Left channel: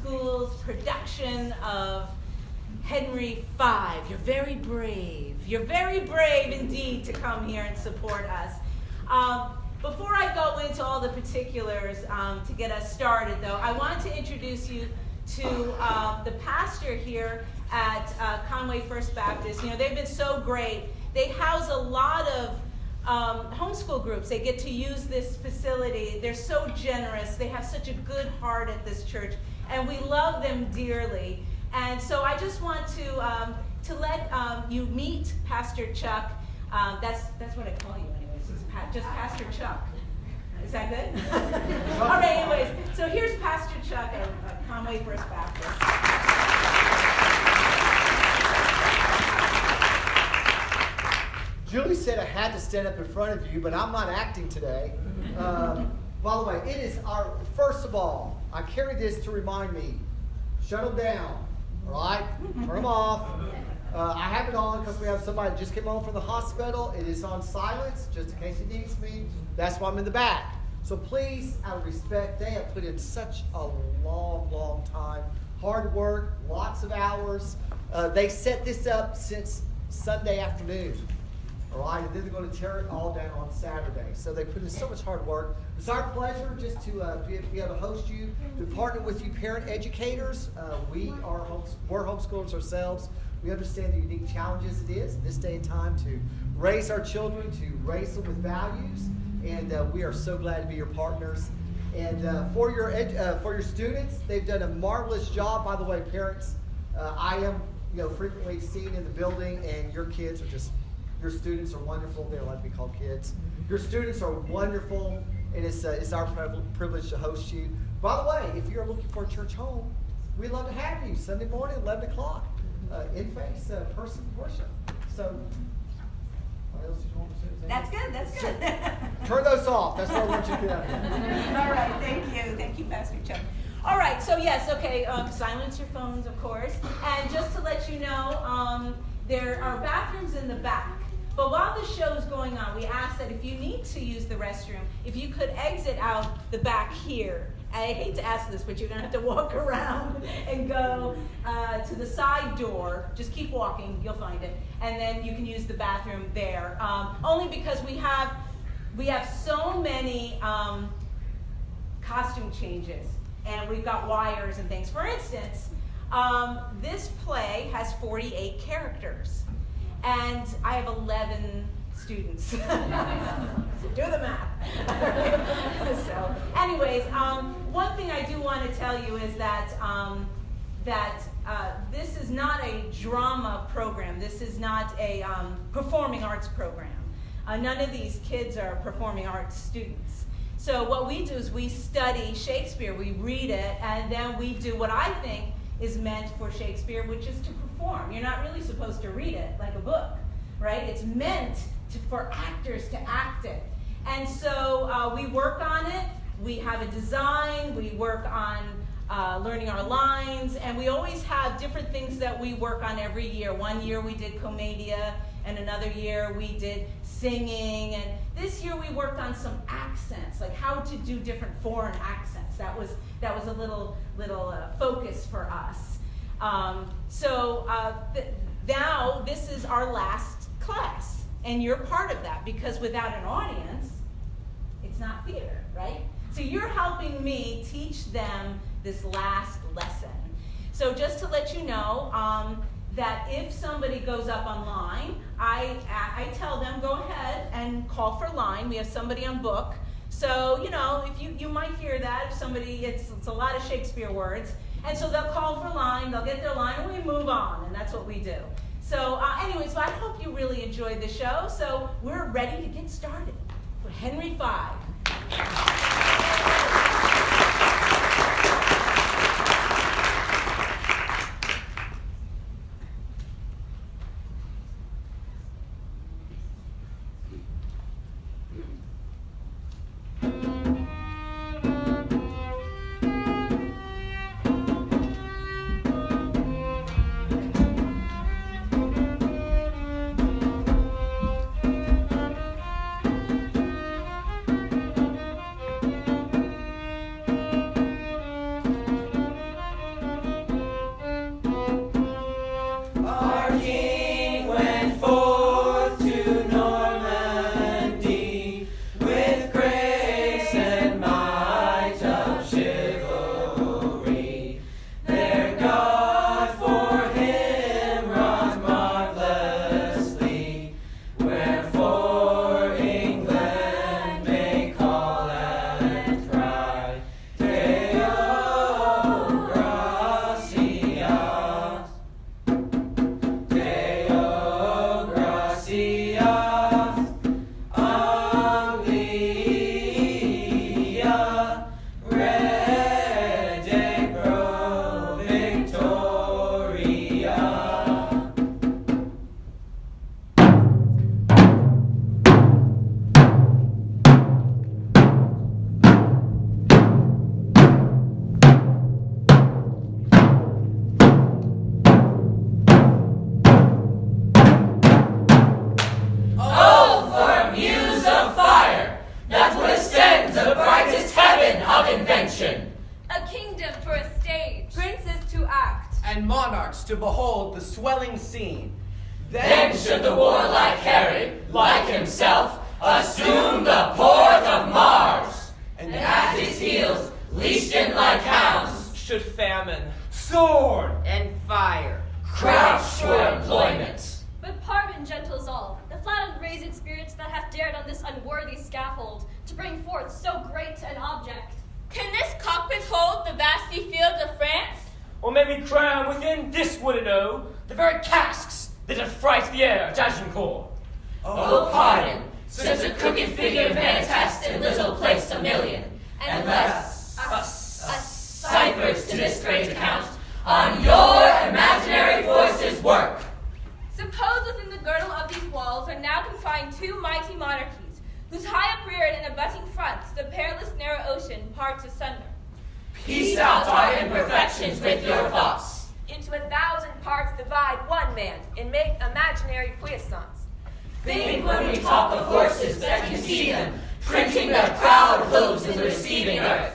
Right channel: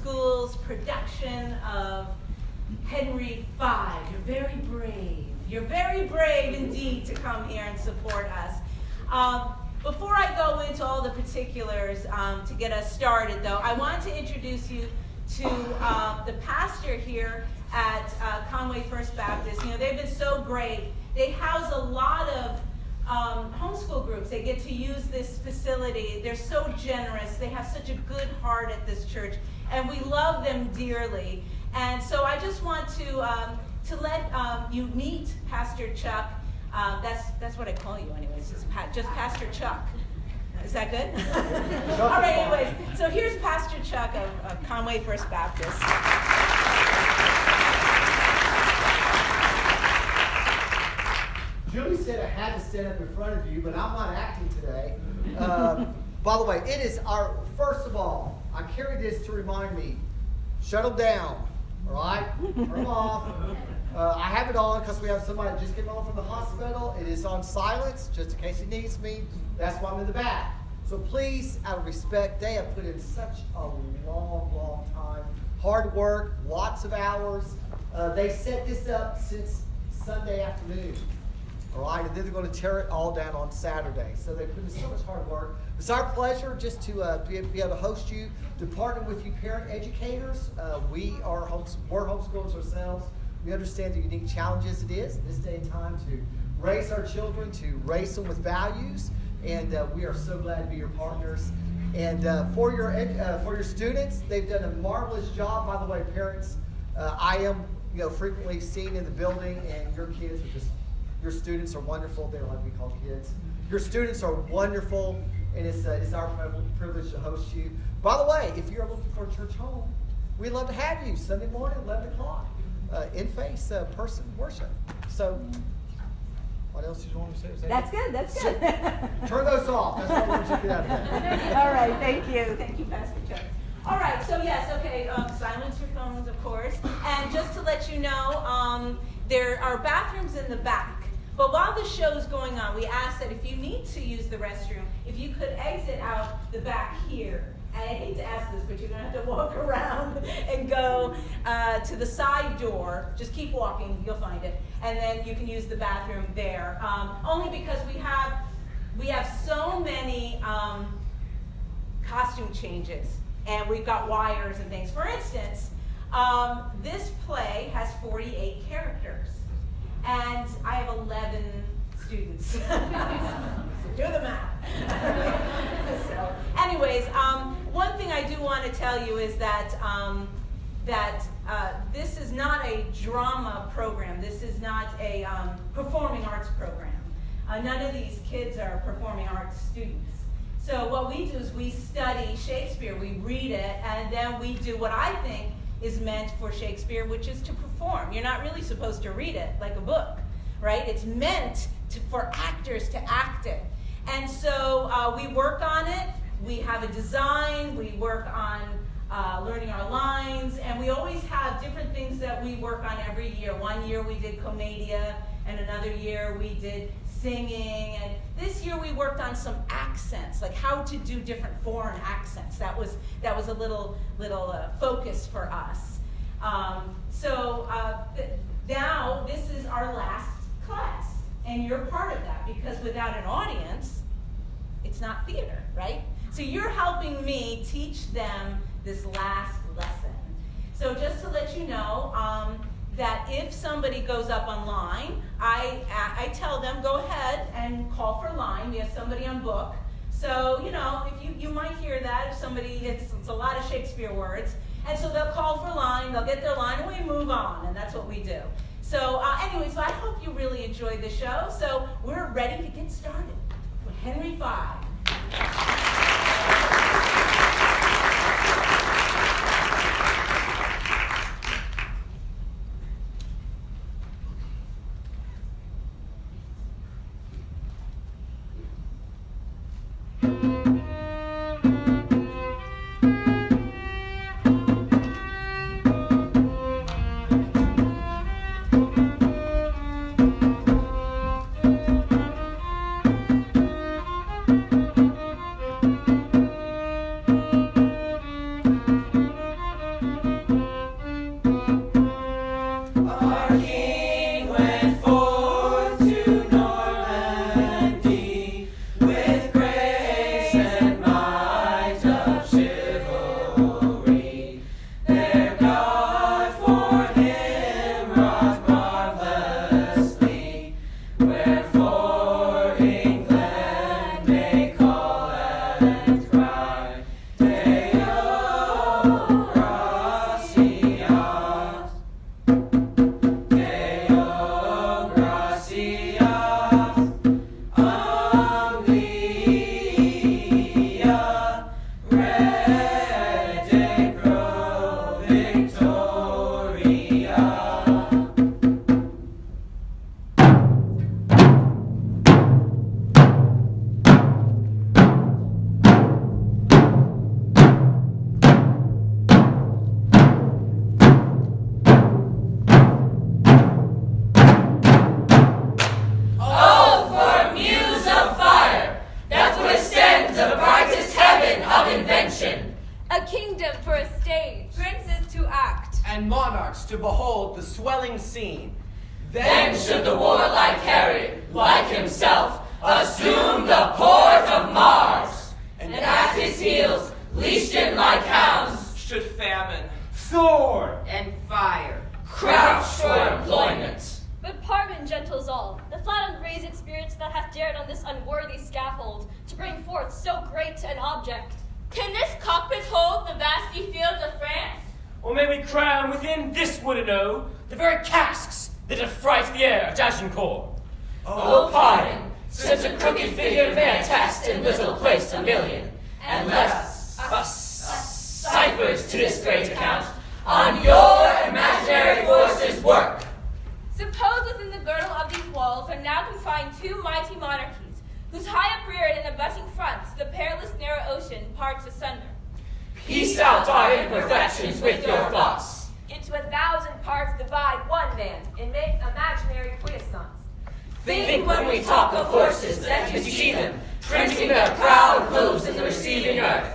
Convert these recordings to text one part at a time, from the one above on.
School's production of Henry V. You're very brave. You're very brave indeed to come here and support us. Before I go into all the particulars to get us started, though, I want to introduce you to the pastor here at Conway First Baptist. You know, they've been so great. They house a lot of homeschool groups. They get to use this facility. They're so generous. They have such a good heart at this church, and we love them dearly. And so I just want to let you meet Pastor Chuck. That's what I call you anyways, just Pastor Chuck. Is that good? All right, anyways, so here's Pastor Chuck of Conway First Baptist. Julie said I had to stand up in front of you, but I'm not acting today. By the way, it is first of all, I carry this to remind me, shut them down, all right? Turn them off. I have it on because we have somebody that just came home from the hospital. It is on silence, just in case he needs me. That's why I'm in the back. So please, out of respect, they have put in such a long, long time. Hard work, lots of hours. They set this up since Sunday afternoon. All right, and then they're going to tear it all down on Saturday. So they put in so much hard work. It's our pleasure just to be able to host you, to partner with you parent educators. We're homeschoolers ourselves. We understand the unique challenges it is in this day and time to raise our children, to raise them with values, and we are so glad to be your partners. And for your students, they've done a marvelous job. By the way, parents, I am frequently seen in the building, and your kids are just. Your students are wonderful. They don't like to be called kids. Your students are wonderful, and it's our privilege to host you. By the way, if you're looking for a church home, we'd love to have you Sunday morning, 11 o'clock, in-face person worship. So, what else did you want to say? That's good. That's good. Turn those off. That's what I want you to get out of here. All right. Thank you. Thank you, Pastor Chuck. All right. So, yes, okay. Silence your phones, of course. And just to let you know, there are bathrooms in the back. But while the show is going on, we ask that if you need to use the restroom, if you could exit out the back here. And I hate to ask this, but you're going to have to walk around and go to the side door. Just keep walking, you'll find it. And then you can use the bathroom there. Only because we have so many costume changes, and we've got wires and things. For instance, this play has 48 characters. And I have 11 students. So do the math. So, anyways, one thing I do want to tell you is that this is not a drama program. This is not a performing arts program. None of these kids are performing arts students. So what we do is we study Shakespeare, we read it, and then we do what I think is meant for Shakespeare, which is to perform. You're not really supposed to read it like a book, right? It's meant for actors to act it. And so we work on it. We have a design. We work on learning our lines. And we always have different things that we work on every year. One year we did commedia, and another year we did singing. And this year we worked on some accents, like how to do different foreign accents. That was a little focus for us. Now this is our last class, and you're part of that, because without an audience, it's not theater, right? So you're helping me teach them this last lesson. So just to let you know, that if somebody goes up online, I tell them, go ahead and call for line. We have somebody on book. So, if you might hear that, if somebody, it's a lot of Shakespeare words. And so they'll call for line, they'll get their line, and we move on, and that's what we do. So anyways, I hope you really enjoyed the show. So we're ready to get started for Henry V. and monarchs to behold the swelling scene. Then should the warlike Harry, like himself, assume the port of Mars, and at his heels, leashed in like hounds, Should famine, sword, and fire crouch for employment. But pardon, gentles all, the flat and brazen spirits that hath dared on this unworthy scaffold to bring forth so great an object. Can this cockpit hold the vasty fields of France? Or may we crown within this wooded O the very casks that affright the air at Agincourt? Oh, pardon, since a crooked figure fantastic in little placed a million, and let us ciphers to this great account on your imaginary forces work. Suppose within the girdle of these walls are now confined two mighty monarchies, whose high upreared and abutting fronts the perilous narrow ocean parts asunder. Piece out our imperfections with your thoughts. Into 1,000 parts divide one man, and make imaginary puissance. Think when we talk of horses that you see them, printing their proud hooves in the receiving earth.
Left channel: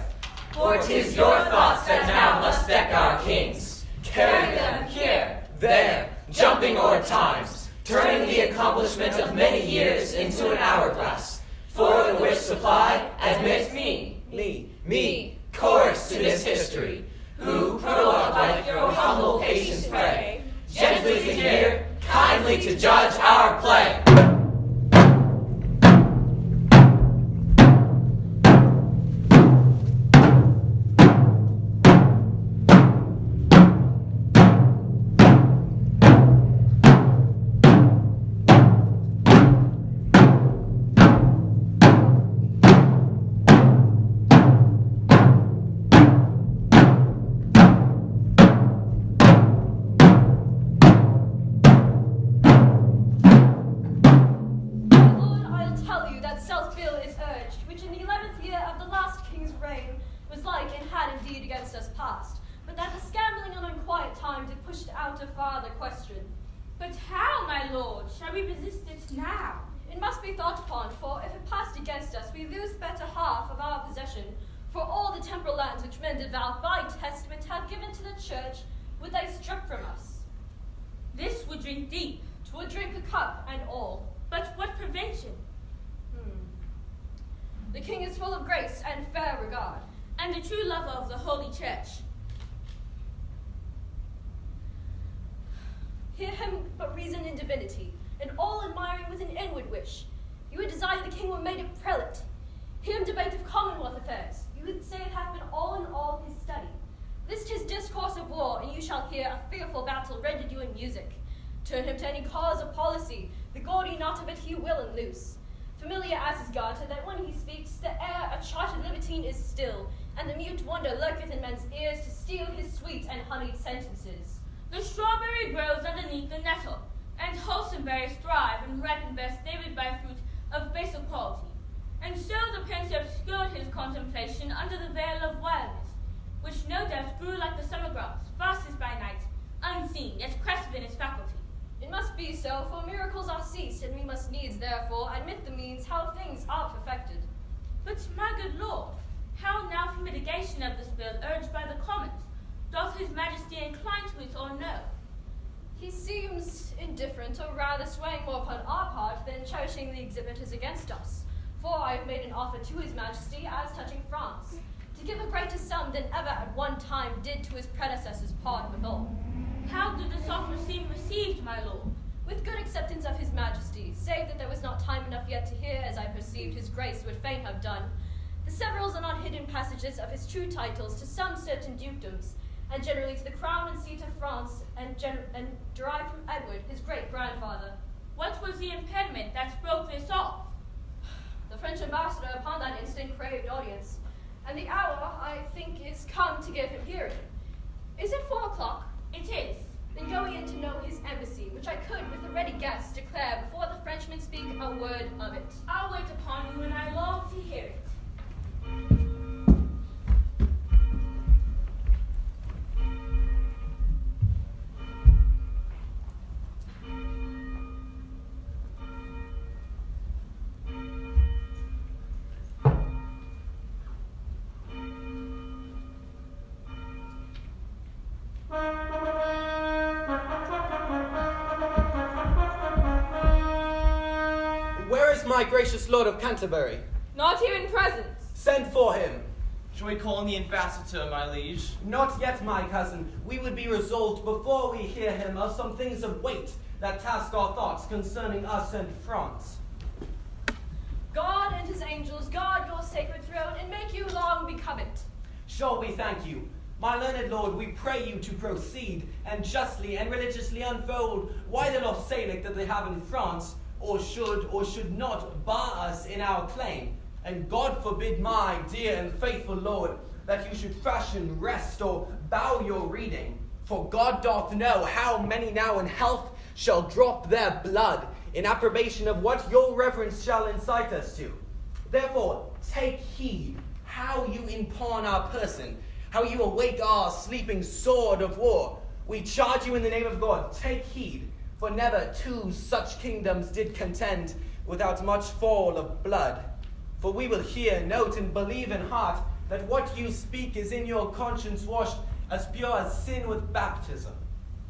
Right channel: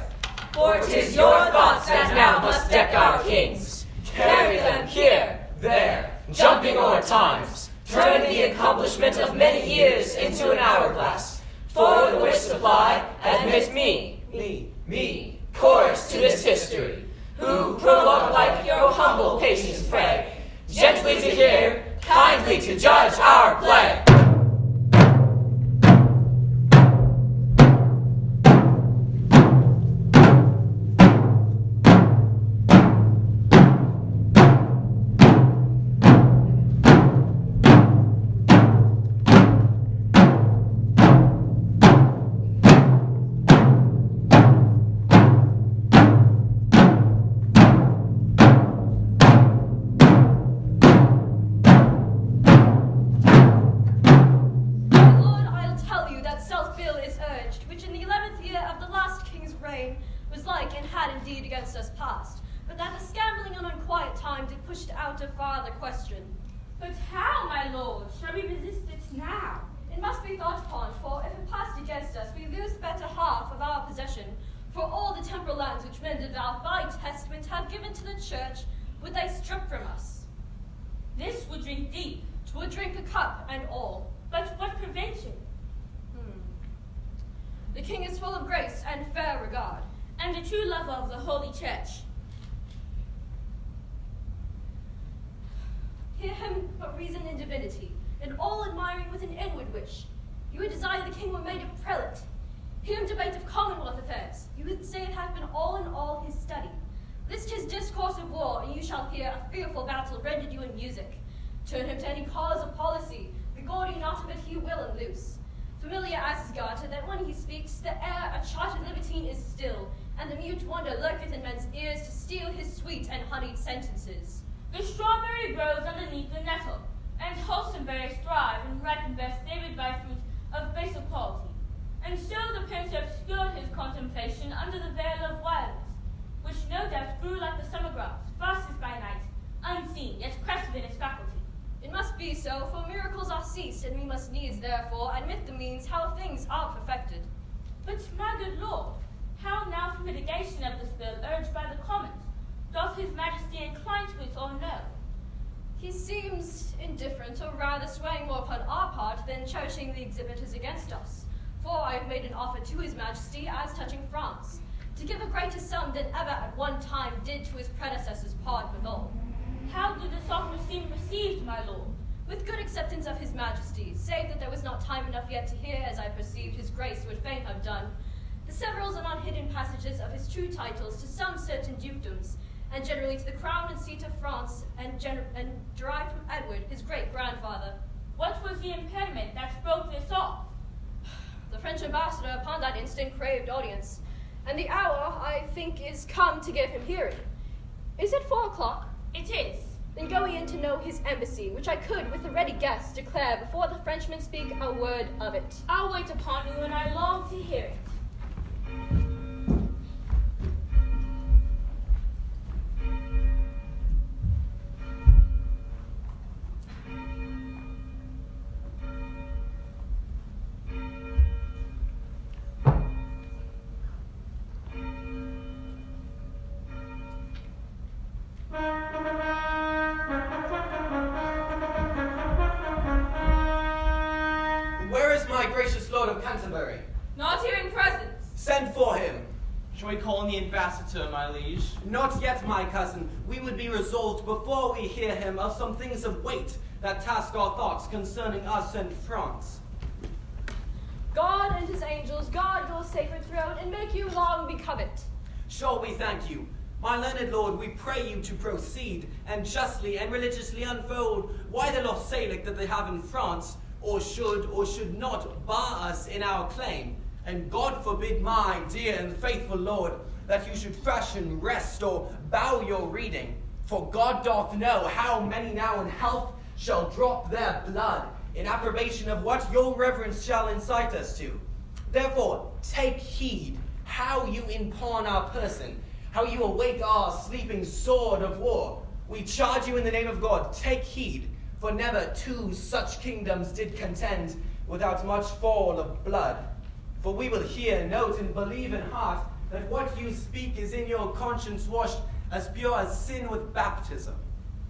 For 'tis your thoughts that now must deck our kings. Carry them here, there, jumping o'er times, turning the accomplishment of many years into an hourglass. For the which supply, admit me, chorus to this history, who prologue like your humble patience pray, gently to hear, kindly to judge our play. But how, my lord, shall we resist it now? It must be thought upon, for if it passed against us, we lose better half of our possession. For all the temporal lands which men devout by testament have given to the church, would they strip from us. This would drink deep. 'Twould drink a cup and all. But what prevention? The king is full of grace and fair regard, And the true lover of the holy church. hear him but reason in divinity, and all admiring with an inward wish. You would desire the king were made a prelate. Hear him debate of commonwealth affairs. You would say it hath been all in all his study. List his discourse of war, and you shall hear a fearful battle rendered you in music. Turn him to any cause of policy, the gaudy knot of it he will unloose. Familiar as his garter, that when he speaks, the air a chartered libertine is still, and the mute wonder lurketh in men's ears to steal his sweet and honeyed sentences. The strawberry grows underneath the nettle, and wholesome berries thrive and ripen best favored by fruit of baser quality. And so the prince obscured his contemplation under the veil of wildness, which no doubt grew like the summer grass, fastest by night, unseen, yet crested in its faculty. It must be so, for miracles are ceased, and we must needs, therefore, admit the means how things are perfected. But, my good lord, how now for mitigation of this bill urged by the commons? Doth his majesty incline to it or no? He seems indifferent, or rather swaying more upon our part than cherishing the exhibitors against us. For I have made an offer to his majesty as touching France, to give a greater sum than ever at one time did to his predecessors part withal. How did this offer seem received, my lord? With good acceptance of his majesty, save that there was not time enough yet to hear, as I perceived his grace would fain have done, the severals and unhidden passages of his true titles to some certain dukedoms, and generally to the crown and seat of France, and derived from Edward, his great-grandfather. What was the impediment that broke this off? The French ambassador upon that instant craved audience, and the hour, I think, is come to give him hearing. Is it 4 o'clock? It is. Then go ye in to know his embassy, which I could with a ready guess declare before the Frenchmen speak a word of it. I'll wait upon you, and I long to hear it. my gracious lord of Canterbury? Not here in presence. Send for him. Shall we call in the ambassador, my liege? Not yet, my cousin. We would be resolved before we hear him of some things of weight that task our thoughts concerning us and France. God and his angels guard your sacred throne and make you long become it. Sure, we thank you. My learned lord, we pray you to proceed and justly and religiously unfold why the law Salic that they have in France, or should not bar us in our claim. And God forbid, my dear and faithful lord, that you should fashion, rest, or bow your reading. For God doth know how many now in health shall drop their blood in approbation of what your reverence shall incite us to. Therefore, take heed how you impugn our person, how you awake our sleeping sword of war. We charge you in the name of God, take heed, for never two such kingdoms did contend without much fall of blood. For we will hear, note, and believe in heart that what you speak is in your conscience washed as pure as sin with baptism.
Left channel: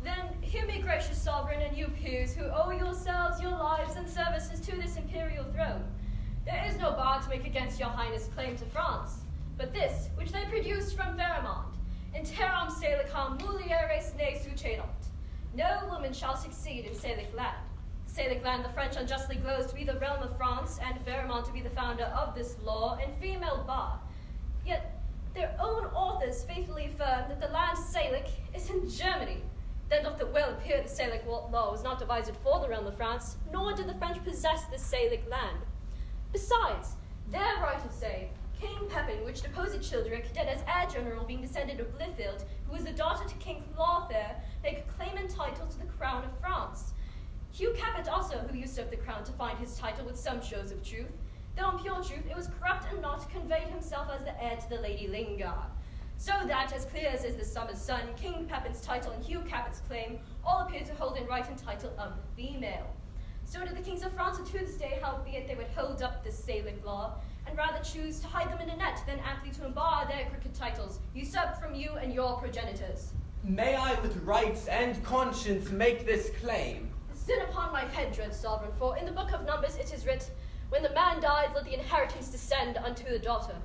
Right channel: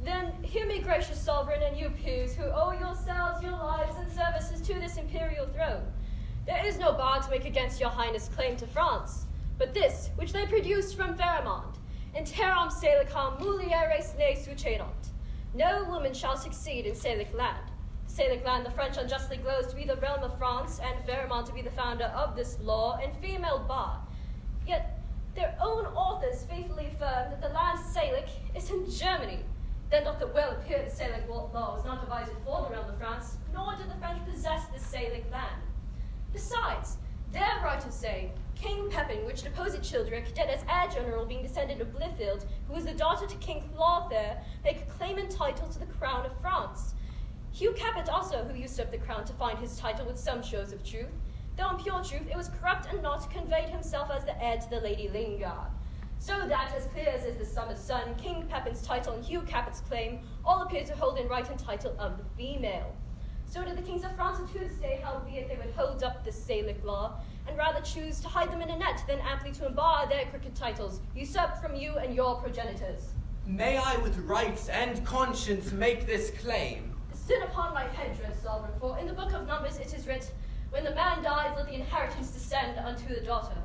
Then hear me, gracious sovereign, and you peers, who owe yourselves your lives and services to this imperial throne. There is no bar to make against your highness' claim to France, but this which they produced from Pharamond, in terram Salicam mulieres ne sucedant. No woman shall succeed in Salic land. Salic land the French unjustly glows to be the realm of France, and Pharamond to be the founder of this law and female bar. Yet their own authors faithfully affirm that the land Salic is in Germany. Then doth it well appear that Salic law was not devised for the realm of France, nor did the French possess this Salic land. Besides, their writers say, King Pepin, which deposed Childeric, did as heir general, being descended of Blifil, who was the daughter to King Harfleur, make claim and title to the crown of France. Hugh Capet also, who usurped the crown to find his title with some shows of truth, though in pure truth it was corrupt and not, conveyed himself as the heir to the Lady Lingard. So that, as clear as is the summer's sun, King Pepin's title and Hugh Capet's claim all appear to hold in right and title of the female. So did the kings of France to this day, howbeit they would hold up this Salic law, and rather choose to hide them in a net than amply to embar their crooked titles, usurped from you and your progenitors. May I with right and conscience make this claim? Sin upon my head, dread sovereign, for in the book of Numbers it is writ, when the man dies, let the inheritance descend unto the daughter.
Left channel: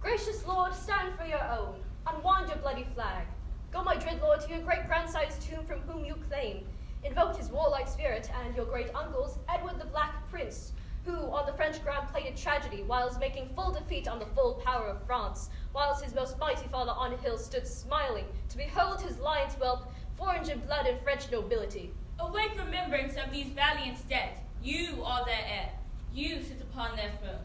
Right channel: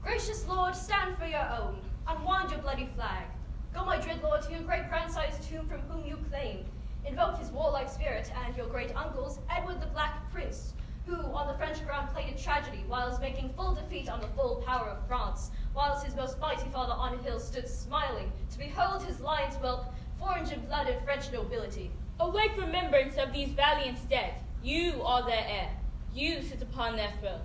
Gracious Lord, stand for your own, unwind your bloody flag. Go, my dread Lord, to your great-grandsire's tomb from whom you claim. Invoke his warlike spirit and your great-uncle's, Edward the Black Prince, who on the French ground played a tragedy, whilst making full defeat on the full power of France, whilst his most mighty father on a hill stood smiling, to behold his lion's whelp, forged in blood and French nobility. Awake remembrance of these valiant dead. You are their heir. You sit upon their throne.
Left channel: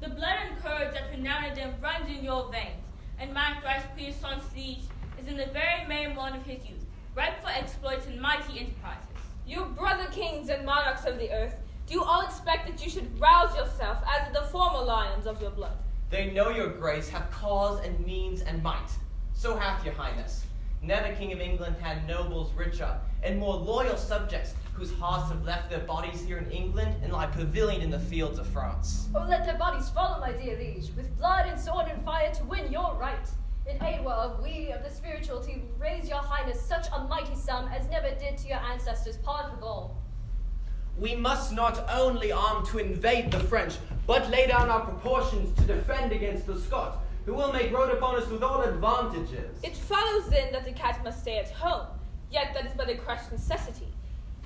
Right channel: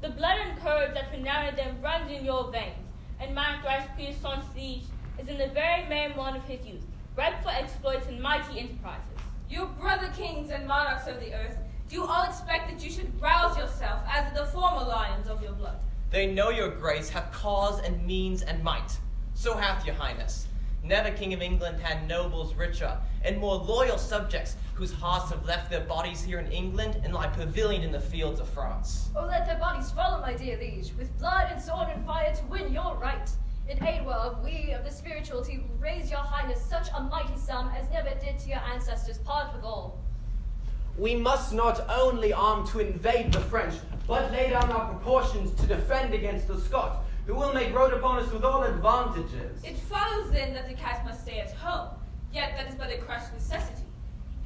The blood and courage that renowned them runs in your veins, and my thrice puissant siege is in the very memon of his youth, ripe for exploits and mighty enterprises. You brother kings and monarchs of the earth, do you all expect that you should rouse yourself as the former lions of your blood? They know your grace hath cause and means and might. So hath your highness. Never king of England had nobles richer and more loyal subjects, whose hearts have left their bodies here in England and lie pavilion in the fields of France. Oh, let their bodies follow, my dear liege, with blood and sword and fire to win your right. In aid whereof we of the spirituality raise your highness such a mighty sum as never did to your ancestors part of all. We must not only arm to invade the French, but lay down our proportions to defend against the Scot, who will make road upon us with all advantages. It follows then that the cat must stay at home, yet that is but a crushed necessity.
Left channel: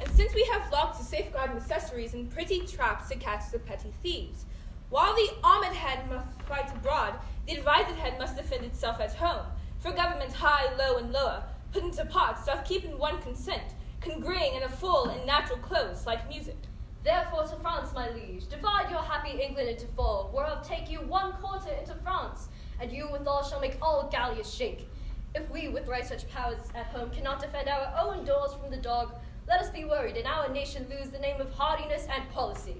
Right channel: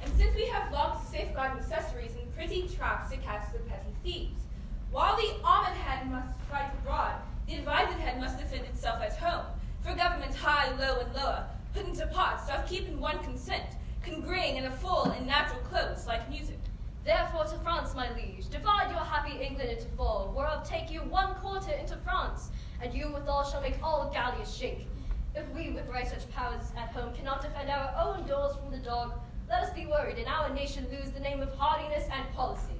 And since we have locks to safeguard necessaries and pretty traps to catch the petty thieves, while the armed head must fight abroad, the advised head must defend itself at home. For government high, low, and lower, put into parts, doth keep in one consent, congreeing in a full and natural close like music. Therefore to France, my liege, divide your happy England into four, whereof take you 1/4 into France, and you withal shall make all Gallias shake. If we with right such powers at home cannot defend our own doors from the dog, let us be worried, and our nation lose the name of hardiness and policy.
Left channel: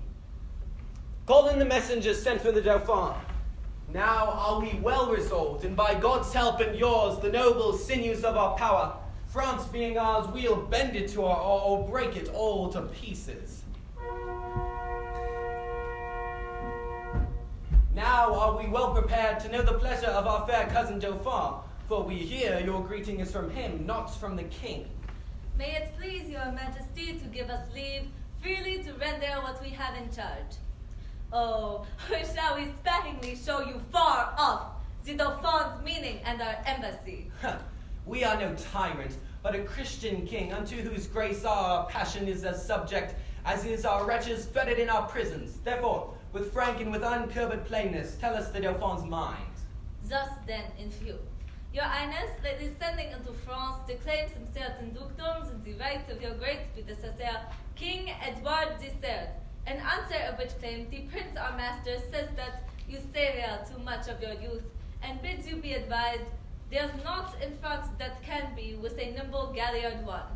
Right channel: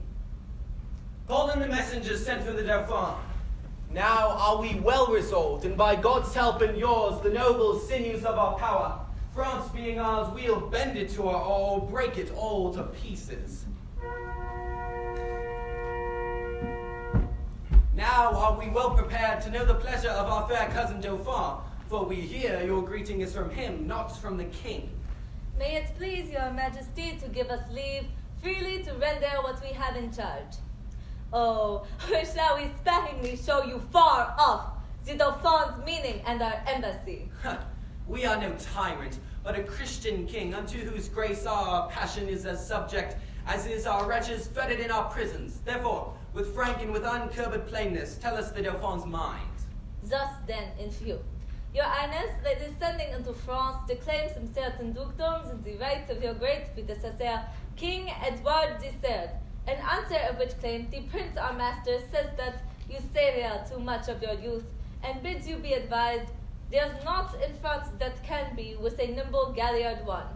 Call in the messengers sent for the Dauphin. Now are we well resolved, and by God's help and yours, the noble sinews of our power, France being ours, we'll bend it to our or break it all to pieces. Now are we well prepared to know the pleasure of our fair cousin Dauphin, for we hear your greeting is from him, not from the king. May it please your majesty to give us leave freely to render what we have in charge. Oh, shall we sparingly show you far off the Dauphin's meaning and our embassy? We are no tyrant, but a Christian king, unto whose grace our passion is as subject as is our wretches fettered in our prisons. Therefore, with frank and with uncurbed plainness, tell us the Dauphin's mind. Thus then, in few, your Highness, by descending into France, declaims some certain dukedoms in the right of your great predecessor, King Edward III, in answer of which claim the Prince our master says that you savor too much of your youth, and bids you be advised, there's naught in France that can be with a nimble galliard one.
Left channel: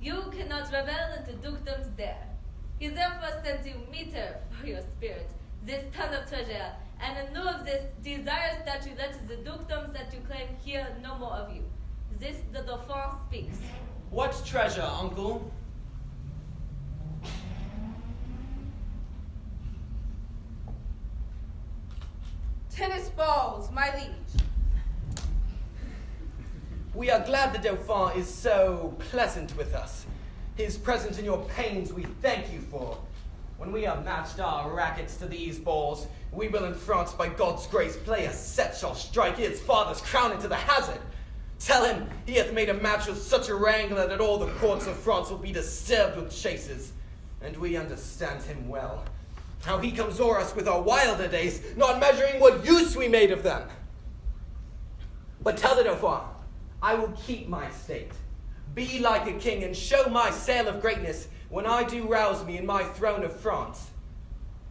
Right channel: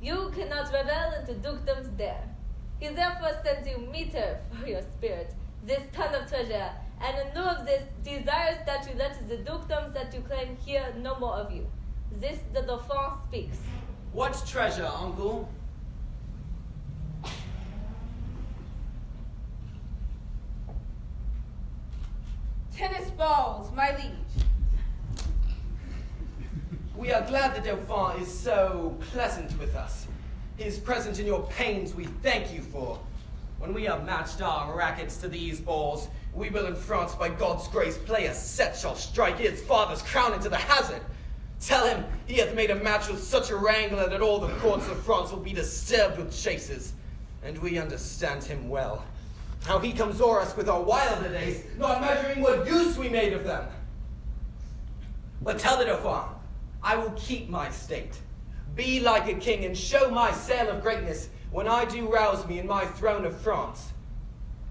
You cannot revel into dukedoms there. He therefore sends you meter for your spirit, this ton of treasure, and in lieu of this, desires that you let the dukedoms that you claim hear no more of you. This the Dauphin speaks. What treasure, uncle? Tennis balls, my liege. We are glad the Dauphin is so pleasant with us. His presence in your pains we thank you for. When we have matched our rackets to these balls, we will in France, by God's grace, play a set shall strike his father's crown into the hazard. Tell him he hath made a match with such a wrangler that all the courts of France will be disturbed with chases. And we understand him well. How he comes o'er us with our wilder days, not measuring what use we made of them. But tell the Dauphin, I will keep my state, be like a king, and show my sail of greatness when I do rouse me in my throne of France.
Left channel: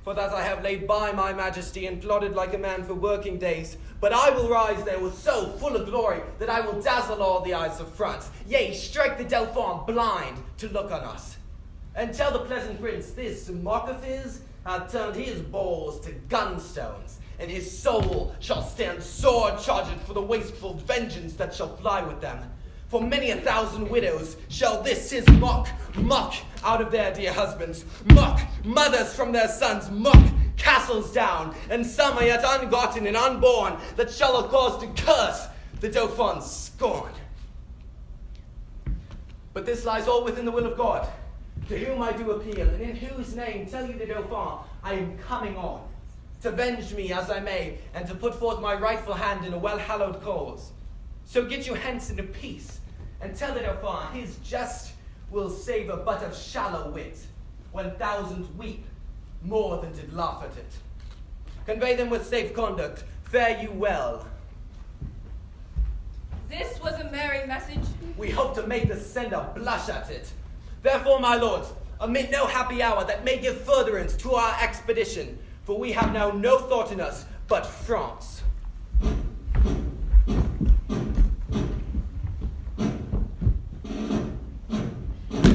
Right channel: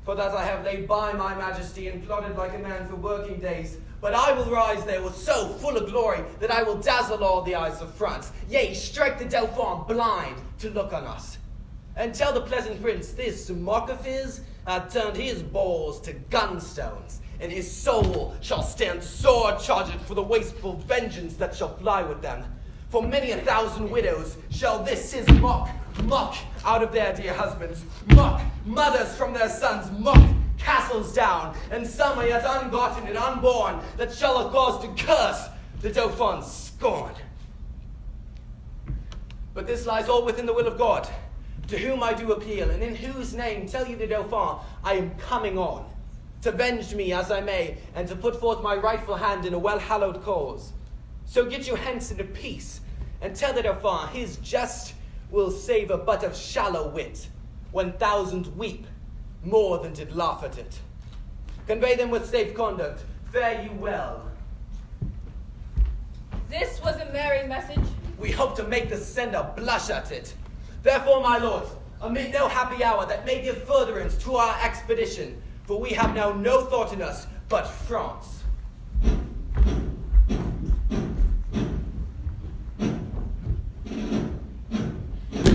For that I have laid by my majesty and plodded like a man for working days, but I will rise there with so full of glory that I will dazzle all the eyes of France, yea, strike the Dauphin blind to look on us. And tell the pleasant prince this mock of his hath turned his balls to gunstones, and his soul shall stand sword charged for the wasteful vengeance that shall fly with them. For many 1,000 widows shall this his mock out of their dear husbands, mock mothers from their sons, mock castles down, and some are yet ungotten and unborn that shall have cause to curse the Dauphin's scorn. But this lies all within the will of God, to whom I do appeal, and in whose name tell you the Dauphin I am coming on, to venge me as I may, and to put forth my rightful hand in a well-hallowed cause. So get you hence into peace, and tell the Dauphin his jest will savour but of shallow wit, when thousands weep more than did laugh at it. Convey them with safe conduct, fare you well. This was a merry message. We hope to make the sender blush at it. Therefore, my lords, omit no happy hour that may give furtherance to our expedition, for we have now no thought in us but France.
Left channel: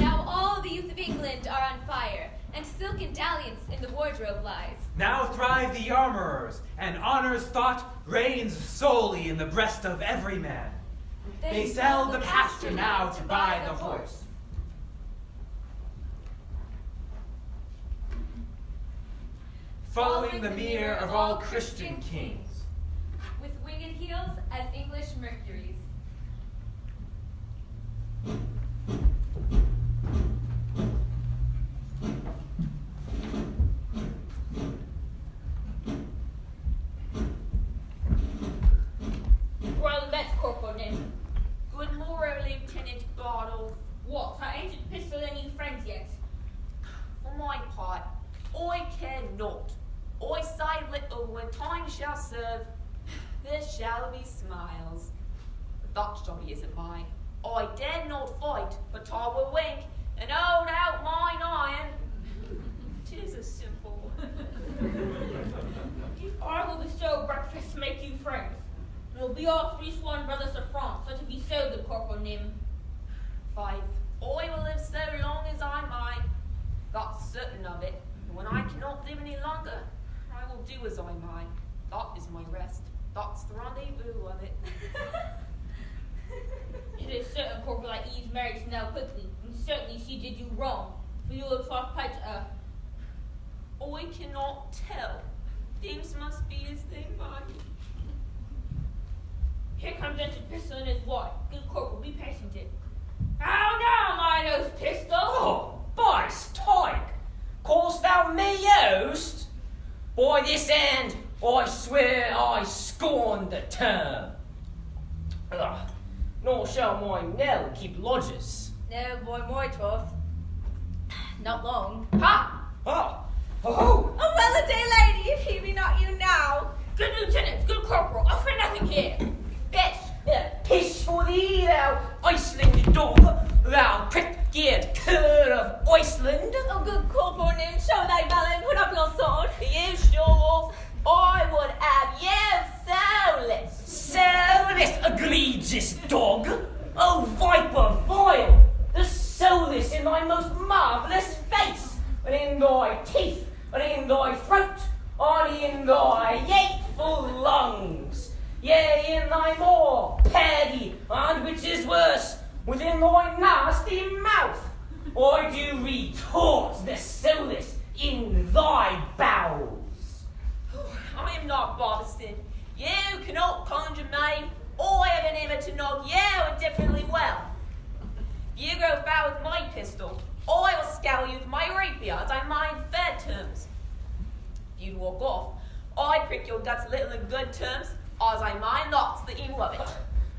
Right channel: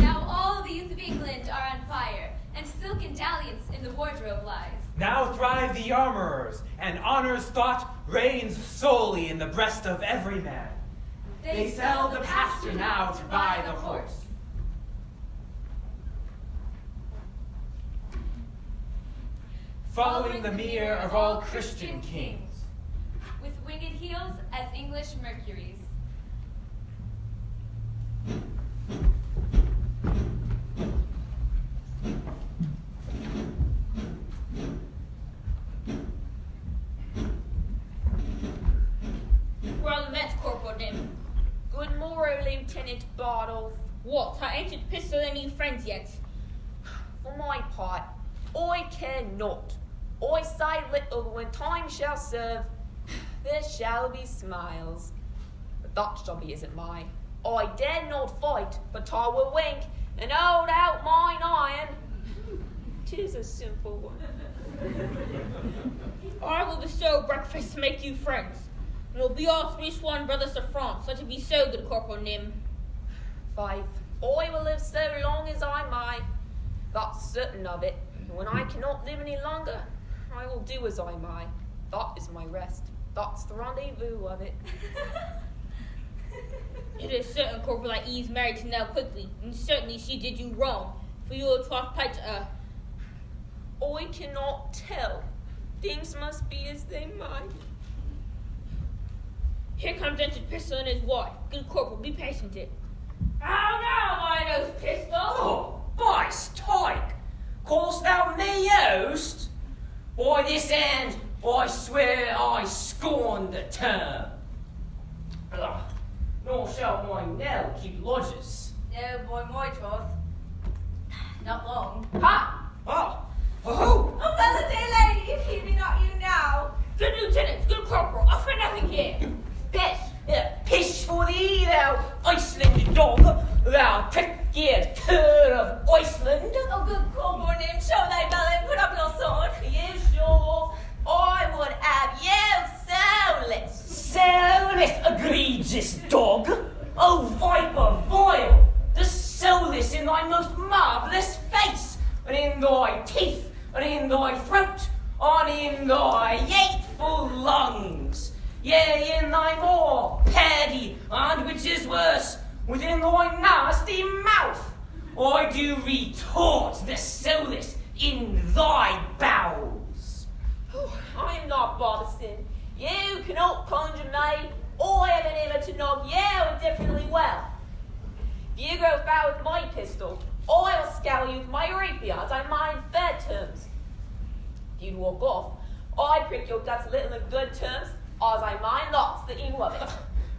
Now all the youth of England are on fire, and silken dalliance in the wardrobe lies. Now thrive the armorers, and honor's thought reigns solely in the breast of every man. They sell the pasture now to buy the horse. Following the mirror of all Christian kings. With winged heels as English Mercuries. Well met, Corporal Nim. Good morrow, Lieutenant Bartle. What, I ain't at pistol any friends yet? For my part, I care not. I say little when time shall serve. There shall be smiles. But that journey isn't mine. I dare not fight, but I will wink and hold out mine iron. 'Tis a simple one. I will bestow breakfast to make you friends. And we'll be all three sworn brothers of France, so to be so good, Corporal Nim. Faith, I will live so long as I may. That's certain of it. And when I cannot live any longer, I will do as I may. That is my rest. That's the rendezvous of it. It is certain, Corporal, that Eve's married to Nell quickly, and certainly she did you wrong, for you will troth plight to her. I cannot tell. Things must be as they might. Here comes Entered Pistol and his wife. Good Corporal, be patient it. How now, my nose pistol? Oh, by Stoik! Call'st thou me host? By this hand, I swear I scorn the term. Nor shall my Nell keep lodgers. No, boy, my troth. Not long. Ha! Oh! Oh! Oh, well a day, lady, if he be not you now. Good lieutenant, good corporal, I fear nothing here. Pish! Pish for thee, thou Iceland dog! Thou prick-eared cur of Iceland! Oh, good corporal, name, show thy belly, put up your sword. You sure? I would have you soulless. Soulless, egregious dog! Oh, viper vile! The soulless in thy most marvellous face, and in thy teeth, and in thy throat, and in thy hateful lungs, yea, in thy maw, paddy, and which is worse, within thy nasty mouth. I do retort the soulless in thy bowels. I am not Boston. You cannot conjure me. I have been able to knock you indifferently well. If you grow foul with my pistol, I will scour you with my rapier as I mind fair terms. If you walk off, I prick your guts a little in good terms, as I mind lots the evil of it.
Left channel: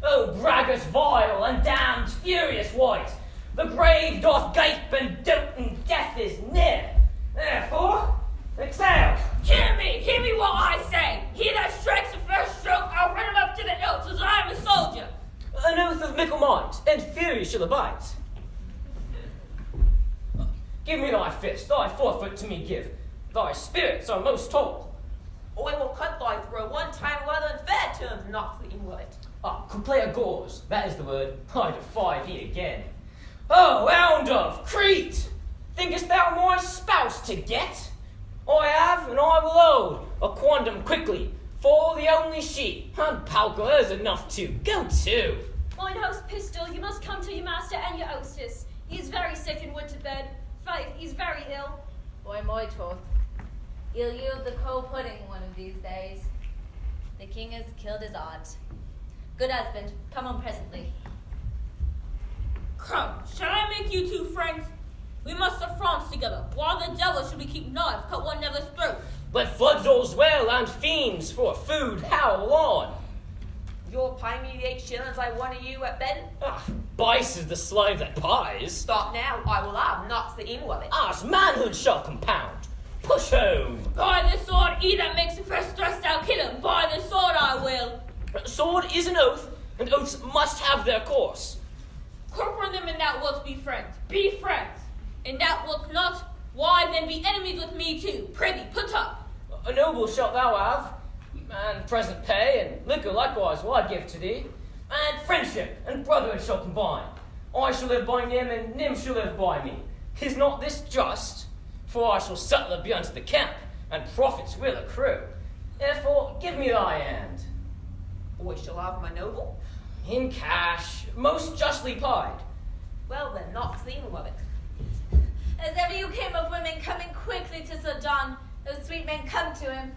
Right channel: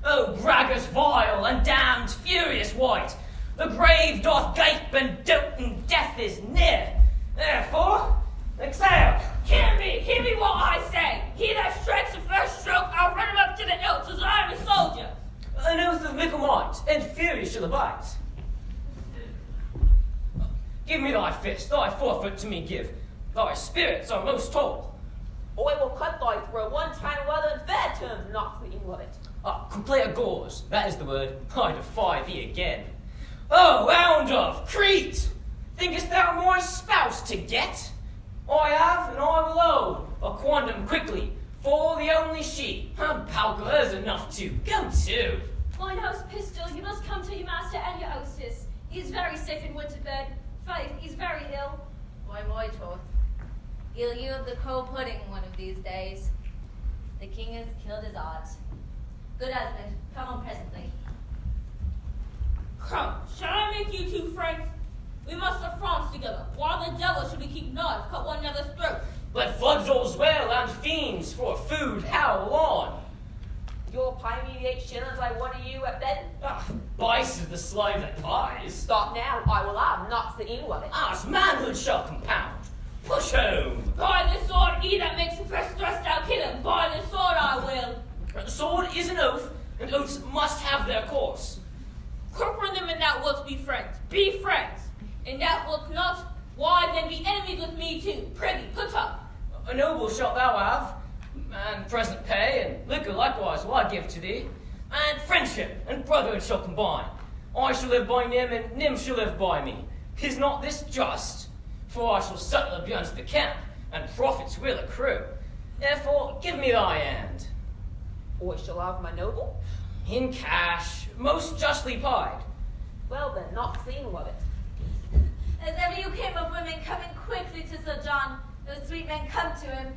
O braggart vile and damned furious white, the grave doth gape and dote and death is near. Therefore, exhale. Hear me what I say. He that strikes the first stroke, I'll run him up to the hilts as I am a soldier. An oath of mickle might, and fury shall abide. Give me thy fist, thy forfeit to me give. Thy spirits are most tall. I will cut thy throat one time rather in fair terms, not the evil of it. Complete gauze, that is the word. I defy thee again. Oh, hound of Crete! Thinkest thou my spouse to get? I have, and I will own, a quondam quickly, for the only she, and Palka is enough to go to. Mine house pistol, you must come to your master and your hostess. He is very sick and went to bed. Faith, he's very ill. Boy, my troth. He'll yield the cold pudding one of these days. The king has killed his aunt. Good husband, come on presently. Come, shall I make you two friends? We must have France together. While the devil should we keep knives, cut one another's throats. Let floods all's well, and fiends for food howl on. You'll pay me the 8 shillings I won of you at bed? Bice is the slave that pies. Stop now, I will have, not the evil of it. As manhood shall compound. Push home. By the sword, he that makes the first thrust, I'll kill him. By the sword, I will. Sword is an oath, and oaths must have their course. Corporal them and thou wilt be friends. Be friends. And thou wilt not, why then be enemies with me too. Prithee, put up. A noble shalt thou have, and present pay, and liquor likewise will I give to thee, and friendship and brotherhood shall combine. I shall live by Nim, and Nim shall live by me. Is not this just? For I shall settle be unto the camp, and profits will accrue. Therefore, give me thy hand. I shall have my noble. In cash, most justly pied. Well then, not the evil of it. As ever you came of women coming quickly to Sir John, those sweet men come to him.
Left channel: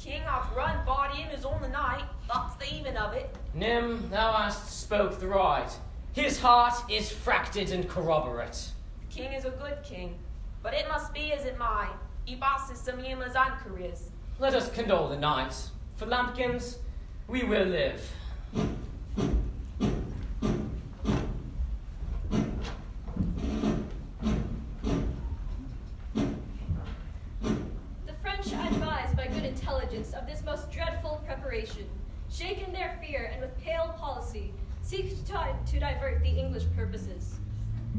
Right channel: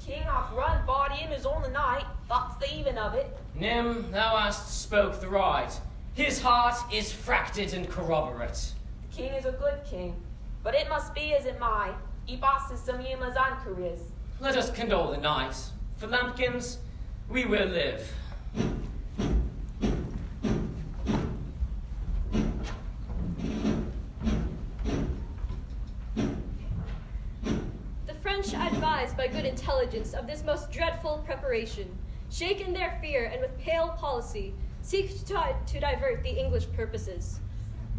King hath run body in his own the night, that's the even of it. Nim, thou hast spoke the right. His heart is fracted and corroborate. The king is a good king, but it must be as it might. He passes some humors and careers. Let us condole the night. For lambkins, we will live. The French, advised by good intelligence of this most dreadful preparation, shake in their fear and with pale policy, seek to divert the English purposes.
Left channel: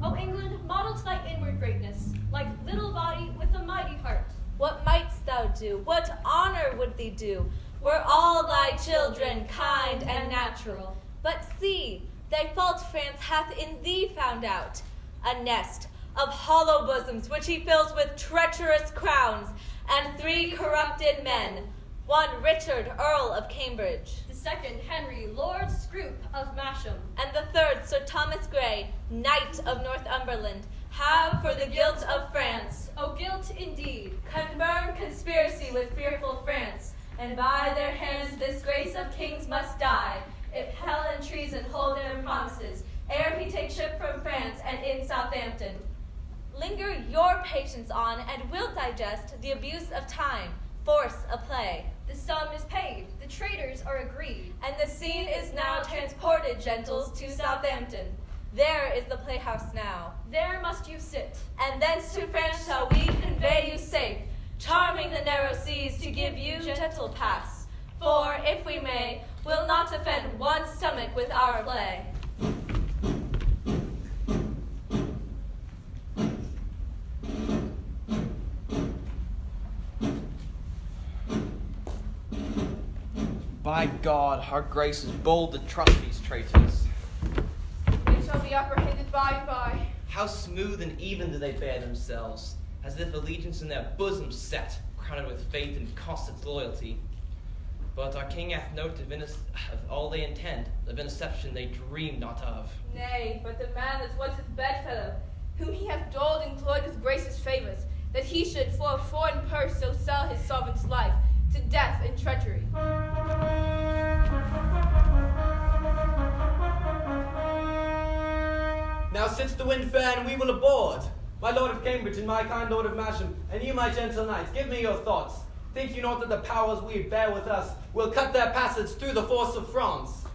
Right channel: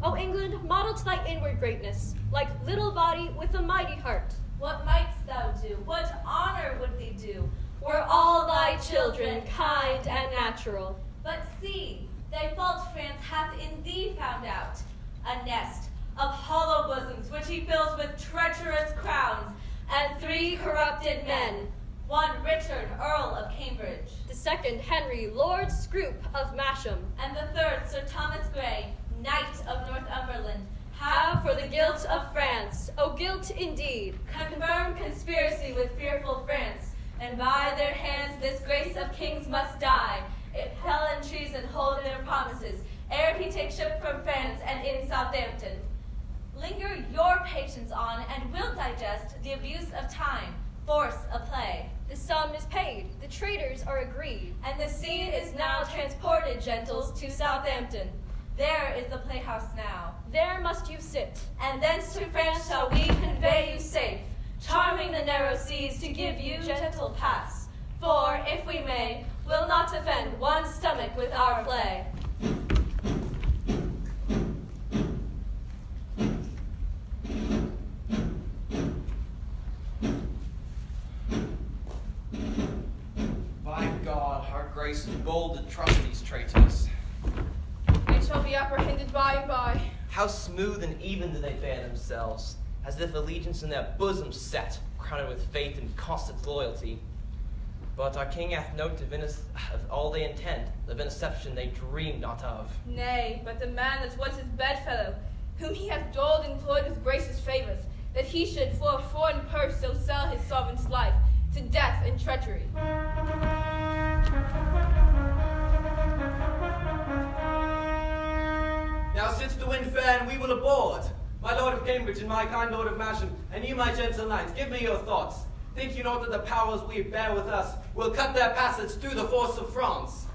O England, model to thy inward greatness, like little body with a mighty heart. What mightst thou do? What honor would thee do? Were all thy children kind and natural. But see, thy fault France hath in thee found out. A nest of hollow bosoms which he fills with treacherous crowns, and 3 corrupted men. One Richard, Earl of Cambridge. The second, Henry, Lord Scroop of Masham. And the third, Sir Thomas Grey, Knight of Northumberland, have for the guilt of France, O guilt indeed, confirmed conspiracy with fearful France, and by their hands this grace of kings must die, if hell and treason hold their promises, ere he take ship from France and in Southampton. Linger your patience on, and will digest the abuse of time, force a play. The sum is paid, the traders are agreed. And the scene is now transported, gentles, to Southampton. There is the playhouse now. There must you sit. And thence to France shall we convey you safe, charming the narrow seas to give you gentle pass. For, if we may, we'll not offend one stomach with our play. By God, our grace is bold to trust these traitors. They shall be apprehended by and by. How smooth and even do they bear themselves, as if allegiance in their bosoms set, crowned with faith and constant loyalty. But our king hath note of all they intend, of interception they dream not of. Nay, but the man that was his bedfellow, whom he hath doled and cloyed with gracious favours, that he should for a foreign purse so sell his sovereign's life to death and treachery. Now since the wind fair, we will aboard. My lord of Cambridge and my kind lord of Masham, and you, my gentle knights, give me your thoughts. Think you not that the powers we bear with us will cut their passage through the force of France?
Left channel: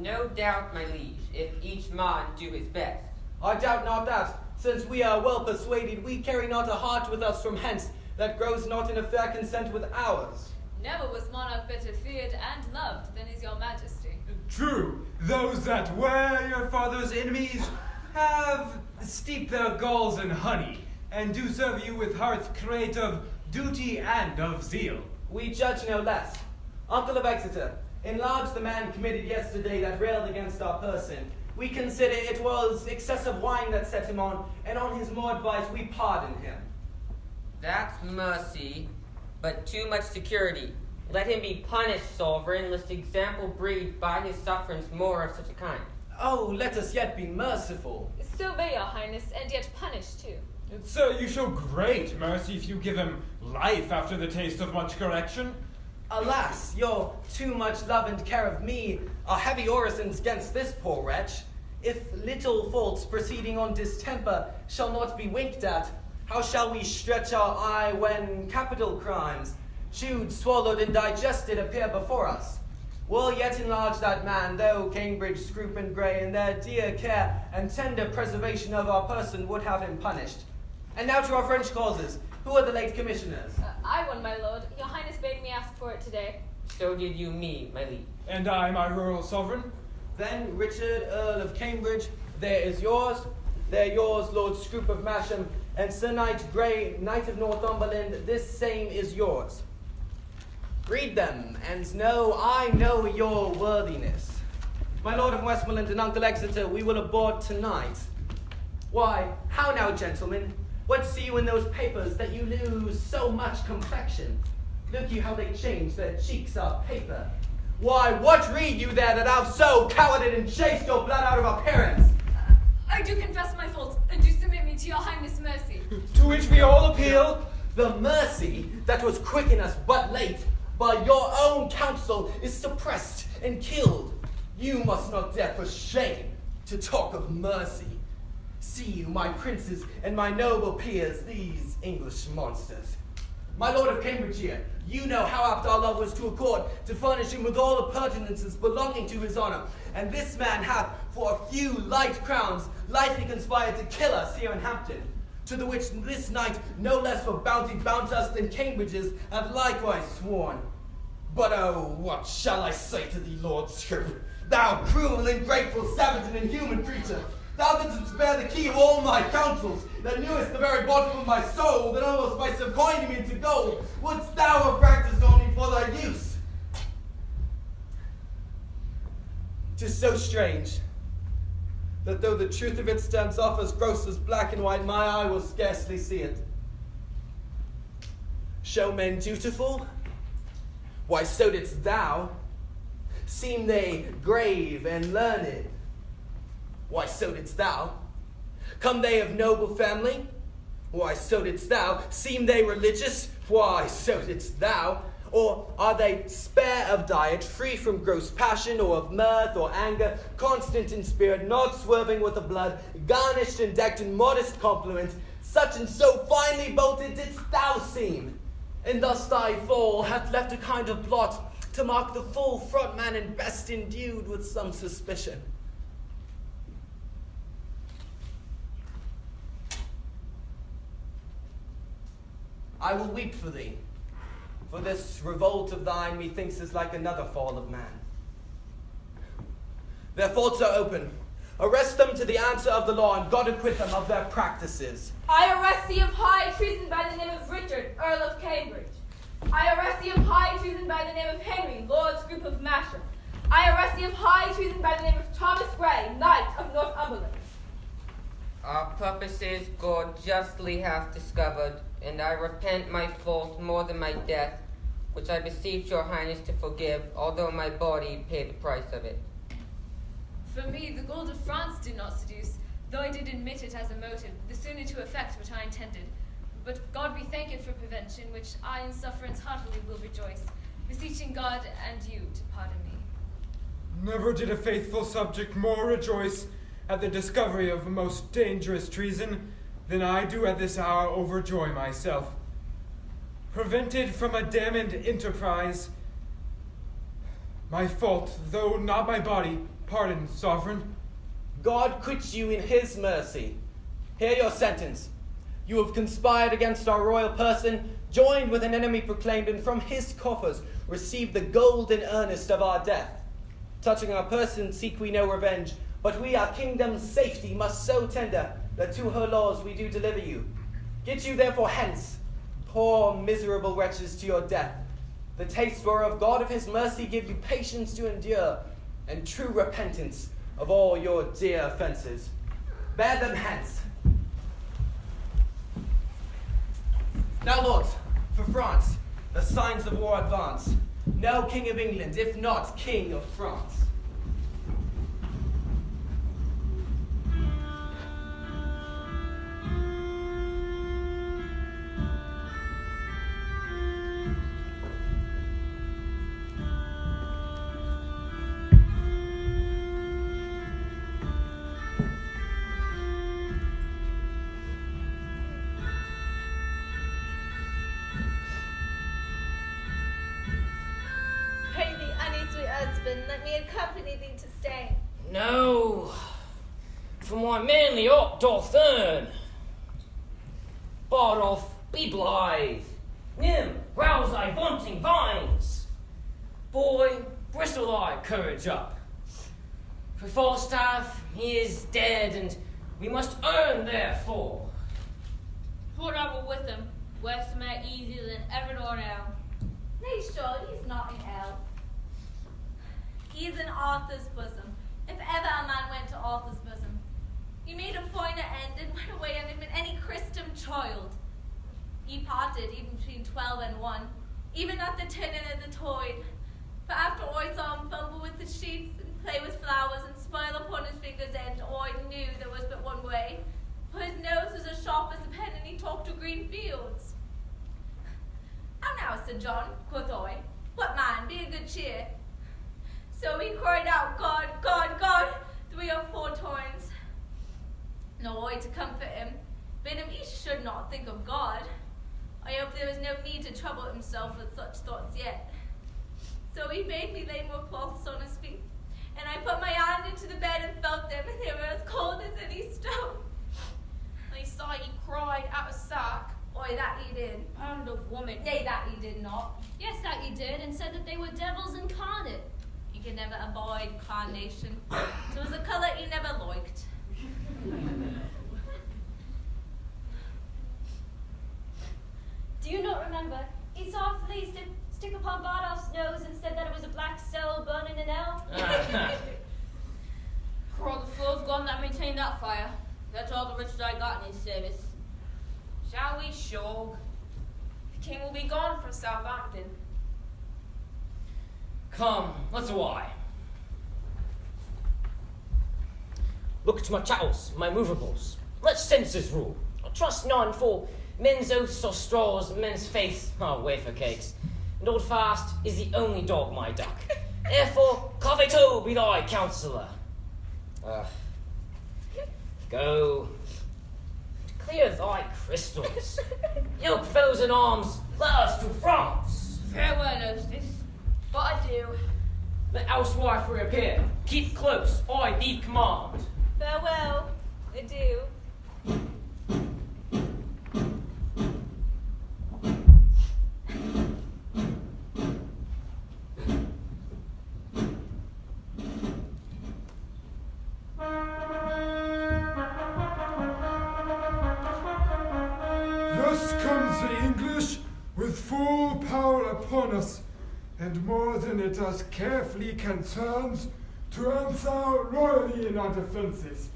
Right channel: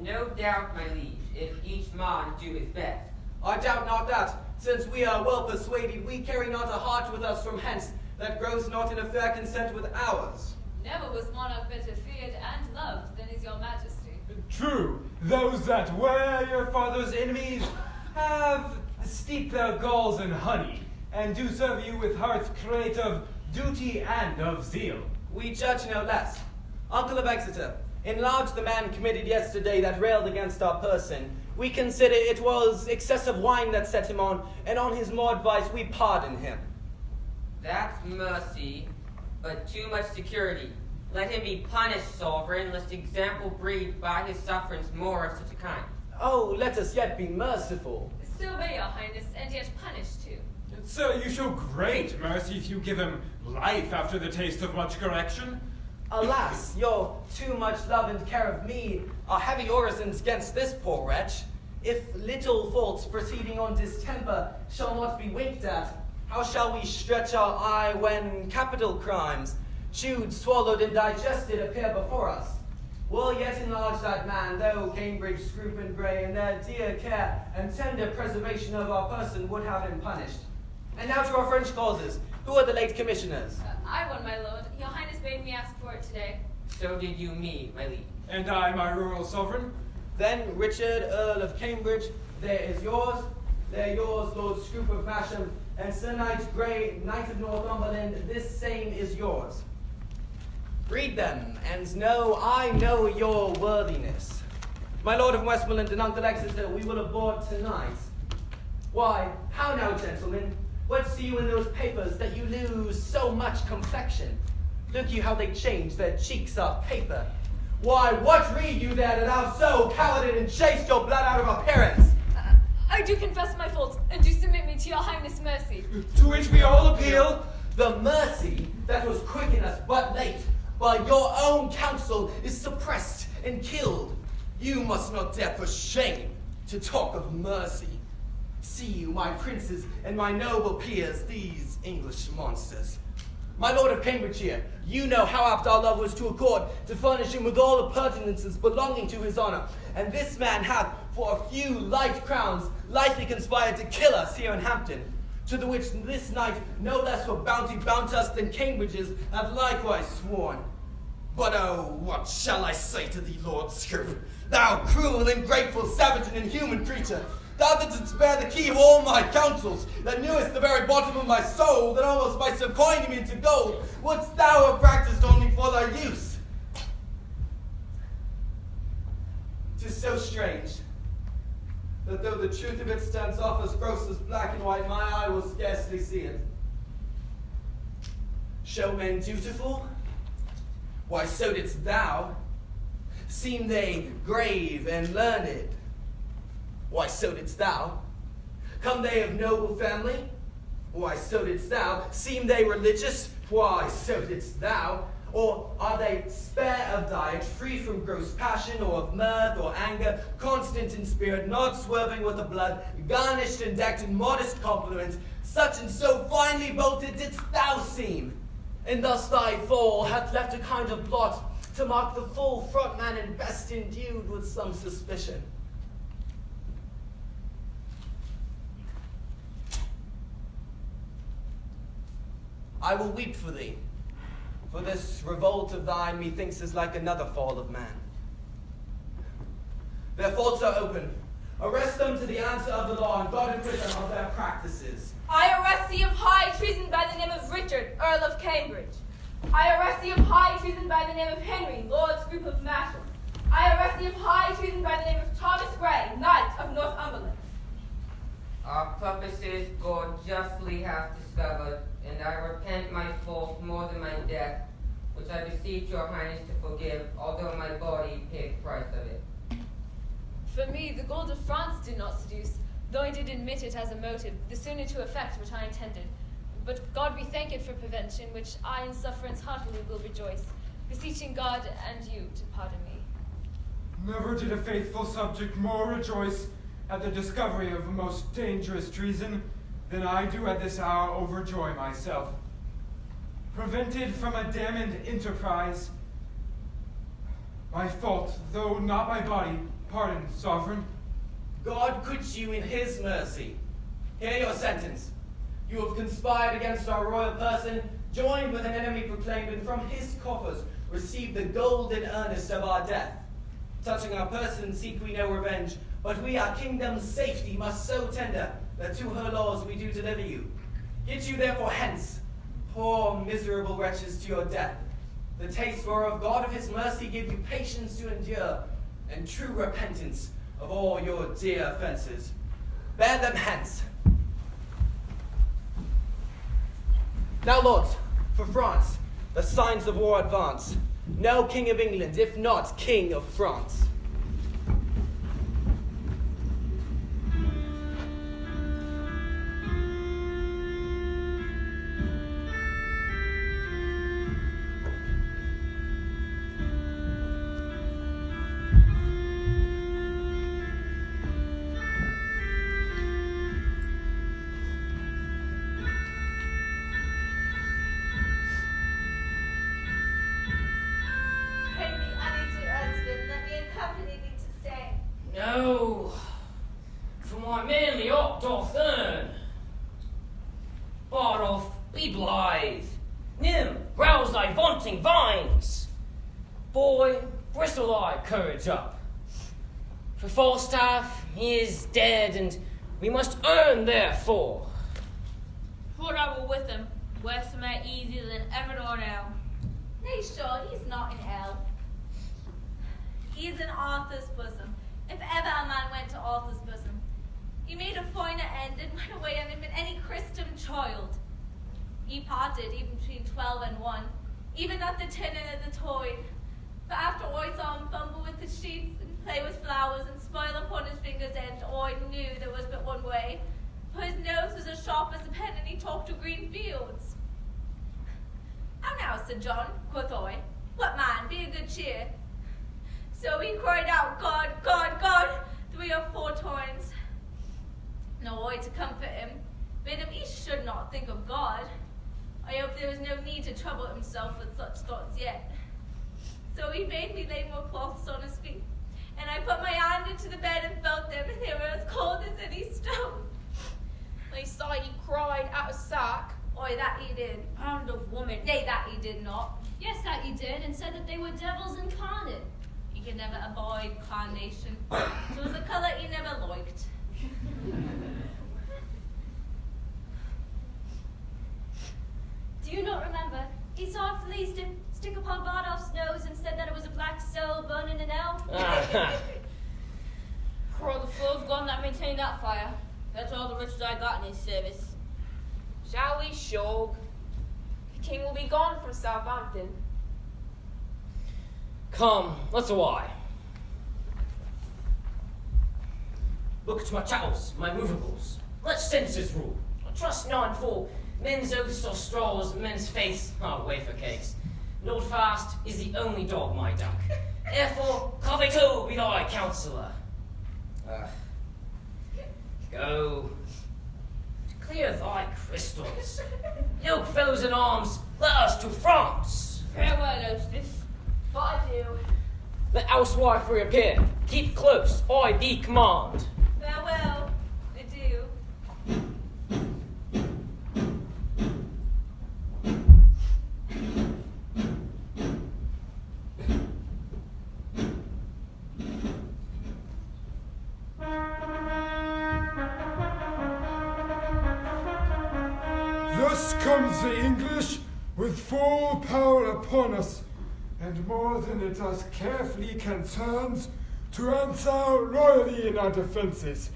No doubt, my liege, if each man do his best. I doubt not that, since we are well persuaded, we carry not a heart with us from hence that grows not in a fair consent with ours. Never was monarch better feared and loved than is your majesty. True, those that were your father's enemies have steeped their galls in honey, and do serve you with hearts great of duty and of zeal. We judge no less. Uncle of Exeter, enlarge the man committed yesterday that railed against our person. We consider it was excessive wine that set him on, and on his more advice we pardon him. That's mercy, but too much security. Let him be punished, sovereign, lest example breed by his sufferance more of such a kind. Oh, let us yet be merciful. So may your highness, and yet punish too. Sir, you show great mercy if you give him life after the taste of much correction. Alas, your too much love and care of me are heavy orisons against this poor wretch. If little faults proceeding on distemper shall not be winked at, how shall we stretch our eye when capital crimes, chewed, swallowed, and digested, appear before us? We'll yet enlarge that man, though Cambridge, Scroop, and Grey, in their dear care and tender preservation of our person, would have him punished. And now to our French causes. Who are the late commissioners? I won, my lord. Your highness bade me ask for it today. So did you me, my liege. And I, my rural sovereign. Then Richard, Earl of Cambridge, there is yours. They're yours, Lord Scroop of Masham, and Sir Knight Grey, Knight of Northumberland, this same is yours. Read them, and I know your worthiness. My Lord of Westmoreland and Uncle Exeter, we will aboard tonight. Why, how now, gentlemen? What see you in those papers that you lose so much complexion? Look you how they change, their cheeks are paper. Why, what read you there that have so cowarded and chased your blood out of appearance? I do confess my faults, and do submit me to your highness' mercy. To which we all appeal. The mercy that was quick in us but late, by your own counsel, is suppressed and killed. You must not dare for shame to talk of mercy. See you, my princes and my noble peers, these English monsters. My lord of Cambridge here, you know how apt our love was to accord to furnish him with all the pertinences belonging to his honor, and this man hath, for a few light crowns, lightly conspired to kill us here in Hampton, to the which this night no less for bounty bound us than Cambridge's have likewise sworn. But oh, what shall I say to thee, Lord Scroop, thou cruel, ungrateful, savage, and inhuman creature? Thou that didst bear the key of all my counsels, that knewest the very bottom of my soul, that almost might have coined me into gold, wouldst thou have practised on me for thy use? 'Tis so strange, that though the truth of it stands off as gross as black and white, my eye will scarcely see it. Show men dutiful? Why, so didst thou. Seem they grave and learned? Why, so didst thou. Come they of noble family? Why, so didst thou. Seem they religious? Why, so didst thou. Or are they spare of diet, free from gross passion, or of mirth or anger, constant in spirit, not swerving with the blood, garnished and decked in modest compliments, such and so finely bolted didst thou seem? And thus thy fall hath left a kind of blot to mark the full front man and best endued with some suspicion. I will weep for thee, for this revolt of thine methinks is like another fall of man. Their faults are open. Arrest them to the answer of the law, and God acquit them of their practices. I arrest thee of high treason by the name of Richard, Earl of Cambridge. I arrest thee of high treason by the name of Henry, Lord Scroop of Masham. I arrest thee of high treason by the name of Thomas Gray, Knight of Northumberland. Our purposes God justly hath discovered, and I repent my fault more than my death, which I beseech your highness to forgive, although my body paid the price of it. For me, the gold of France did not seduce, though I did admit it as a motive, the sooner to effect what I intended. But God be thanked for prevention, which I in sufferance heartily will rejoice, beseeching God and you to pardon me. Never did a faithful subject more rejoice at the discovery of a most dangerous treason than I do at this hour overjoy myself. Prevented from a damned enterprise, my fault, though not my body, pardon, sovereign. God quit you in his mercy. Hear your sentence. You have conspired against our royal person, joined with an enemy proclaimed, and from his coffers received the gold and earnest of our death. Touching our person seek we no revenge, but we our kingdom's safety must so tender, that to her laws we do deliver you. Get you therefore hence, poor miserable wretches, to your death. The taste whereof God of his mercy give you patience to endure, and true repentance of all your dear offences. Bear them hence. Now, lords, for France, the signs of war advance. No king of England, if not king of France. No, for my manly heart doth earn. Bardolph, be blithe. Nym, rouse thy vaunting vines. Boy, bristle thy courage up. For Falstaff, he is dead, and we must earn therefore. Put up with him. Worse may easier than ever nor now. Nay, sure, he's not in hell. He is in Arthur's bosom. If ever a man went to Arthur's bosom, he made a finer end and went away on him than any Christian child. He parted even between 12 and 1, even at the tenor of the toy. For after I saw him fumble with the sheets and play with flowers and smile upon his finger's end, I knew there was but one way. For his nose was as sharp as a pen, and he talked of green fields. How now, Sir John, quoth I, what man, be of good cheer. So he cried out, God, God, God, 3 or 4 times. No, I to comfort him, bid him he should not think of God. I hope there is no need to trouble himself with such thoughts yet. So he made me lay more cloths on his feet, and I put my hand into the bed and felt them, and they were as cold as any stone. They saw he cried out of sack. Why, that he did. Pound of woman. Nay, that he did not. Yes, that he did, and said that they were devils incarnate. He could never abide carnation. So it was a colour he never liked. Do you not remember? He saw a flea stick upon Bardolph's nose and said that it was a black soul burning in hell. Crawl, the fool's gone that maintained that fire. That's all the riches I got in his service. Shall we shog? The king will be gone from Southampton. Come, let's away. Look to my chattels, my movables. Let senses rule. I trust none, for men's oaths are straws, men's faiths are wafer cakes. And old fast is the only dog, my duck. Therefore, Covito be thy counsellor. Go, clear thy crystals. Yoke fellows in arms, let us to France. Farewell, hostess. But adieu. Let housewife reappear. Keep close, I thee command. Farewell. Adieu. Thus comes the English with full power upon us, and more than it us carefully concerns to answer royally in our defences.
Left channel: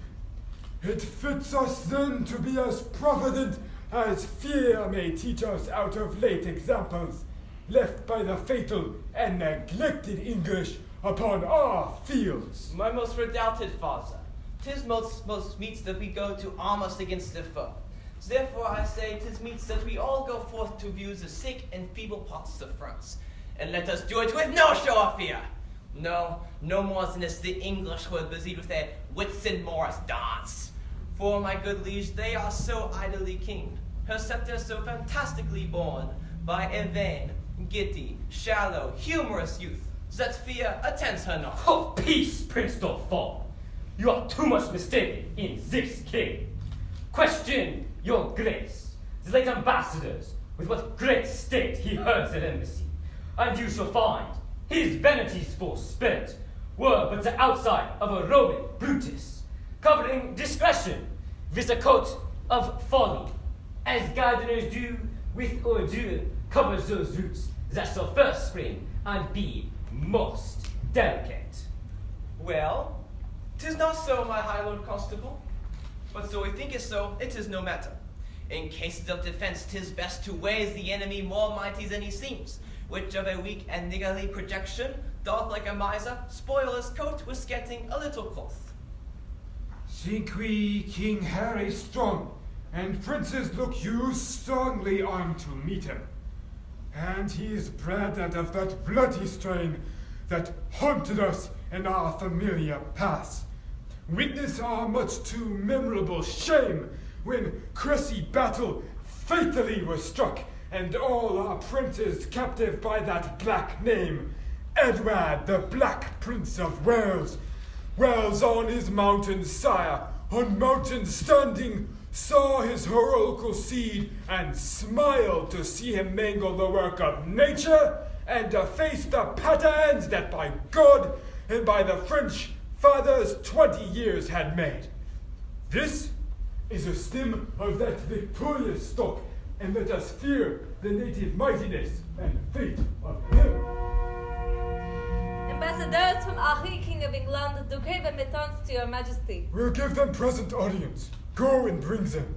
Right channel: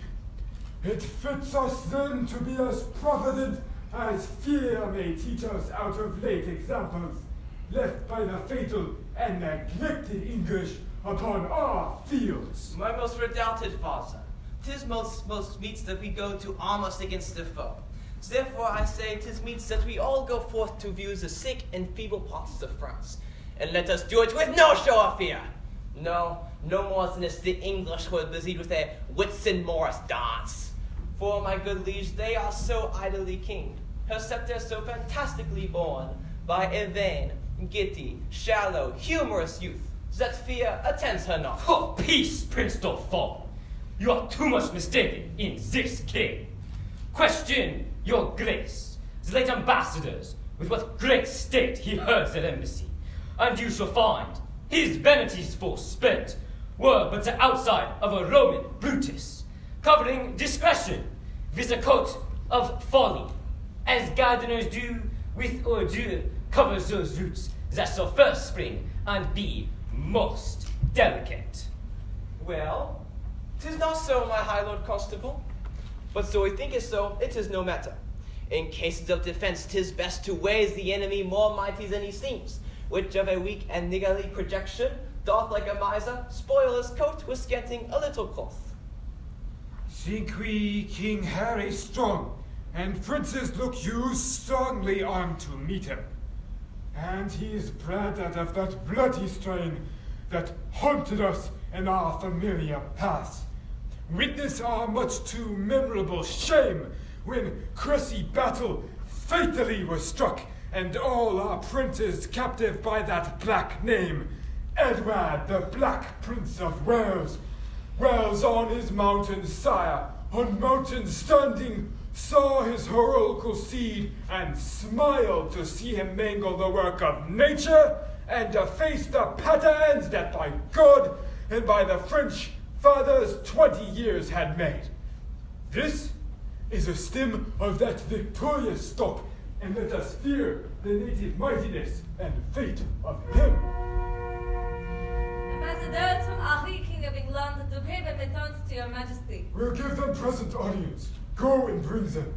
It fits us then to be as provident as fear may teach us out of late examples left by the fatal and neglected English upon our fields. My most redoubted father, 'tis most meets that we go to arm us against the foe. Therefore I say 'tis meets that we all go forth to view the sick and feeble parts of France, and let us do it with no show of fear. No more than is the English who are busied with their Whitsun Morris dance. For my good liege, they are so idly keen, her sceptre so fantastically borne, by a vain, giddy, shallow, humorous youth, that fear attends her not. Oh, peace, Prince Dauphin. You are too much mistaken in this king. Question your grace, the late ambassadors, with what great state he herds at embassy, and you shall find his vanities forspent were but the outside of a Roman Brutus, covering discretion with a coat of folly, as gardeners do with ordure covers those roots that shall first spring and be most delicate. Well, 'tis not so, my high lord constable. But so we think it so, it is no matter. In cases of defense, 'tis best to ways the enemy more mighty than he seems, which of a weak and niggardly projection doth like a miser spoil his coat with getting a little cloth. Think we King Harry strong, and princes look you strongly on to meet him. And he is bred out of that bloody strain that haunted us in our familiar past. Witness our much too memorable shame when Cressy battle fatally was struck, and all our princes captive by that black name, Edward the Black Prince of Wales. Wales on his mountain sire, on mountain standing, saw his heroical seed, and smiled to see him mangle the work of nature, and deface the patterns that by God and by the French fathers 20 years had made. This is a stem of that victorious stock, and let us fear the native mightiness and fate of him. Ambassadors from Henri, King of England, do crave admittance to your majesty. We'll give them present audience. Go and bring them.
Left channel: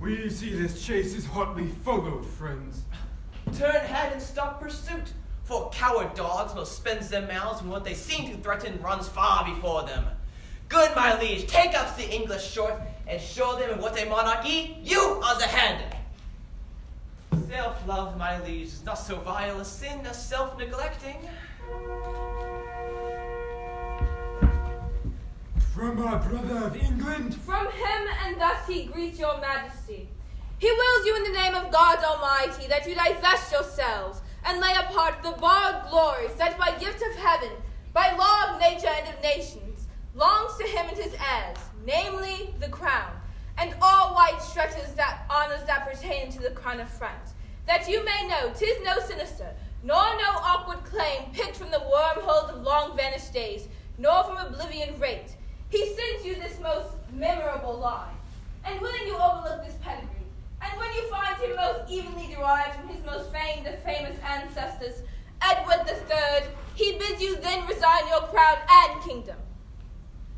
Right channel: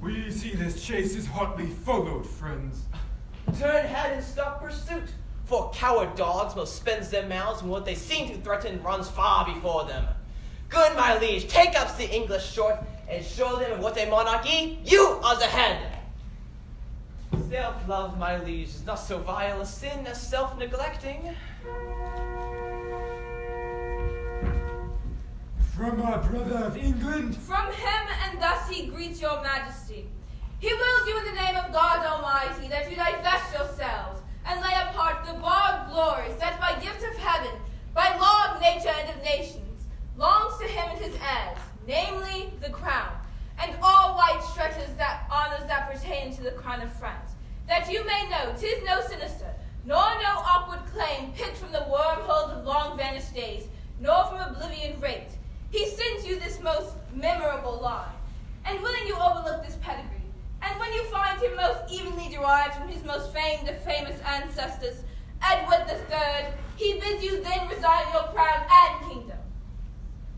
We see this chase is hotly followed, friends. Turn head and stop pursuit, for coward dogs will spend their mouths when what they seem to threaten runs far before them. Good, my liege, take up the English short, and show them of what a monarchy you are the head. Self-love, my liege, is not so vile a sin as self-neglecting. From our brother of England? From him, and thus he greets your majesty. He wills you in the name of God Almighty that you divest yourselves and lay apart the borrowed glories that by gift of heaven, by law of nature and of nations, longs to him and his heirs, namely the crown, and all white stretches that honors that pertain to the crown of France, that you may know 'tis no sinister, nor no awkward claim picked from the wormholes of long vanished days, nor from oblivion raked. He sends you this most memorable line, and willing you overlook this pedigree, and when you find him most evenly derived from his most famed of famous ancestors, Edward III, he bids you then resign your crown and kingdom.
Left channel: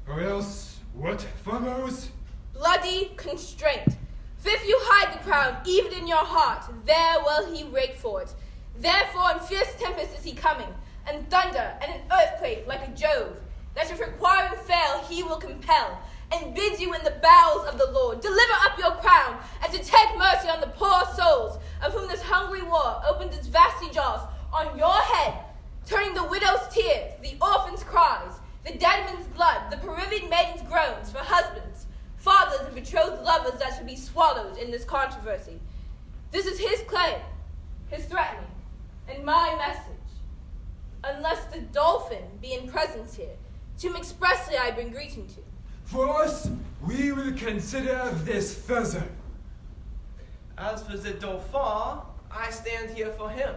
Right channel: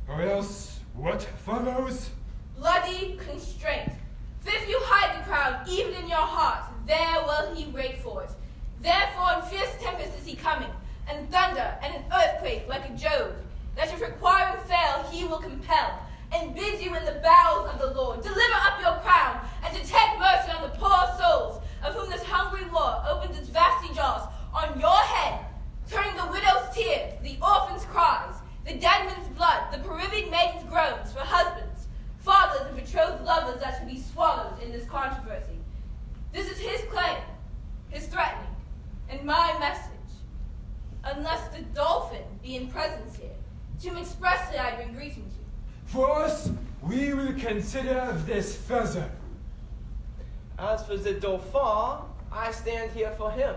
Or else, what follows? Bloody constraint. For if you hide the crown even in your heart, there will he rake for it. Therefore in fierce tempest is he coming, and thunder and an earthquake like a Jove, that if requiring fail he will compel, and bids you in the bowels of the Lord deliver up your crown, and to take mercy on the poor souls of whom this hungry war opens its vasty jaws on your head, turning the widow's tears, the orphan's cries, the dead man's blood, the bereaved maiden's groans for husbands, fathers, and betrothed lovers that controversy. This is his claim, his threatening, and my message. Unless the dolphin be in presence here, to whom expressly I bring greeting to. For us, we will consider this further. As for the Dauphin, I stand here for him.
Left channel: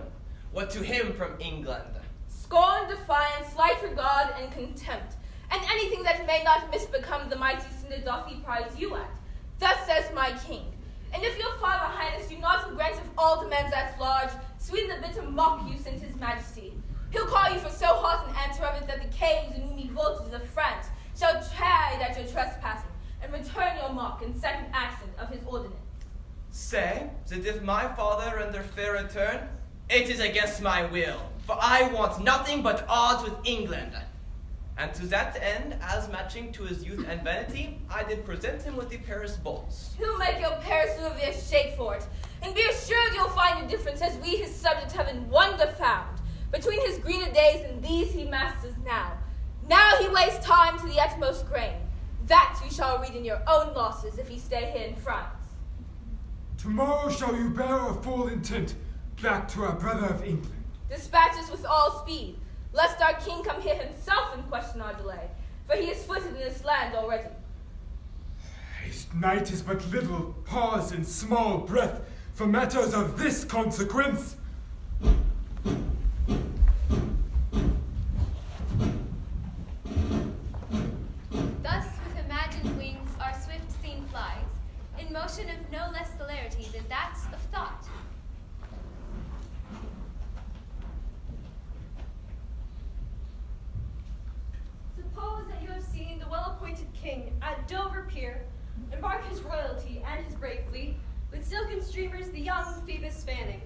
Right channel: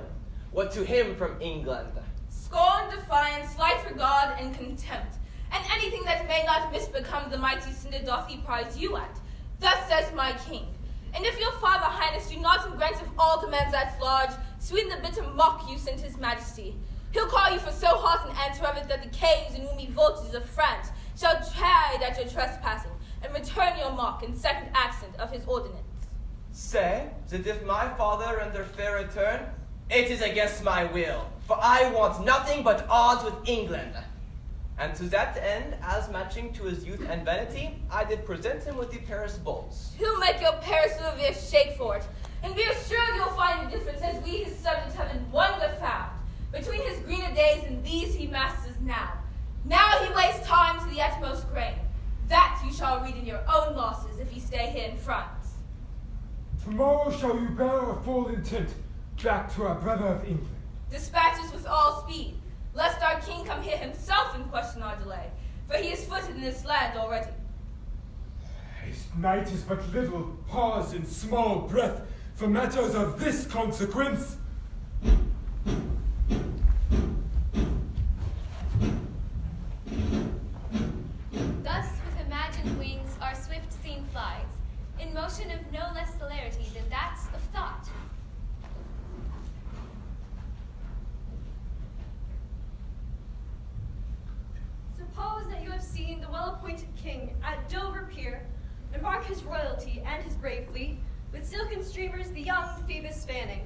What to him from England? Scorn, defiance, slight regard, and contempt, and anything that may not misbecome the mighty Synod doth he prize you at. Thus says my king. And if your father highness do not in grant of all demands at large, sweeten the bitter mock you sent his majesty, he'll call you for so hot an answer of it that the caves and roomy voltages of France shall chide at your trespassing, and return your mock in second accent of his ordinance. Say, that if my father under fair return, it is against my will, for I want nothing but odds with England. And to that end, as matching to his youth and vanity, I did present him with the Paris bulls. He'll make your Paris Louvier shake for it, and be assured you'll find a difference as we his subjects have in wonder found, between his greener days and these he masters now. Now he wastes time to the utmost grain. That you shall read in your own losses if ye stay here in France. Tomorrow shall you bear our full intent back to our brother of England. Dispatch us with all speed, lest our king come here himself and question our delay, for he is footed in this land already. Haste night is but little pause and small breath for matters of this consequence. Thus, with imagined wings, our swift scene flies, in motion of no less celerity than that of thought. Suppose that you have seen the well-appointed king at Dover Pier embark his royalty and his brave fleet, with silken streamers the young Phoebus fanning.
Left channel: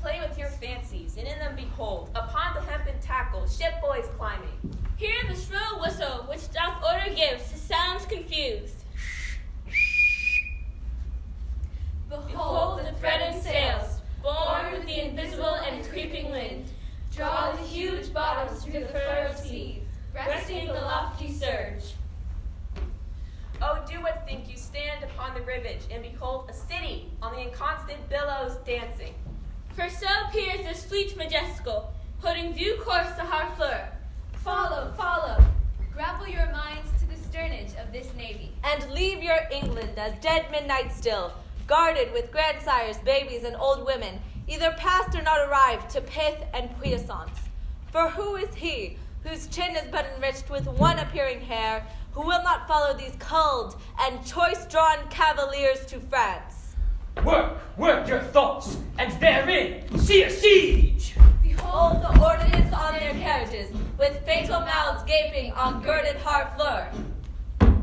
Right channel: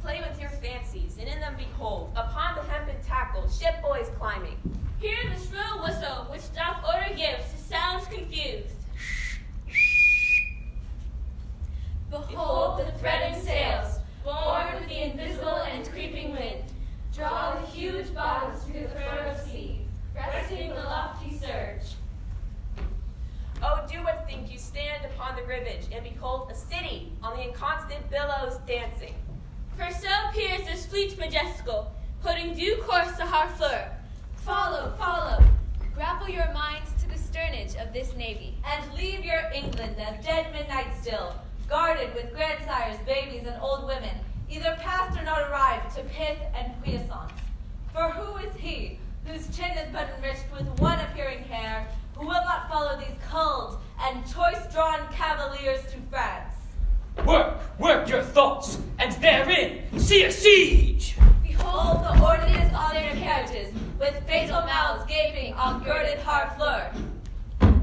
Play with your fancies, and in them behold, upon the hempen tackle, ship boys climbing. Hear the shrill whistle which doth order gives to sounds confused. Behold the threading sails, borne with the invisible and creeping wind, draw the huge bottoms through the furrowed seas, breasting the lofty surge. Oh, do what think you stand upon the rivage, and behold a city on the inconstant billows dancing. For so peers this fleet majestical, putting due course to Harfleur. Follow, follow. Grapple your minds to the sternage of this navy. And leave your England as dead midnight still, guarded with grandsires, babies, and old women, either past or not arrived to pith and puissance. For who is he, whose chin is but enriched with one appearing hair, who will not follow these culled and choice-drawn cavaliers to France? Work your thoughts, and therein see a siege! Behold the ordnance on their carriages, with fatal mouths gaping on girded Harfleur.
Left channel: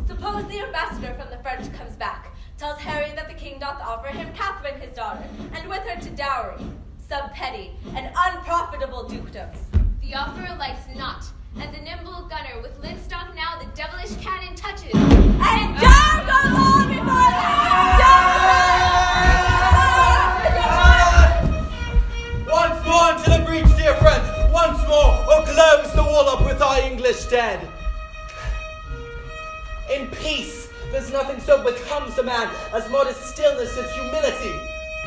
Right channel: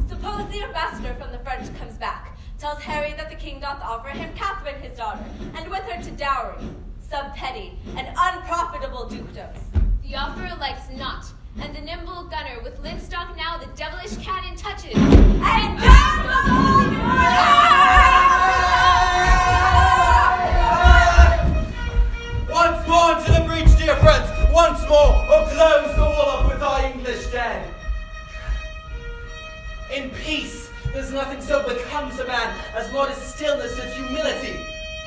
Suppose the ambassador from the French comes back, tells Harry that the king doth offer him Catherine his daughter, and with her to dowry, some petty and unprofitable dukedoms. The offer likes not, and the nimble gunner with linstock now the devilish cannon touches. And down the hall before Once more into the breach, dear friends! Once more, or close the wall up with our English dead! In peace, there's nothing so becomes a man as modest stillness and humility.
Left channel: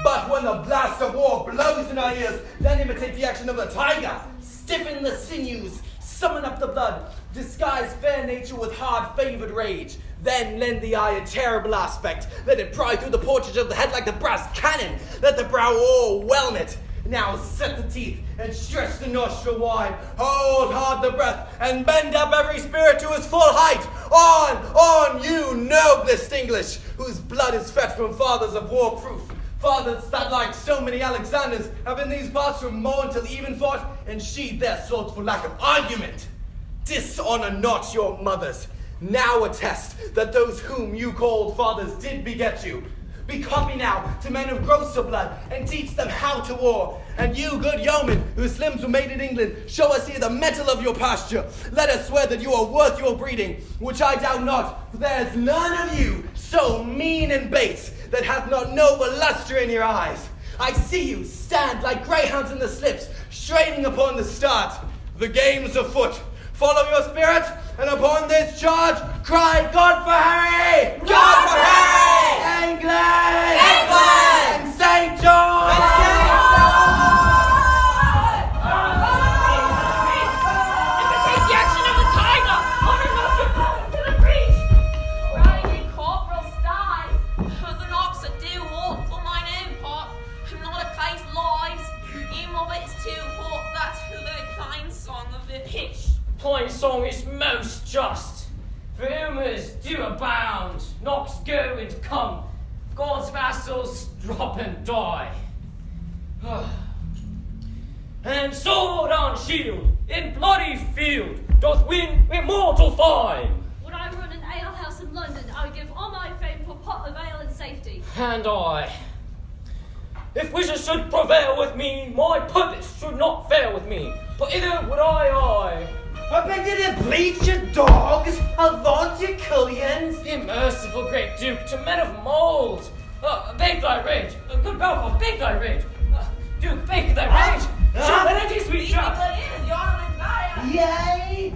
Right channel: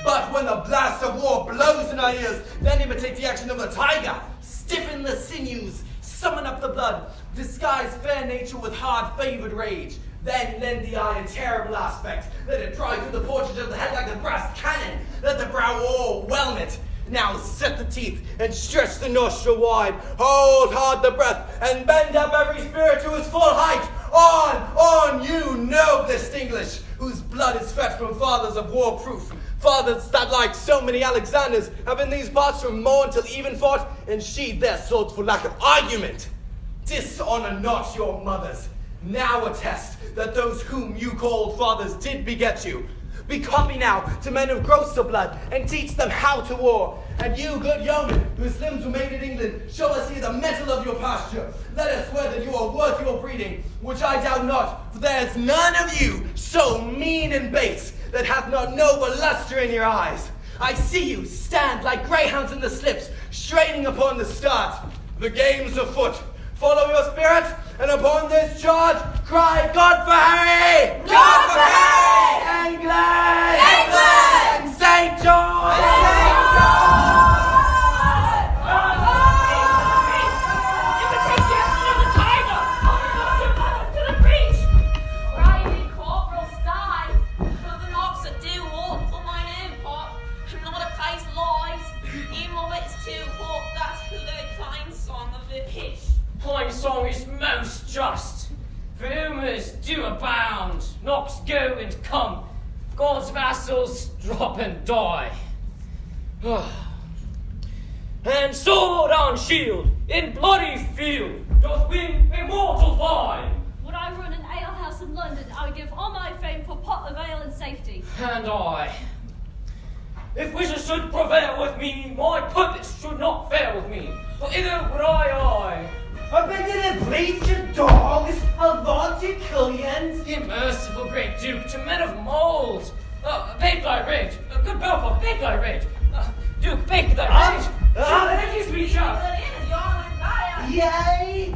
But when the blast of war blows in our ears, then imitate the action of the tiger. Stiffen the sinews, summon up the blood, disguise fair nature with hard-favored rage. Then lend the eye a terrible aspect. Let it pry through the portage of the head like the brass cannon. Let the brow o'erwhelm it. Now set the teeth and stretch the nostril wide. Hold hard the breath and bend up every spirit to its full height. On, you noblest English, whose blood is fed from fathers of war proof. Fathers that, like so many Alexanders, have in these parts from morn till even fought and sheathed their swords for lack of argument. Dishonor not your mothers. Now attest that those whom you called fathers did beget you. Become me now to men of grosser blood, and teach them how to war. And you, good yeomen, whose limbs were made in England, show us here the mettle of your pasture. Let us swear that you are worth your breeding, which I doubt not, for there is none of you so mean and base that hath not noble lustre in your eyes. I see you stand like greyhounds in the slips, straining upon the start. The game's afoot. Follow your spirit, and upon this charge, cry God for Harry! God for Harry! England! England! song is most just. For rumors do abound, knocks go and come, God's vassals drop and die. And sword on shield, in bloody field, doth win immortal fine. Would I run an alehouse in London, I would give all my fame for pot of ale and safety. And I. If wishes should prevail with me, my purpose should not fail with me, for either would I. Up into the bleach, you dogs! Avaunt, you cullions! The merciful great Duke, to men of mould! Bake thy rage! Good Belfort, bake thy rage! Duke, bake thy rage! Shall the energies reach out? Yay!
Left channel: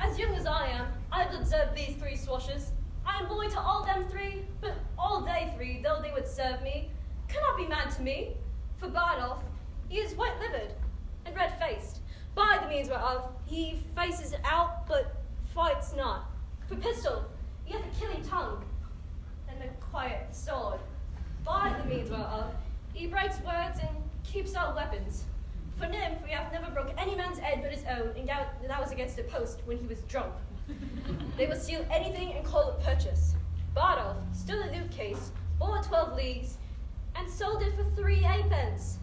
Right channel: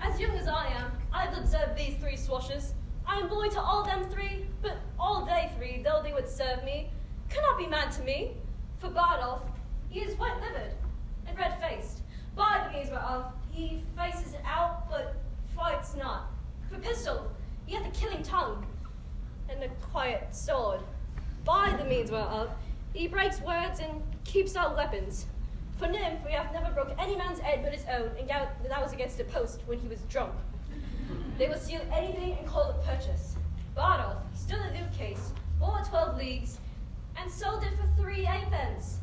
As young as I am, I've observed these three swashes. I am boy to all them three, but all they three, though they would serve me, cannot be mad to me. For Bardolph, he is white-livered and red-faced, by the means whereof he faces out, but fights not. For Pistol, he hath a killing tongue and a quiet sword, by the means whereof he breaks words and keeps our weapons. For Nymph, we have never broke any man's head but his own, and that was against a post when he was drunk. They will steal anything and call it purchase. Bardolph, still a loot case, bought 12 leagues, and sold it for 3 halfpence.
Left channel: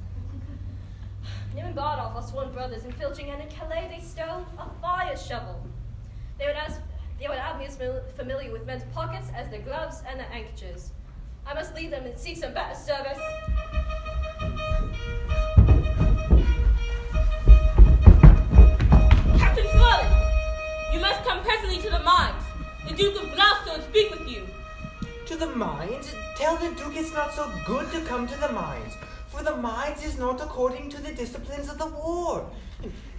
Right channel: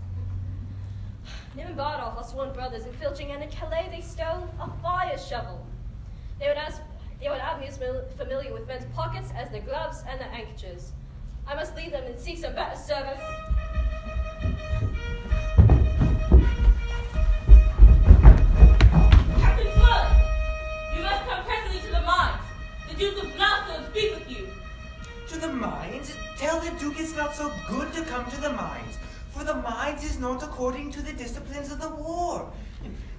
Nym and Bardolph are sworn brothers, and filching and in Calais they stole a fire shovel. They would have me as familiar with men's pockets as their gloves and their handkerchiefs. I must leave them and seek some better service. Captain Sloan, you must come presently to the mines. The Duke of Gloucester will speak with you. To the mines? Tell the Duke it's not so good to come to the mines, for the mines is not according to the disciplines of the war.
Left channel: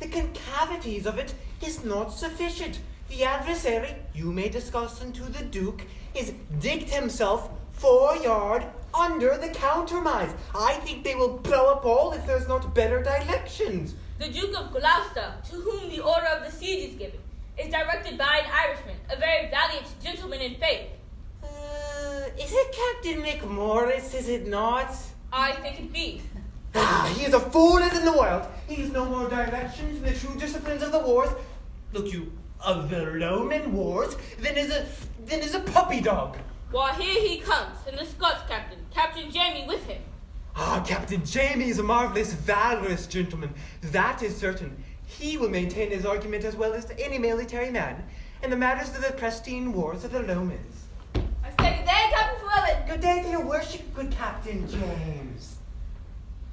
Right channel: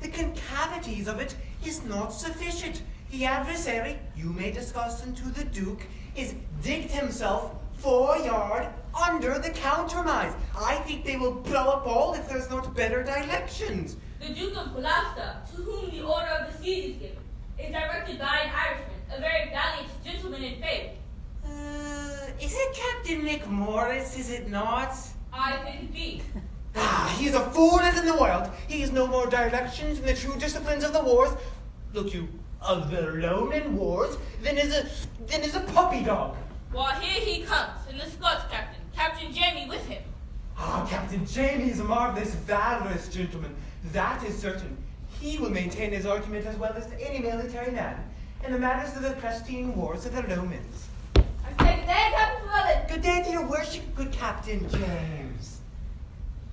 The concavities of it is not sufficient. The adversary, you may discuss unto the Duke, is digged himself 4 yards under the countermines. I think they will blow up all if there's not better directions. The Duke of Gloucester, to whom the order of the siege is given, is directed by an Irishman, a very valiant gentleman in faith. Is it Captain McMorris, is it not? I think it be. He is a fool as in the world. He has no more directions in the true disciplines of the wars, look you, of the Roman wars, than is a puppy dog. Well, here he comes, and the Scots captain, Captain Jamie, with him. Captain Jamie is a marvelous, valorous gentleman. That is certain. He will maintain his argument as well as any military man in the matters of the pristine wars of the Romans. I say good day, Captain Flevin. Good day to your worship, good Captain James.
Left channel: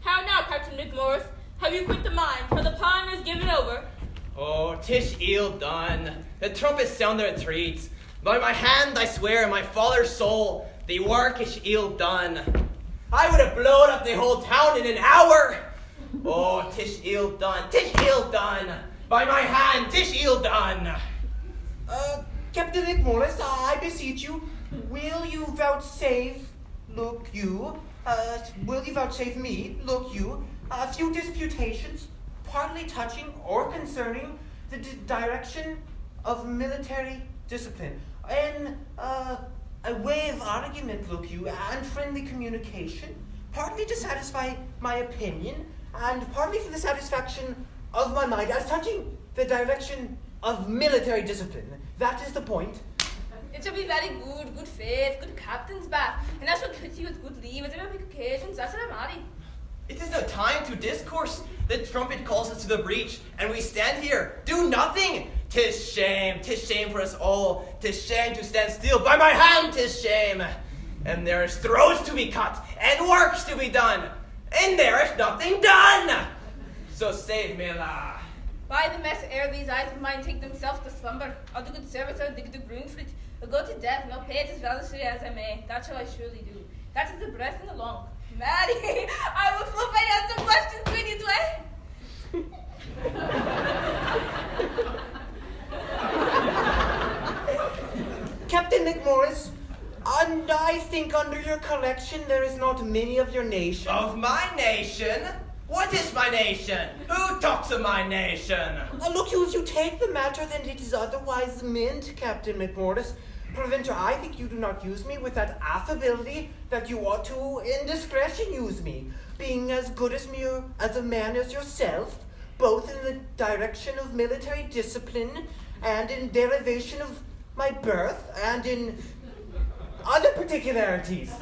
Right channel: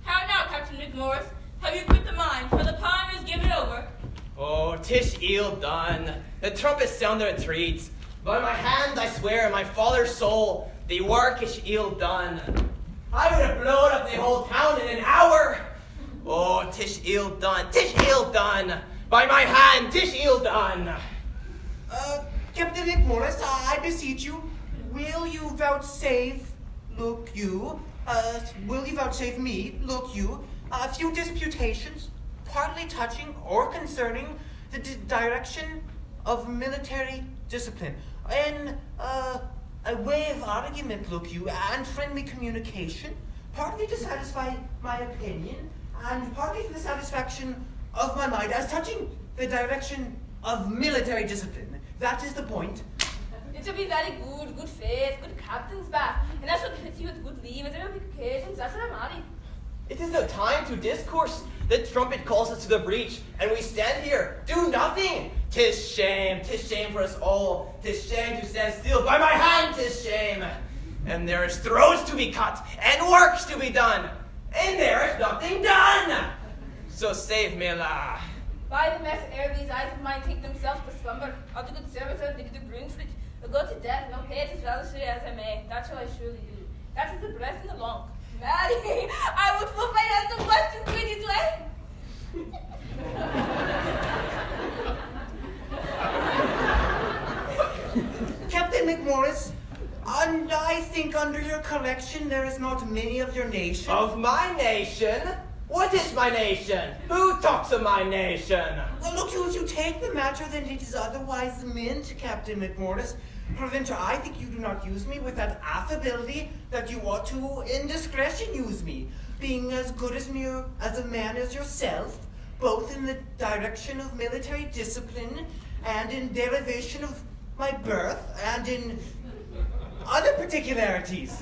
How now, Captain McMorris? Have you quit the mine, for the pine is given over? Oh, 'tis ill done. The trumpets sound their retreats. By my hand I swear, my father's soul, the work is ill done. I would have blown up the whole town in an hour. Oh, 'tis ill done, 'tis ill done. By my hand, 'tis ill done. Captain McMorris, I beseech you, will you vouchsafe me, look you, a few disputations, partly touching or concerning the direction of military discipline, and a way of argument, look you, and friendly communication, partly to satisfy my opinion, and partly for the satisfaction of my mind, as touching the direction of military discipline. That is the point. It shall be very good, good faith, good captain's back, and I shall quit you with good leave, as there will be occasions, that's what I'm adding. It is no time to discourse. The trumpet calls us to the breach, and we stand here, do nothing. 'Tis shame for us all. 'Tis shame to stand still. By my hand, 'tis shame. And there's throats to be cut, and works to be done, and there's nothing done. So save me, la. By the mess ere these eyes of mine take themselves to slumber, I'll do good service, I'll dig the broomstick, I'll go to death, and I'll pay it as valorously as I may. That shall I surely do. That is the breath and the long. Maddie, I will flip my hands and questions between you Captain McMorris, and I think under your collection there is not many of your nation. Of my nation? What is my nation? Who talks of my nation? Look, you, if you take the matter, then it is otherwise meant, Captain McMorris. Peradventure, I think you do not use me with that affability that you ought to, in discretion, use me, being as good as a man as yourself, both in the direction of military discipline and in derivation of my birth and in other particularities.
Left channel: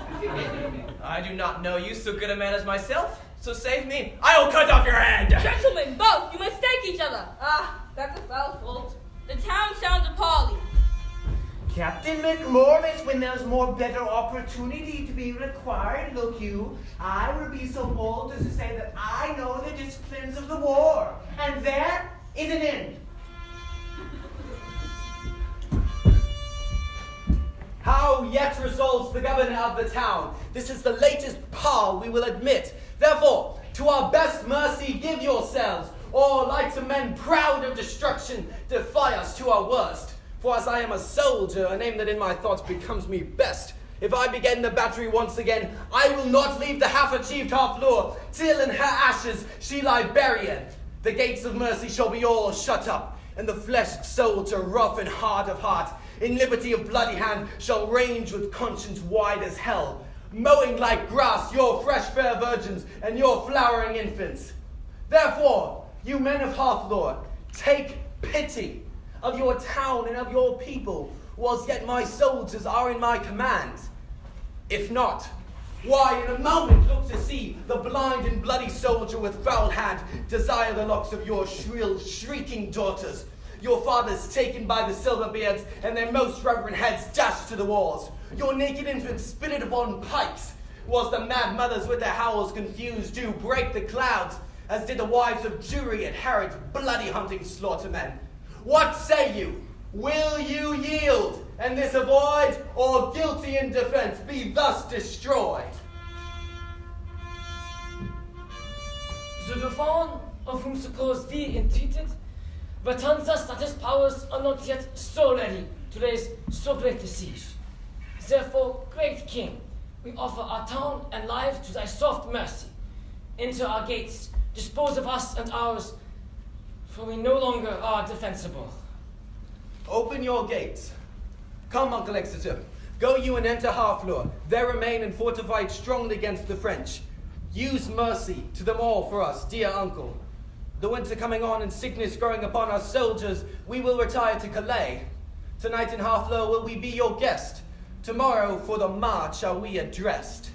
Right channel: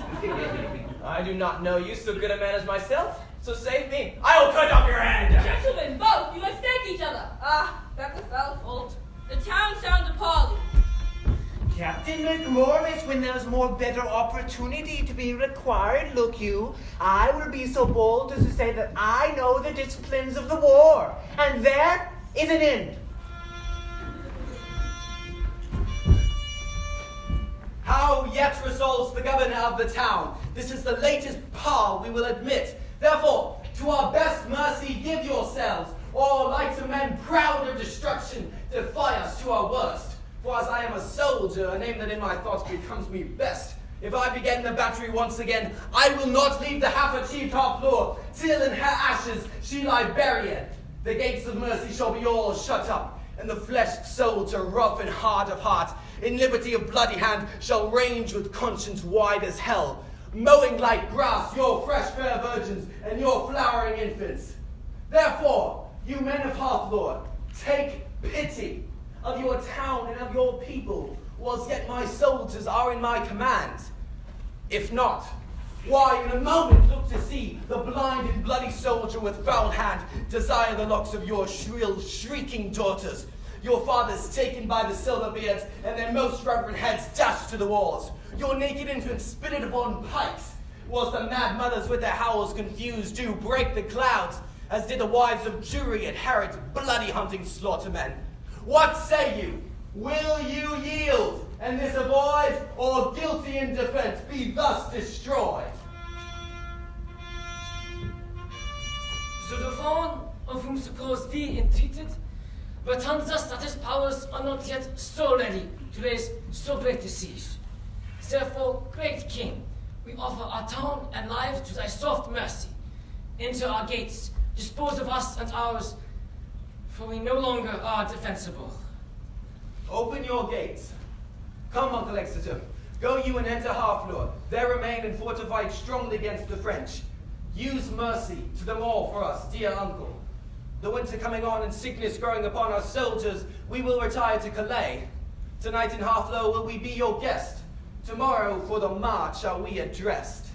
I do not know you so good a man as myself, so save me. I will cut off your hand! Gentlemen, both, you mistake each other. Ah, that's a foul fault. The town sounds appalling. Captain McMorris, when there's more better opportunity to be required, look you, I will be so bold as to say that I know the disciplines of the war, and there is an end. How yet resolves the governor of the town? This is the latest power we will admit. Therefore, to our best mercy give yourselves, or like to men proud of destruction, defy us to our worst. For as I am a soldier, a name that in my thoughts becomes me best, if I begin the battery once again, I will not leave the half-achieved Harfleur, till in her ashes she lie buried. The gates of mercy shall be all shut up, and the fleshed soldier, rough and hard of heart, in liberty of bloody hand, shall range with conscience wide as hell, mowing like grass your fresh fair virgins and your flowering infants. Therefore, you men of Harfleur, take pity of your town and of your people, whilst yet my soldiers are in my command. If not, why in a moment look to see the blind and bloody soldier with foul hand desire the locks of your shrill, shrieking daughters, your fathers taken by the silver beards and their most reverend heads dashed to the walls, your naked infants spitted upon pikes, whilst the mad mothers with their howls confused do break the clouds, as did the wives of Jury at Herod's bloody hunting slaughtermen. What say you? Will you yield, and this avoid, or guilty in defense be thus destroyed? The dauphin, of whom suppose thee entreated, returns us that his powers are not yet so ready to raise so great a siege. Therefore, great king, we offer our town and lives to thy soft mercy. Enter our gates, dispose of us and ours, for we no longer are defensible. Open your gates. Come, Uncle Exeter. Go you and enter Harfleur. There remain and fortified strongly against the French. Use mercy to them all for us, dear uncle. The winter coming on and sickness growing upon our soldiers, we will retire to Calais. Tonight in Harfleur will we be your guest. Tomorrow for the march are we addressed.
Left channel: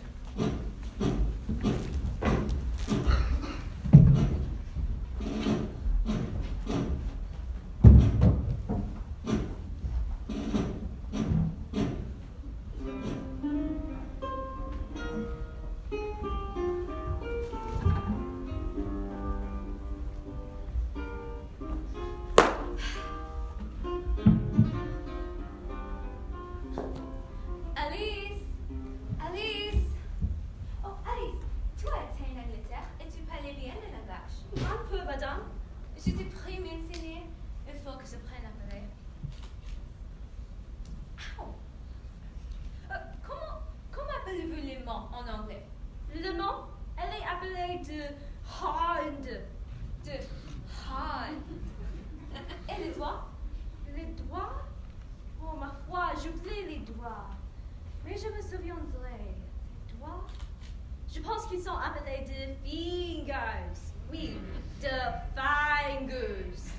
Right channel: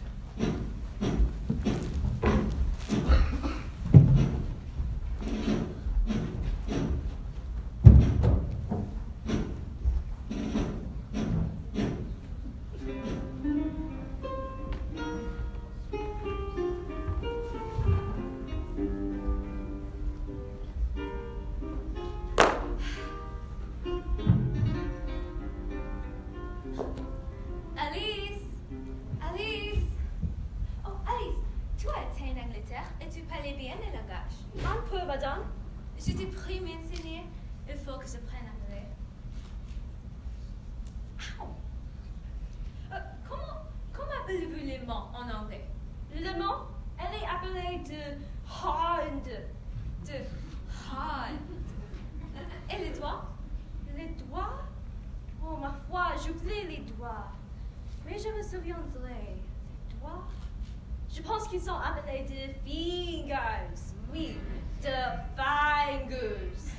Je pense qu'ils sont appelés de fingers. Oui, de fingers.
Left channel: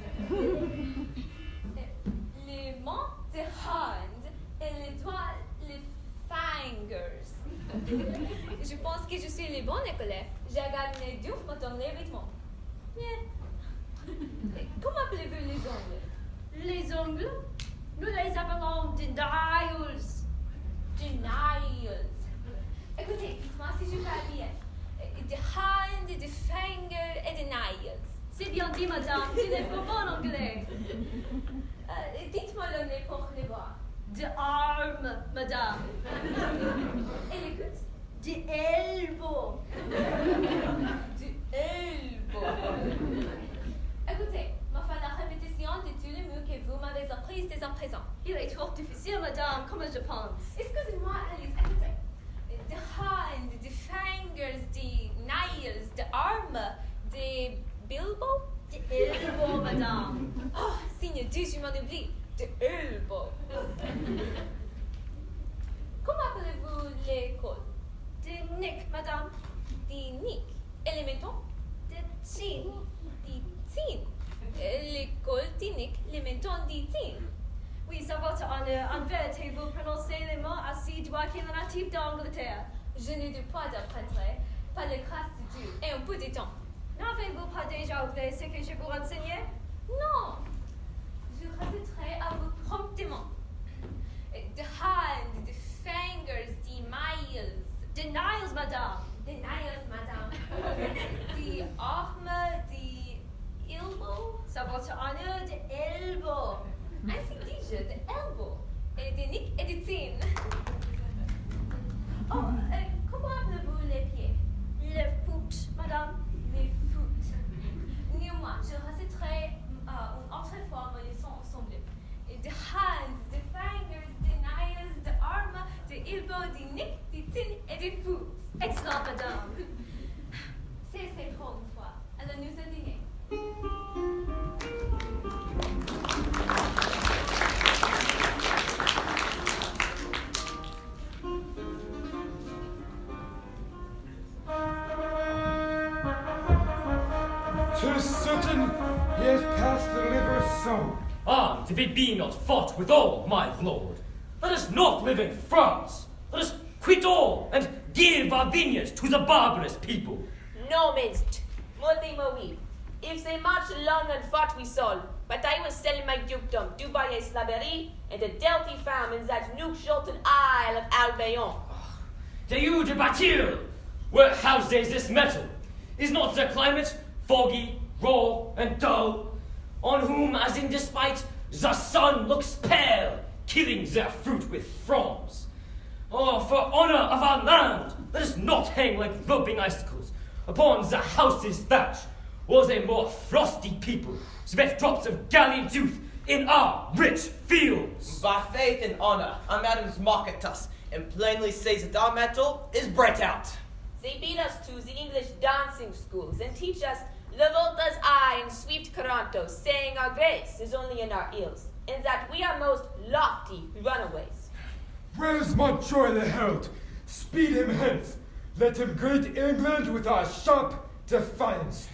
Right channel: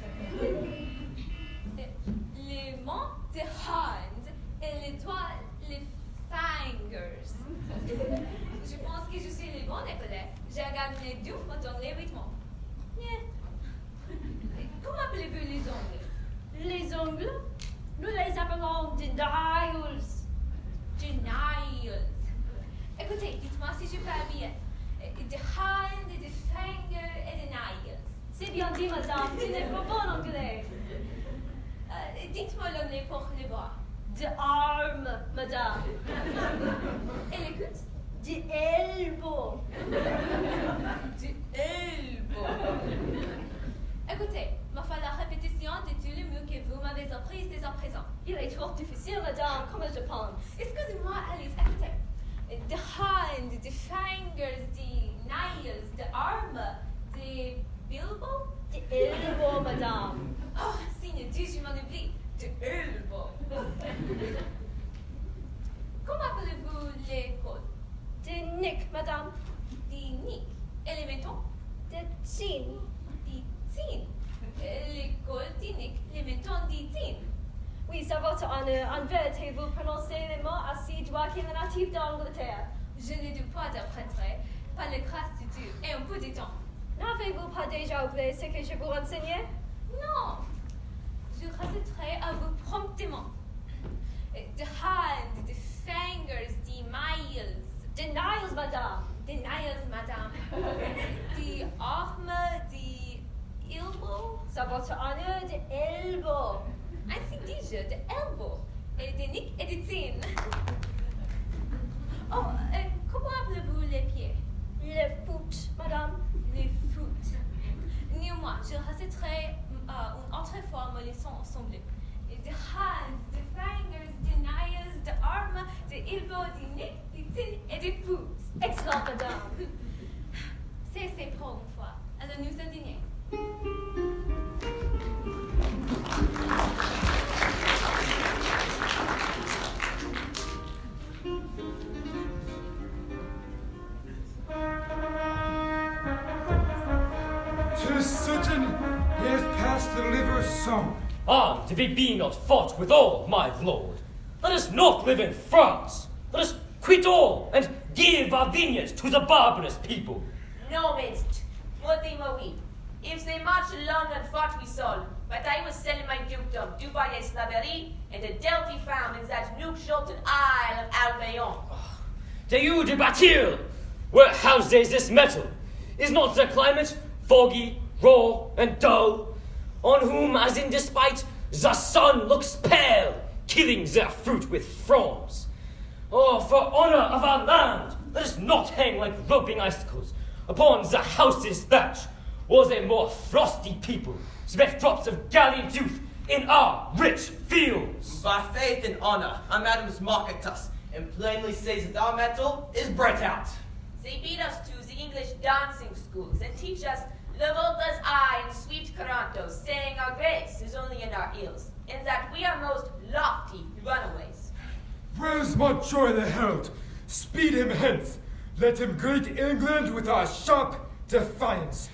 Les mains, de hands, et les doigts, les fingers. Je pense que je suis le bon écolier. Je regarde mes deux dans les rythmes. Comment appelez-vous les ongles? Les ongles? Nous les appelons des nails. Des nails. Écoutez, dites-moi si je parle bien. Des hands, des fingers et des nails. C'est bien dit, madame. Tu n'es pas bon en anglais. Dites-moi le nez pour les bras. Des armes, madame. Et l'écoute? Des elbows. Des elbows. Écoutez, me faire la répétition de tous les mots que vous m'avez appris dès à présent. Il est trop difficile, madame, comme je pense. Excusez-moi, Alice, écoutez. The hand, the fingers, the nails, the arm, the bilbo, the elbow, madame. Oh, signe Dieu, je m'en oublie. The elbow. Comment appelez-vous les côtes? The neck, madame. The neck. Et les métaux? The chin. The honneur, en vérité, vous prononcez les mots ainsi droit que le natif d'Angleterre. Je n'ai de pas d'apprêter, pas de grâce du tout, et un peu de temps. N'avez-vous pas déjà oublié ce que je vous enseignais? Non, je réciterai à vous promptement. The hand, the fingers, the miles. The nails, madame. The nails, madame. The arm, the elbow. Ça votre honneur, the elbow. Ainsi dis-je, the elbow. Et the nick et the tin. Oh, comment appelez-vous les pieds? Le foot, madame. Les foot. Néanmoins, je réciterai une autre fois mes leçons ensemble. The hands, the fingers, the nails, the arm, the elbow, the neck, the tin et the foot. Excellent, madame. C'est pour une fois. Alors nous indignons. "'Tis certain he has passed the liver so." And if it be not fought withal, my lord, let us not live in France. Let us quit all and give our vineyards to the barbarous people. No, midst. Multi oui. If they march along and fought we sold, but I will sell my dukedom, Dubai et Slaverie, and the Delty farmers at Nuke-Shulton Isle of Albion. To you de Batil, where houses this metal, is not the climate foggy, raw, and dull, on whom, as in despite, the sun looks pale, killing their fruit with fronds? Oh, for honor of our land, let us not hang like roping icicles upon the house's thatch, or they more frosty people sweat drops of gallant youth in our rich fields. By faith and honor, our madams mock at us, and plainly says that our metal is bright out. They beat us to the English dancing schools and teach us La Volta's eye and sweet Caranto, saying our grace is only in our ills, and that we are most lofty runaways. "Where's Montjoy the Herald? Speed him hence. Let him greet England with our sharp defiance.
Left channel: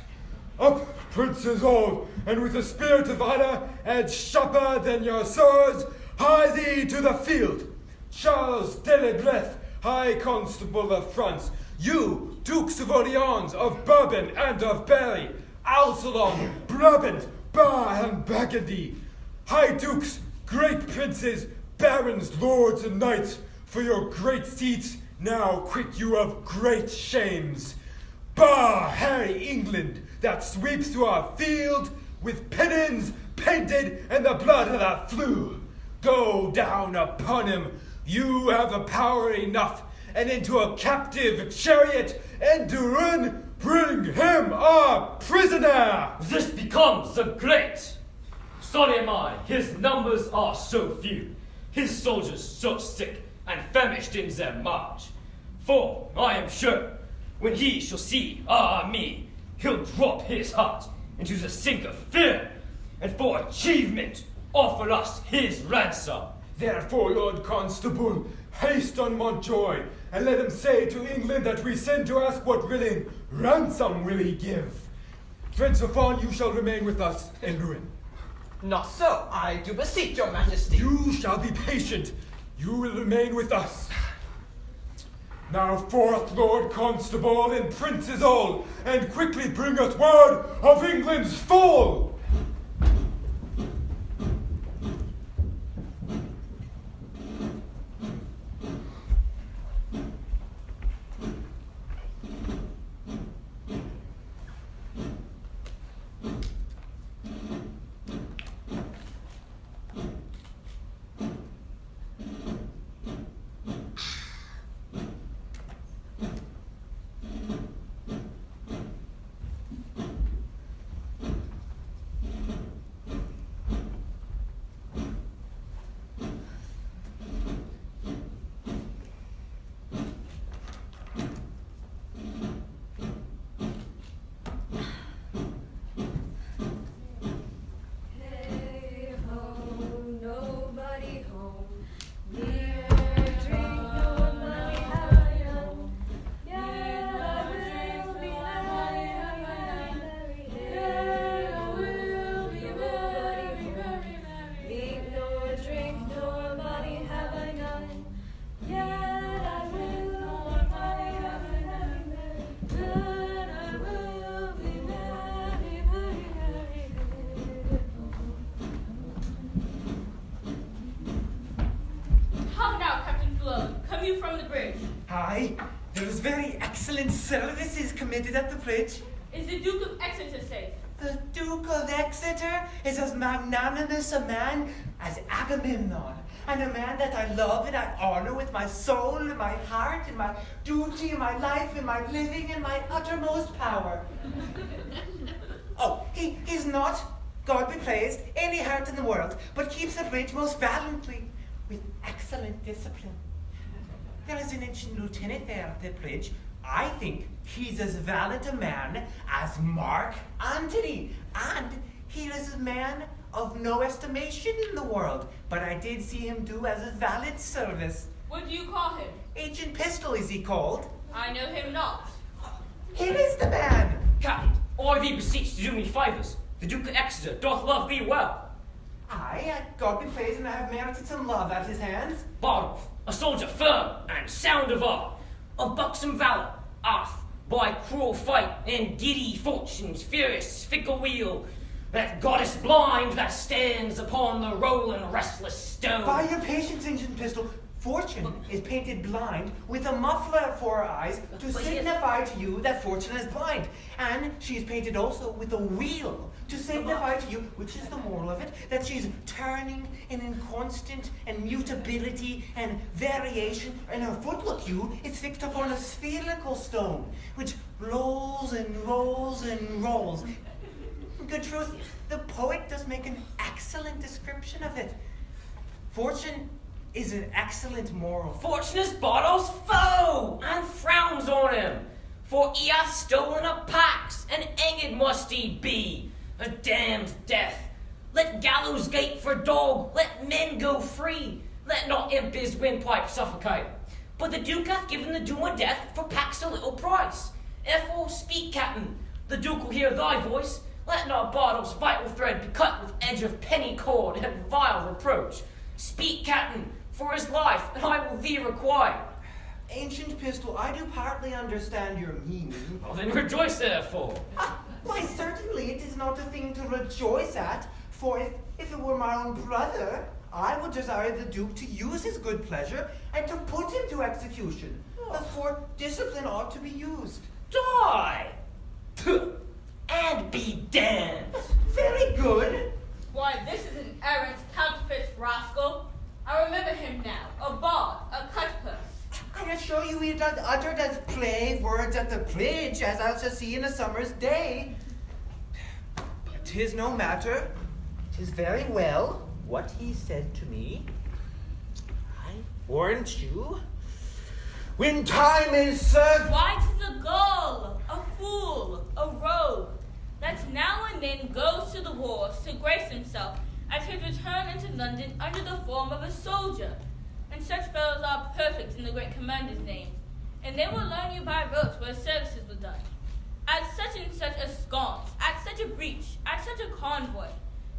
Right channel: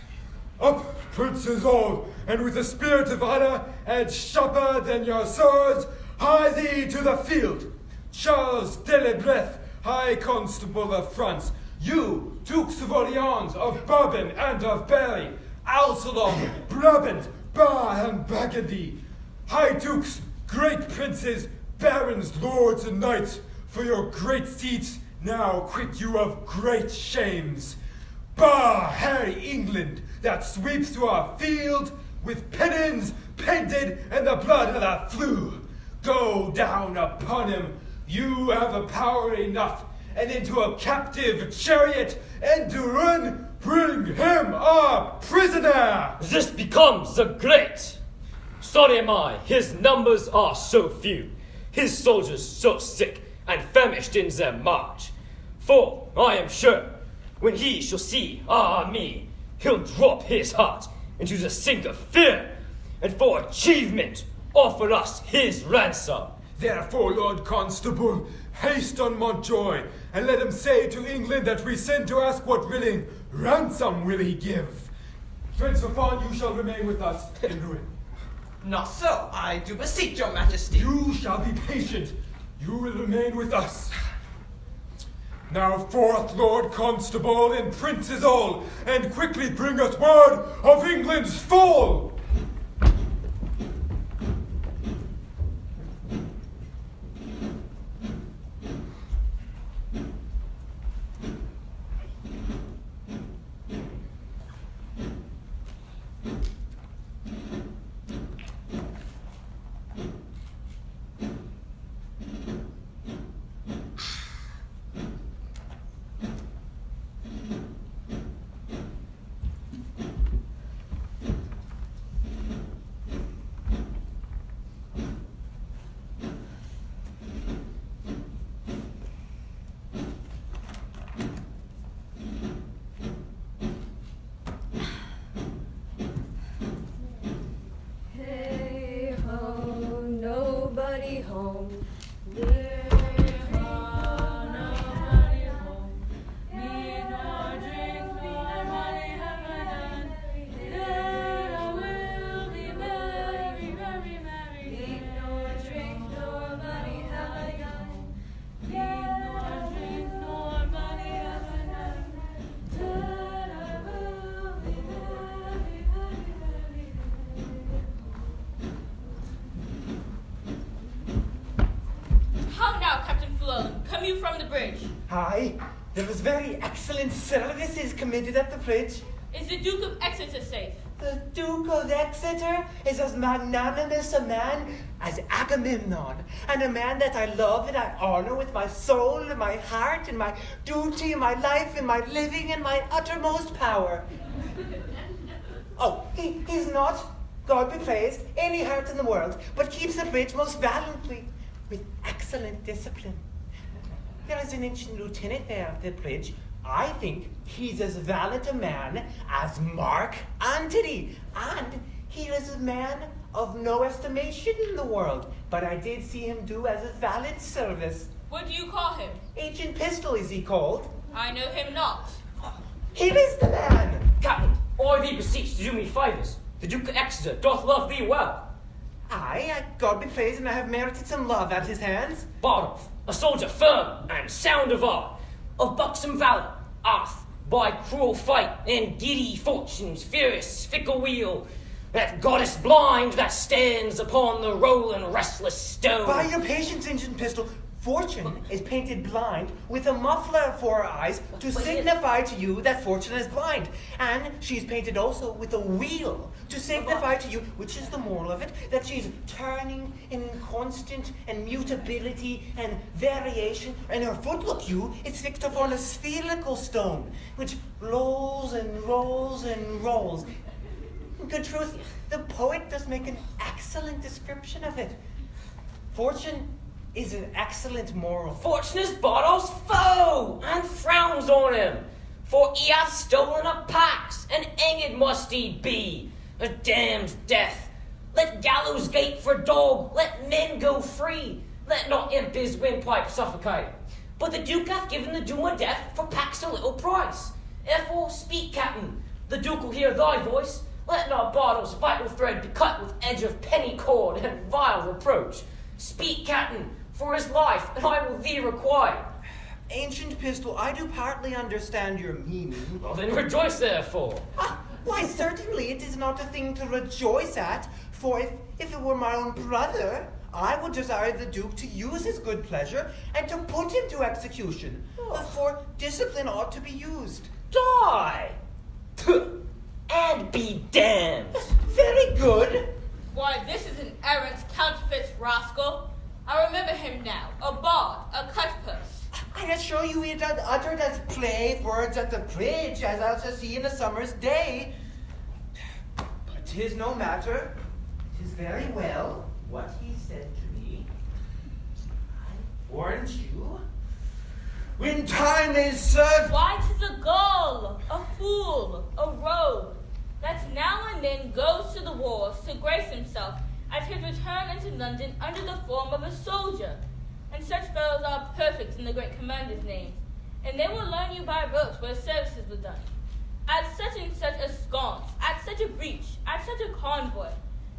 Up, princes all, and with a spirit of honor, and sharper than your swords, hie thee to the field. Charles Delebreth, High Constable of France, you, Dukes of Orleans, of Bourbon, and of Berry, Alcelon, Brabant, Bar, and Burgundy, High Dukes, great princes, barons, lords, and knights, for your great seats now quit you of great shames. Bar, Harry, England, that sweeps through our field with pennons painted and the blood that flew. Go down upon him, you have a power enough, and into a captive chariot, and to run, bring him a prisoner. This becomes a great. Sorry am I, his numbers are so few, his soldiers so sick and famished in their march. For I am sure, when he shall see me, he'll drop his heart into the sink of fear, and for achievement offer us his ransom. Therefore, Lord Constable, haste on Montjoy, and let him say to England that we send to ask what willing ransom will he give. Prince of Fawn, you shall remain with us in ruin. Not so, I do beseech your majesty. You shall be patient. You will remain with us. Now forth, Lord Constable, and princes all, and quickly bring us word of England's fall. bridge? Aye, there was very excellent services committed at the bridge. Is the Duke of Exeter safe? The Duke of Exeter is as magnanimous a man as Agamemnon, and a man that I love and I honor with my soul and my heart and my duty and my life and my living and my uttermost power. Oh, he's not, God be praised, any heart in the world, but keeps the bridge most valiantly, with excellent discipline. There is an ancient lieutenant there at the bridge. I think he's as valiant a man as Mark Antony, and he is a man of no estimation in the world, but I did see him do as a valiant service. What do you call him? Ancient Pistol is he called. I know him not. Him is the man. Captain, I thee beseech to do me favours. The Duke of Exeter doth love thee well. Aye, God be praised, and I have merited some love at his hands. Bardolph, a soldier firm and sound of art, of buxom valour, ath by cruel fight and giddy fortune's furious fickle wheel, that goddess blind that stands upon the rolling restless stone. By your patience, Ancient Pistol, Fortune is painted blind with a muffler for her eyes to signify to you that Fortune is blind. And she is painted also with a wheel to signify to you, which is the moral of it, that she's turning in constant and mutability and variation. And her foot, look you, is fixed upon a spherical stone, which rolls and rolls and rolls. In good truth, the poet does make an excellent description of it. Fortune is an excellent moral. Fortune is Bardolph's foe, and frowns on him. For he hath stolen a pax, and hanged must he be, a damned death. Let gallows gate for dog, let men go free. Let not imp his windpipe suffocate. But the Duke hath given the doom of death for pax a little price. Therefore speak, Captain, the Duke will hear thy voice. Let not Bardolph's vital thread be cut with edge of penny cord and vile reproach. Speak, Captain, for his life, and I will thee require. Ancient Pistol, I do partly understand your meaning. Well, then rejoice therefore. Why, certainly it is not a thing to rejoice at, for if it were my own brother, I would desire the Duke to use his good pleasure and to put him to execution. For discipline ought to be used. Die! And be damned. Very good. Why, this is an errant counterfeit rascal. I remember him now, a bard, a cutpurse. I assure you he had uttered as plain words at the bridge as I shall see in a summer's day. But 'tis no matter. 'Tis very well what he said to me. I warrant you. When time is served. Why, 'tis a gull, a fool, a rogue, that now and then goes to the wars to grace himself at his return into London under the form of a soldier. And such fellows are perfect in the great commander's names, and they will learn you by rote where services were done. At such and such a sconce, at such a breach, at such a convoy,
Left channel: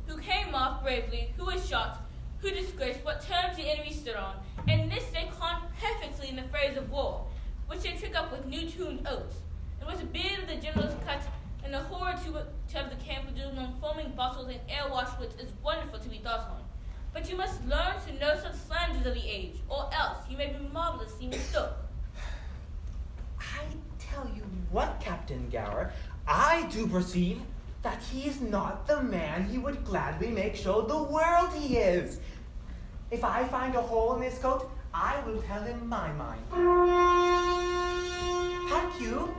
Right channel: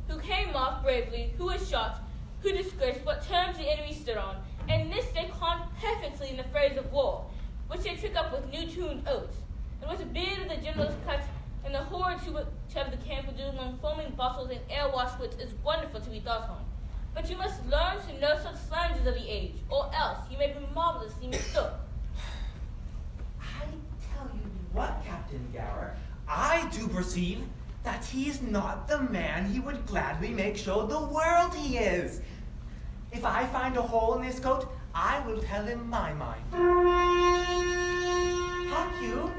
who came off bravely, who was shot, who disgraced what terms the enemy stood on, and this they con perfectly in the phrase of war, which they trick up with new-tuned oaths, and with the beard of the general's cut, and the horror to of the camp with among foaming bottles and air-washed wits is wonderful to be thought on. But you must learn to know such slanders of the age, or else you may be marvelously mistook. I tell you what, Captain Gower, I do perceive that he is not the man he would gladly make show the world he is. If I find a hole in his coat, I will tell him my mind. Hark you,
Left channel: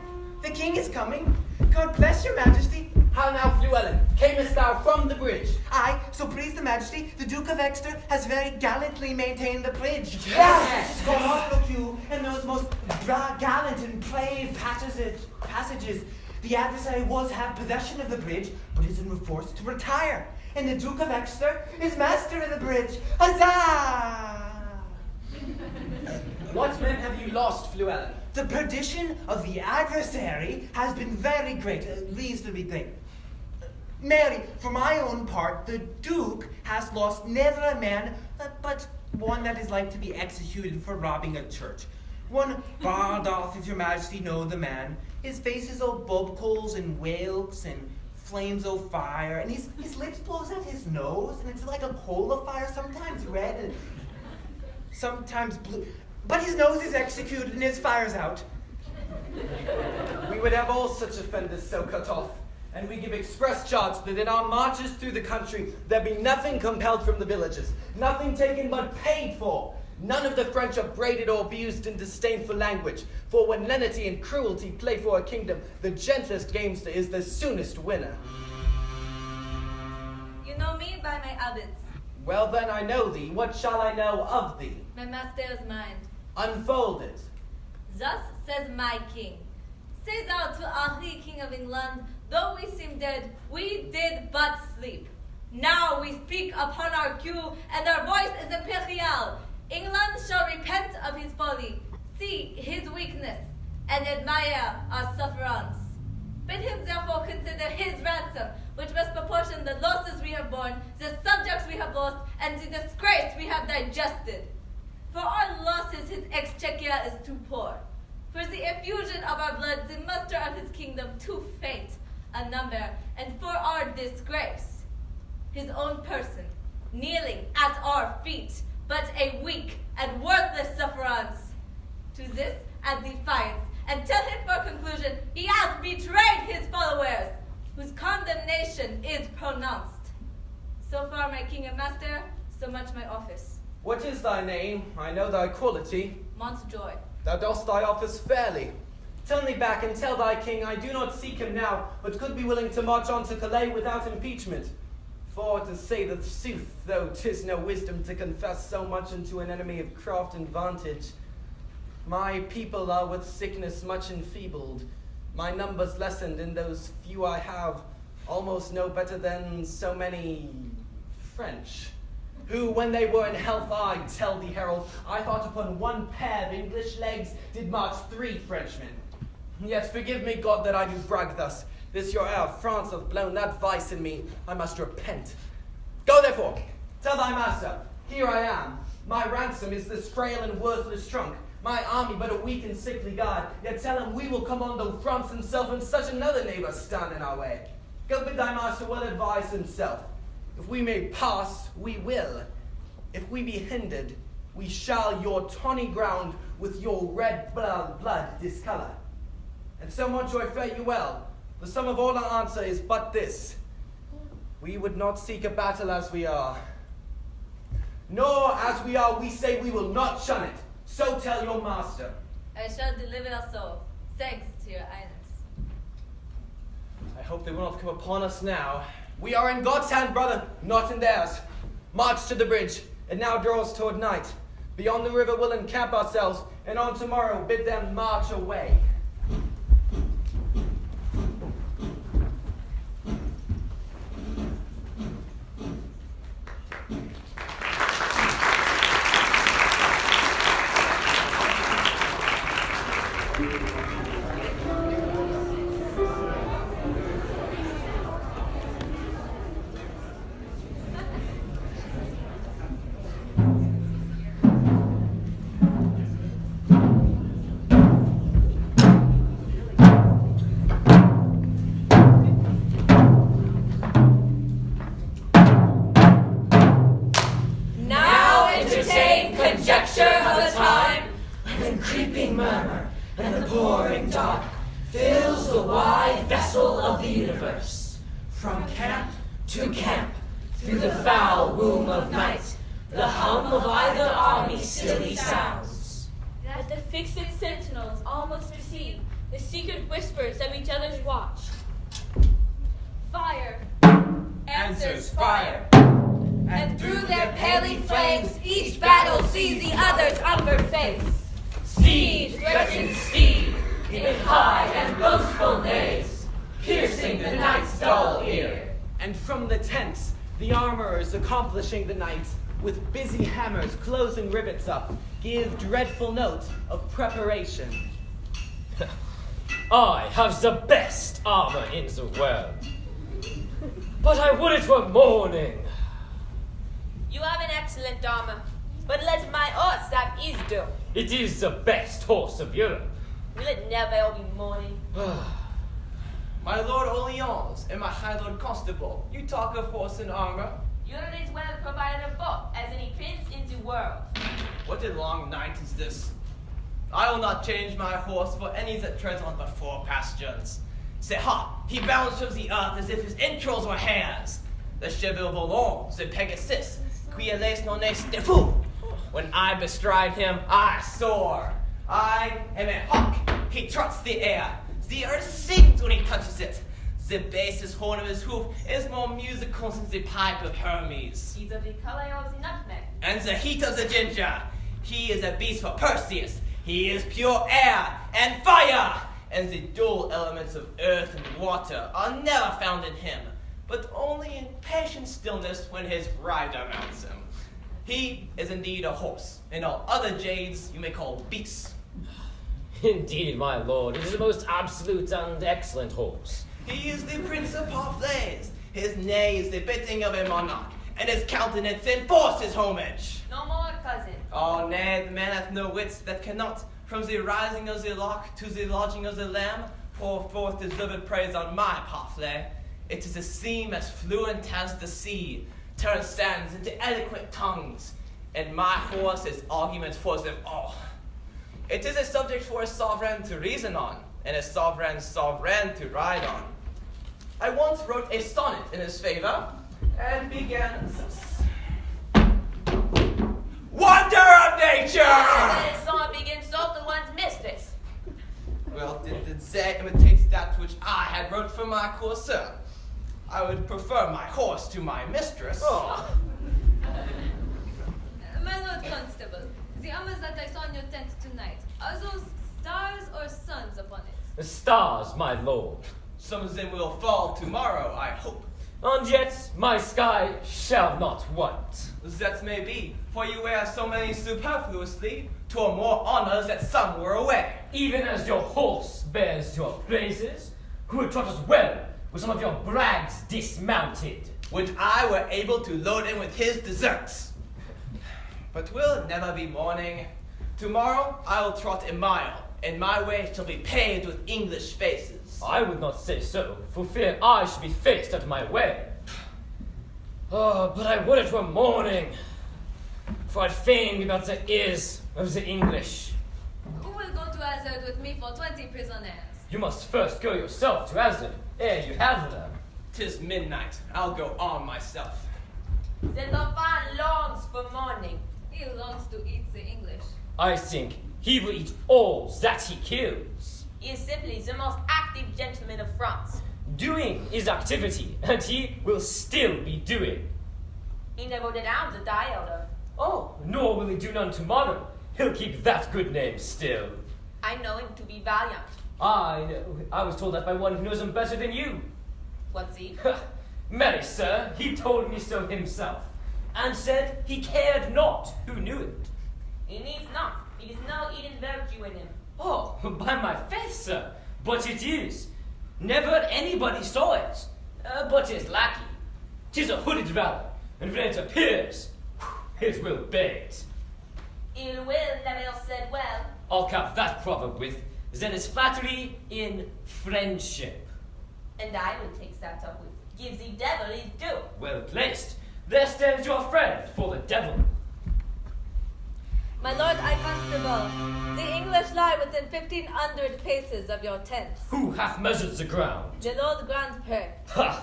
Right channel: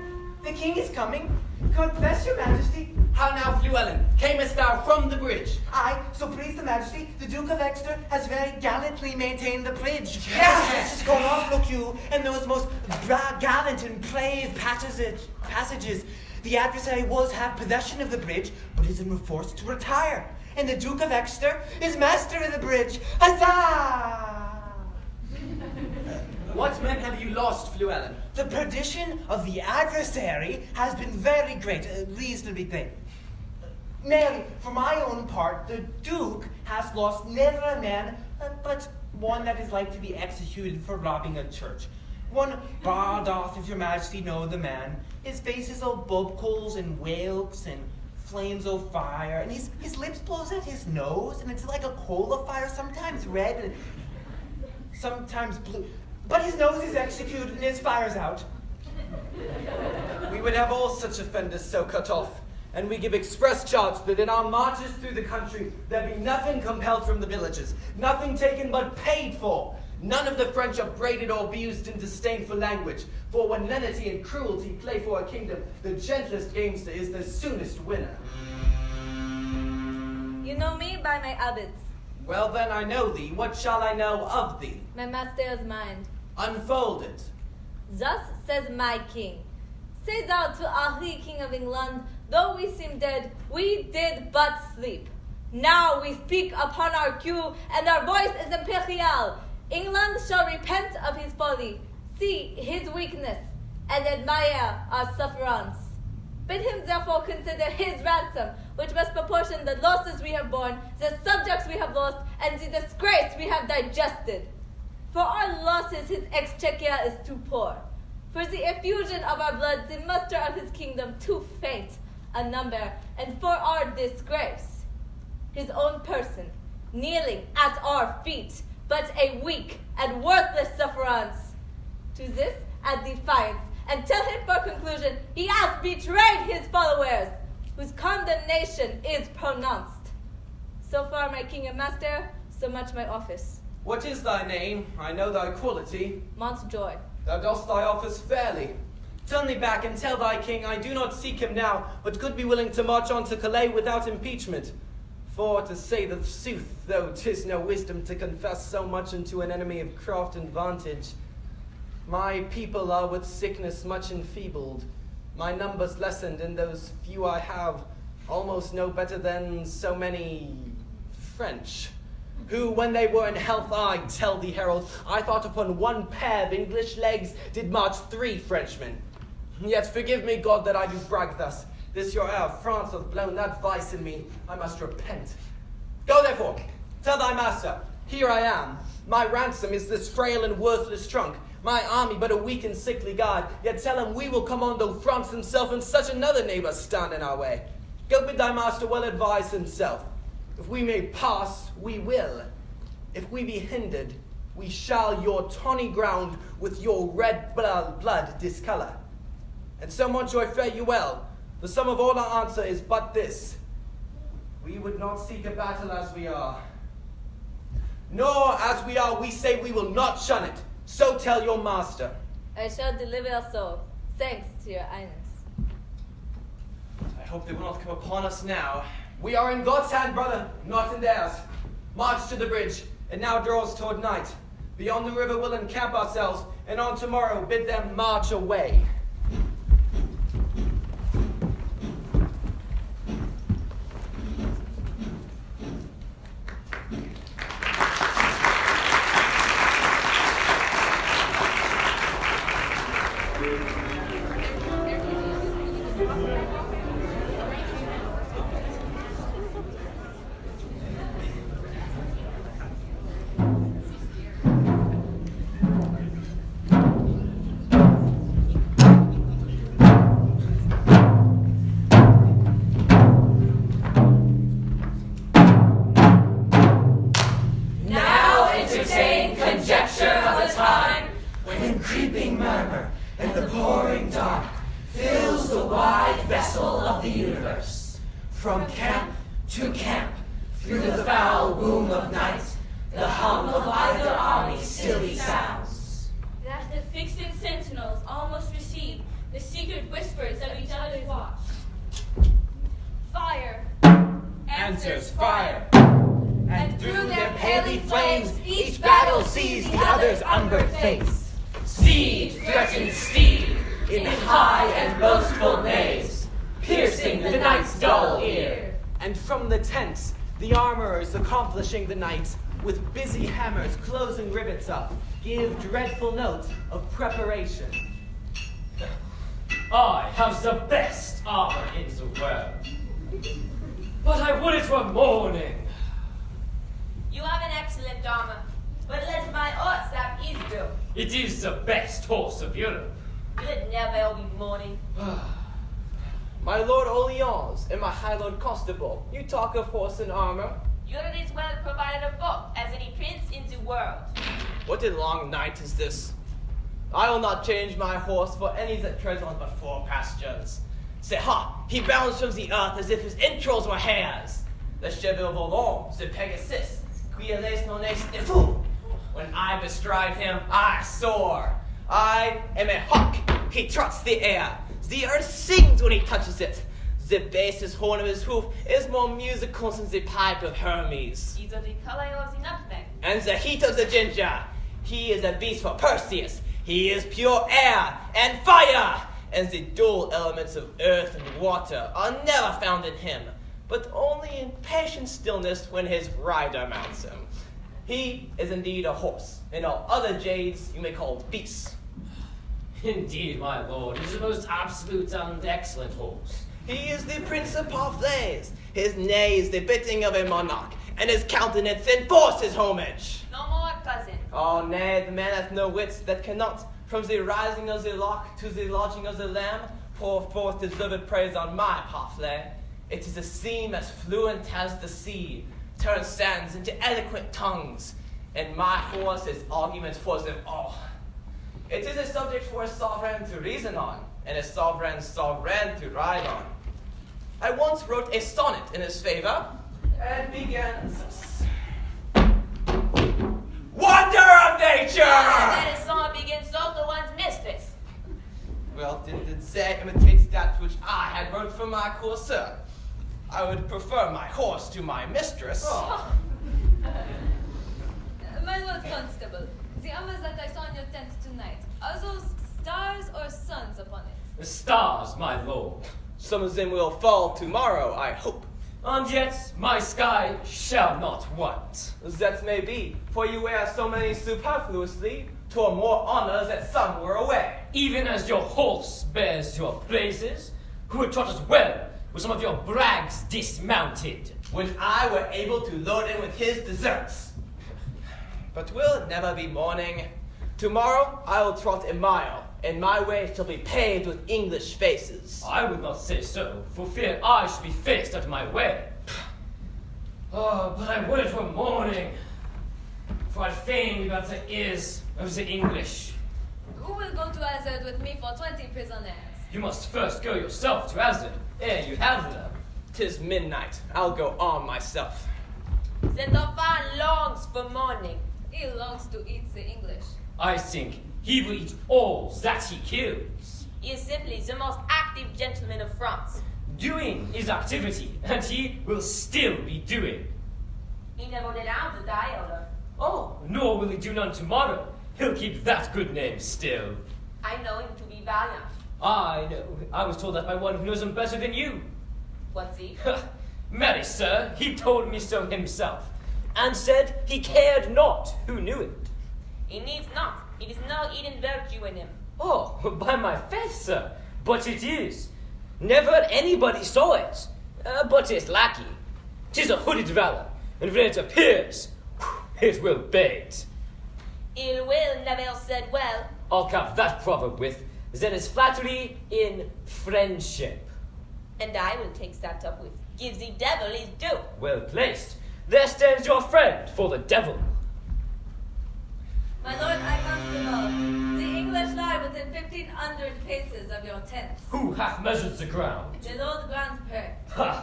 the king is coming. God bless your majesty. How now, Llewellyn, camest thou from the bridge? Aye, so please the majesty, the Duke of Exeter has very gallantly maintained the bridge. Yes. It's gone off, look you, and those most gallant and brave passages. The adversary was have possession of the bridge, but is forced to retire. And the Duke of Exeter is master of the bridge. Huzzah! What men have you lost, Llewellyn? The perdition of the adversary has been very great, reasonably great. Mary, for my own part, the Duke has lost never a man, but one that is like to be executed for robbing a church. One Bardolph, if your majesty know the man. His face is all bubbles and whalks and flames of fire, and his lips blows out his nose, and it's like a coal of fire, sometimes red and sometimes blue. but his nose is executed and his fire's out. We would have all such offenders so cut off, and we give express charge that in our marches through the country there be nothing compelled from the villages, nothing taken but paid for. None of the French upbraided or abused in disdainful language, for when lenity and cruelty play for a kingdom, the gentlest gamester is the soonest winner. You know me by my habits. Well then I know thee, what shall I know of thee? My master's mind. Unfold it. Thus says my king. Say thou to Henri, king of England, though we seem dead, we did but sleep. Now we speak upon our cue, and our voice is imperial. England shall repent of his folly, see his weakness, and admire our sufferance. Bid him therefore consider his ransom, which must proportion the losses we have borne, the subjects we have lost, and the disgrace we have digested. For our losses his exchequer is too poor. For the effusion of our blood, the muster of his kingdom too faint a number, and for our disgrace, his own person, kneeling at our feet, but a weak and worthless sufferance. To this add defiance, and tell him for conclusion he hath betrayed his followers, whose condemnation is pronounced. So far, my king and master, so much my office. What is thy name? I know thy quality. Montjoy. Thou dost thy office fairly. Turn thee back and tell thy king I do not seek him now, but could be willing to march on to Calais without impeachment. For to say the sooth, though 'tis no wisdom to confess so much unto an enemy of craft and vantage, my people are with sickness much enfeebled, my numbers lessened, and those few I have almost no better than so many French, who when they were in health, I tell thee, herald, I thought upon one pair of English legs did march 3 Frenchmen. Yet forgive me, God, that I do brag thus. This your heir of France hath blown that vice in me. I must repent. Go therefore, tell thy master, here I am. My ransom is this frail and worthless trunk. My army but a weak and sickly guard. Yet tell him we will command though France himself and such another neighbor stand in our way. Go bid thy master well advise himself. If we may pass, we will. If we be hindered, we shall your tawny ground with your red blood discolor. And so, Montjoy, fare you well. The sum of all our answer is but this. We would not seek a battle as we are. Nor as we are, we say we will not shun it. So tell your master. I shall deliver so. Thanks to your highness. I hope they will not come upon us now. We are in God's hand, brother, not in theirs. March to the bridge. It now draws toward night. Beyond the river we'll encamp ourselves, and on tomorrow bid them march away. From camp to camp, through the foul womb of night, the hum of either army stilly sounds. That the fixed sentinels almost receive the secret whispers of each other's watch. Fire Answers fire. and through their paling flames, each battle sees the other's umber face. Steed threatens steed in high and boastful neighs, piercing the night's dull ear. And from the tents, the armorers accomplishing the night, with busy hammers closing rivets up, give dreadful note of preparation. I have the best armor in the world, but I would it were morning. You have an excellent armor, but let my horse have his do. It is the best horse of Europe. Will it never be morning? My lord Orleans and my high lord Constable, you talk of horse and armor. Europe is well provided of both, as any prince in the world. What a long night is this. I will not change my horse for any that treads on but 4 pastures. Say, ha! He bounds from the earth as if his entrails were hairs. The chevaux volant, the Pegasus, qui laisse non est de fou. When I bestride him, I soar. I am a hawk. He trots the air. The earth sings when he touches it. The basest horn of his hoof is more musical than the pipe of Hermes. He's of the color of the nutmeg. And the heat of the ginger. He is a beast for Perseus. He is pure air and fire. And the dual elements of earth and water are never found in him, but only in patient stillness when his rider mounts him. He is indeed a horse, and all other jades you may call beasts. Indeed, my lord, it is a most absolute and excellent horse. He is the Prince of Harfleur. His neigh is the bidding of a monarch, and his countenance enforces homage. No more, cousin. Oh, nay, the man hath no wits that cannot, from the rising of the lock to the lodging of the lamb, pour forth deserved praise on my Harfleur. It is a seam as fluent as the sea, turns sands into eloquent tongues, and my horse is argument for them all. It is a subject for a sovereign to reason on, and a sovereign to ride on. I once wrote a sonnet in his favor, and began thus. Wonder of nature! And a song begins so to one's mistress. Well, did they imitate that which I had wrote for my courser? I would prefer my horse to my mistress. Oh. My Lord Constable, the armors that I saw in your tent tonight, are those stars or suns upon it? The stars, my lord. Some of them will fall tomorrow, I hope. And yet my sky shall not want. That may be, for you wear so many superfluously, to more honors that some were away. Even as your horse bears your praises, who would trot as well with some of your brags dismounted. When I were able to load him with his deserts. But will it never be morning? Tomorrow I will trot a mile, and my way shall be paved with English faces. I would not say so, for fear I should be faced out of my way. Oh, but I would it were morning, for I'd fain be about the ears of the English. Who will go to Azard with me for 20 prisoners? You must first go yourself to Azard, ere you have them. 'Tis midnight. I'll go arm myself. The Dauphin longs for morning. He longs to eat the English. I think he will eat all that he kills. He is simply the most active gentleman of France. Doing is activity, and he will still be doing. He never did out the diode. Oh, nor will he do none tomorrow. He'll keep that good name still. I know him to be valiant. I know. I was told that by one who knows him better than you. What's he? Marry, sir, he told me so himself, and said he cared not who knew it. He needs not. It is no hidden virtue in him. Oh, by my faith, sir, but it is. Never anybody saw it, but his lackey. 'Tis a hooded valor, and when it appears, it will bait. Ill will never said well. I'll cap that proverb with, there is flattery in friendship. And I will take that up with, give the devil his due. Well placed. There stands your friend for the devil. My Lord High Constable, the English lie within 1,500 paces of your tents. Who hath measured the ground? The Lord Grand Père. Ha!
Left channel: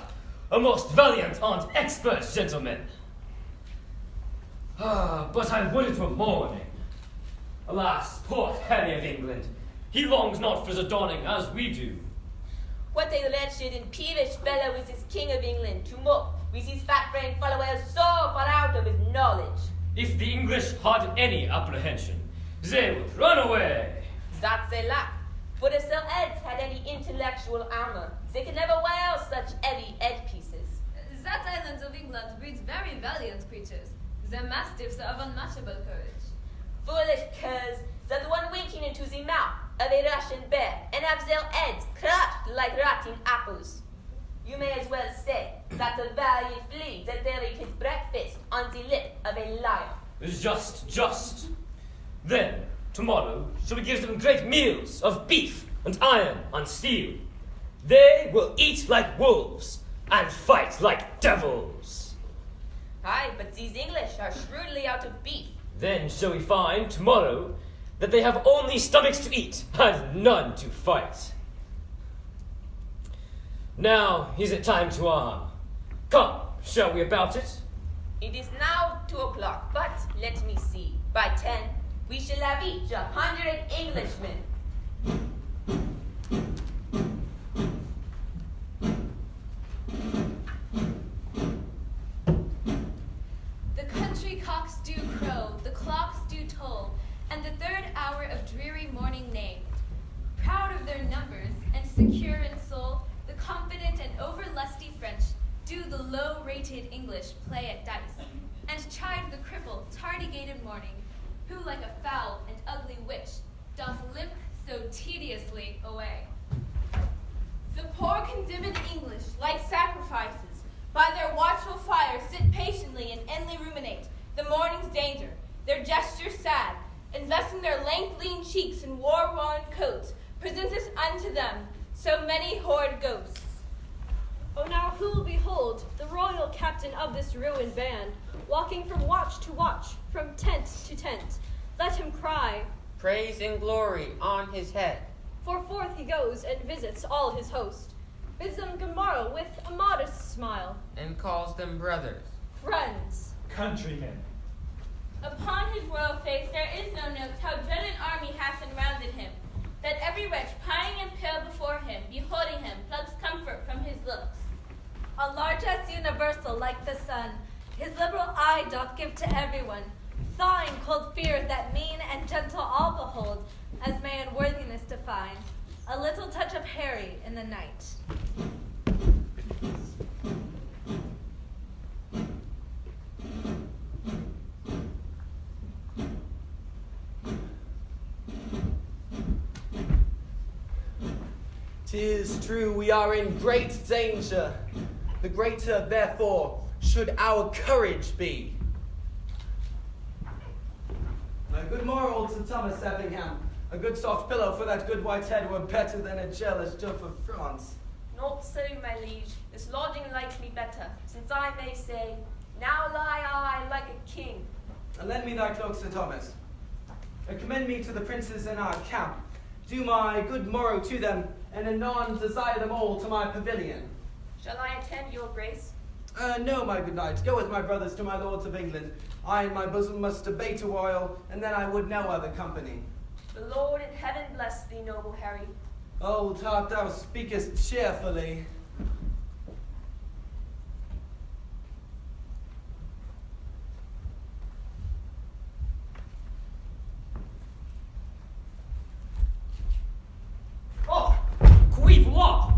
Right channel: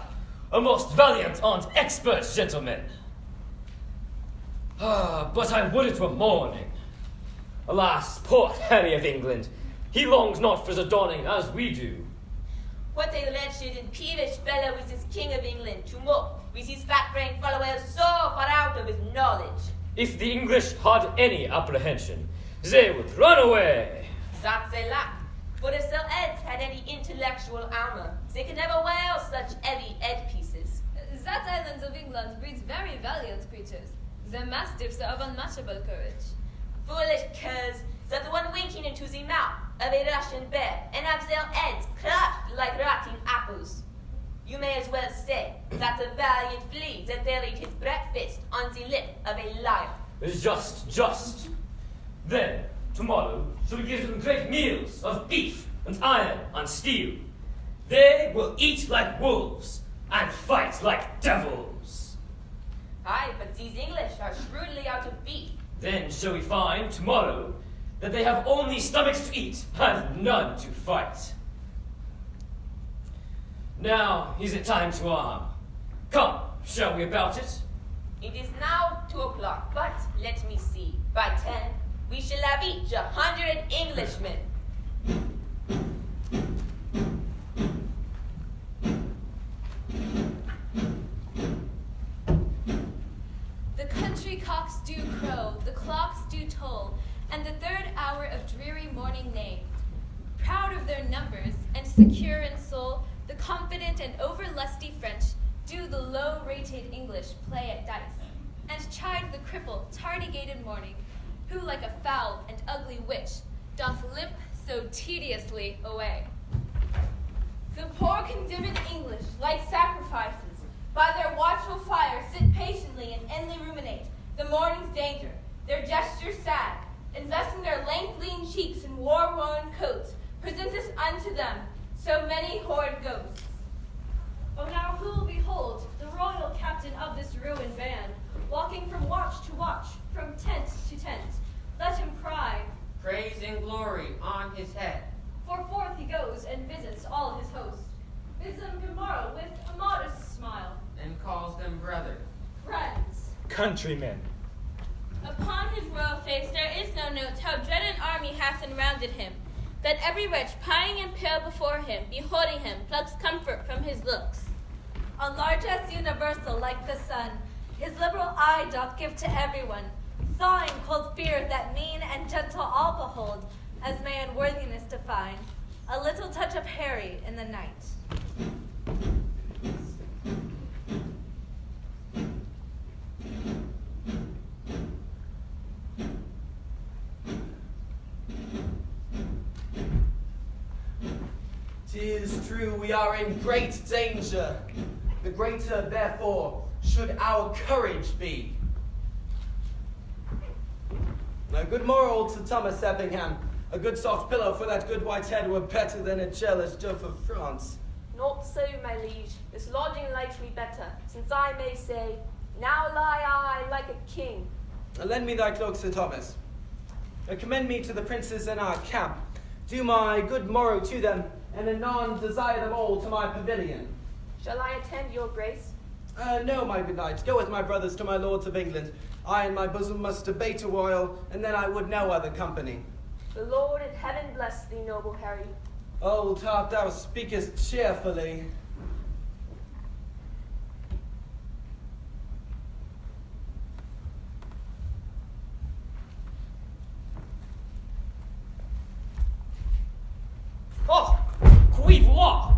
A most valiant and expert gentleman. But I would it were morning. Alas, poor Harry of England, he longs not for the dawning as we do. What a wretched and peevish fellow is this King of England to mock with his fat-brained followers so far out of his knowledge. If the English had any apprehension, they would run away. That they lack. For if Sir Eds had any intellectual armor, they could never wear such heavy headpieces. That island of England breeds very valiant creatures. The mastiffs are of unmatchable courage. Foolish curs, that one winking into the mouth of a Russian bear and have their heads crushed like rotten apples. You may as well say that a valiant flea that buried his breakfast on the lip of a lion. Just. Then, tomorrow, shall we give them great meals of beef and iron and steel. They will eat like wolves and fight like devils. Aye, but these English are shrewdly out of beef, Then shall we find, tomorrow, that they have only stomachs to eat, and none to fight. Now is it time to arm. Come, shall we about it? It is now 2 o'clock, but let me see. By 10, we shall have each 100 Englishmen. The country cocks do crow, the clocks do toll, and the third hour of dreary morning named. Proud of their numbers, and secure in soul, the confident and over-lusty French do the low-rated English play at dice, and chide the cripple, tardy-gated morning, who like a foul and ugly witch doth limp so tediously away. The poor condemned English, like sacrifices, by their watchful fire sit patiently and endly ruminate the morning's danger, their gestures sad, investing their lank lean cheeks in war-worn coats, presenteth unto them so many horrid ghosts. Oh, now who will behold the royal captain of this ruined band, walking from watch to watch, from tent to tent? Let him cry, Praise and glory on his head. for forth he goes and visits all his host, bids them good morrow with a modest smile. And calls them brothers. Friends. Countrymen. Upon his royal face there is no note how dread an army hath enrounded him, that every wretch pining and pale before him, beholding him, plucks comfort from his looks. A largesse universal like the sun, his liberal eye doth give to everyone, thawing cold fear that mean and gentle all behold, as may unworthiness define, a little touch of Harry in the night. "'Tis true we are in great danger. The greater, therefore, should our courage be." A good moral to Thomas Eppingham. A good soft pillow for that good white head were better than a jealous Duff of France. Not so, my liege. This lodging likes me better, since I may say, now lie I like a king. Lend me thy cloak, Sir Thomas. Commend me to the princes in our camp. Do my good morrow to them, and anon desire them all to my pavilion. Shall I attend your grace? No, my good knight. Go with my brothers to my lords of England. I in my bosom must debate a while, and then I would no other company. The Lord in heaven bless thee, noble Harry. Old heart, thou speakest cheerfully. Oh, qui voir?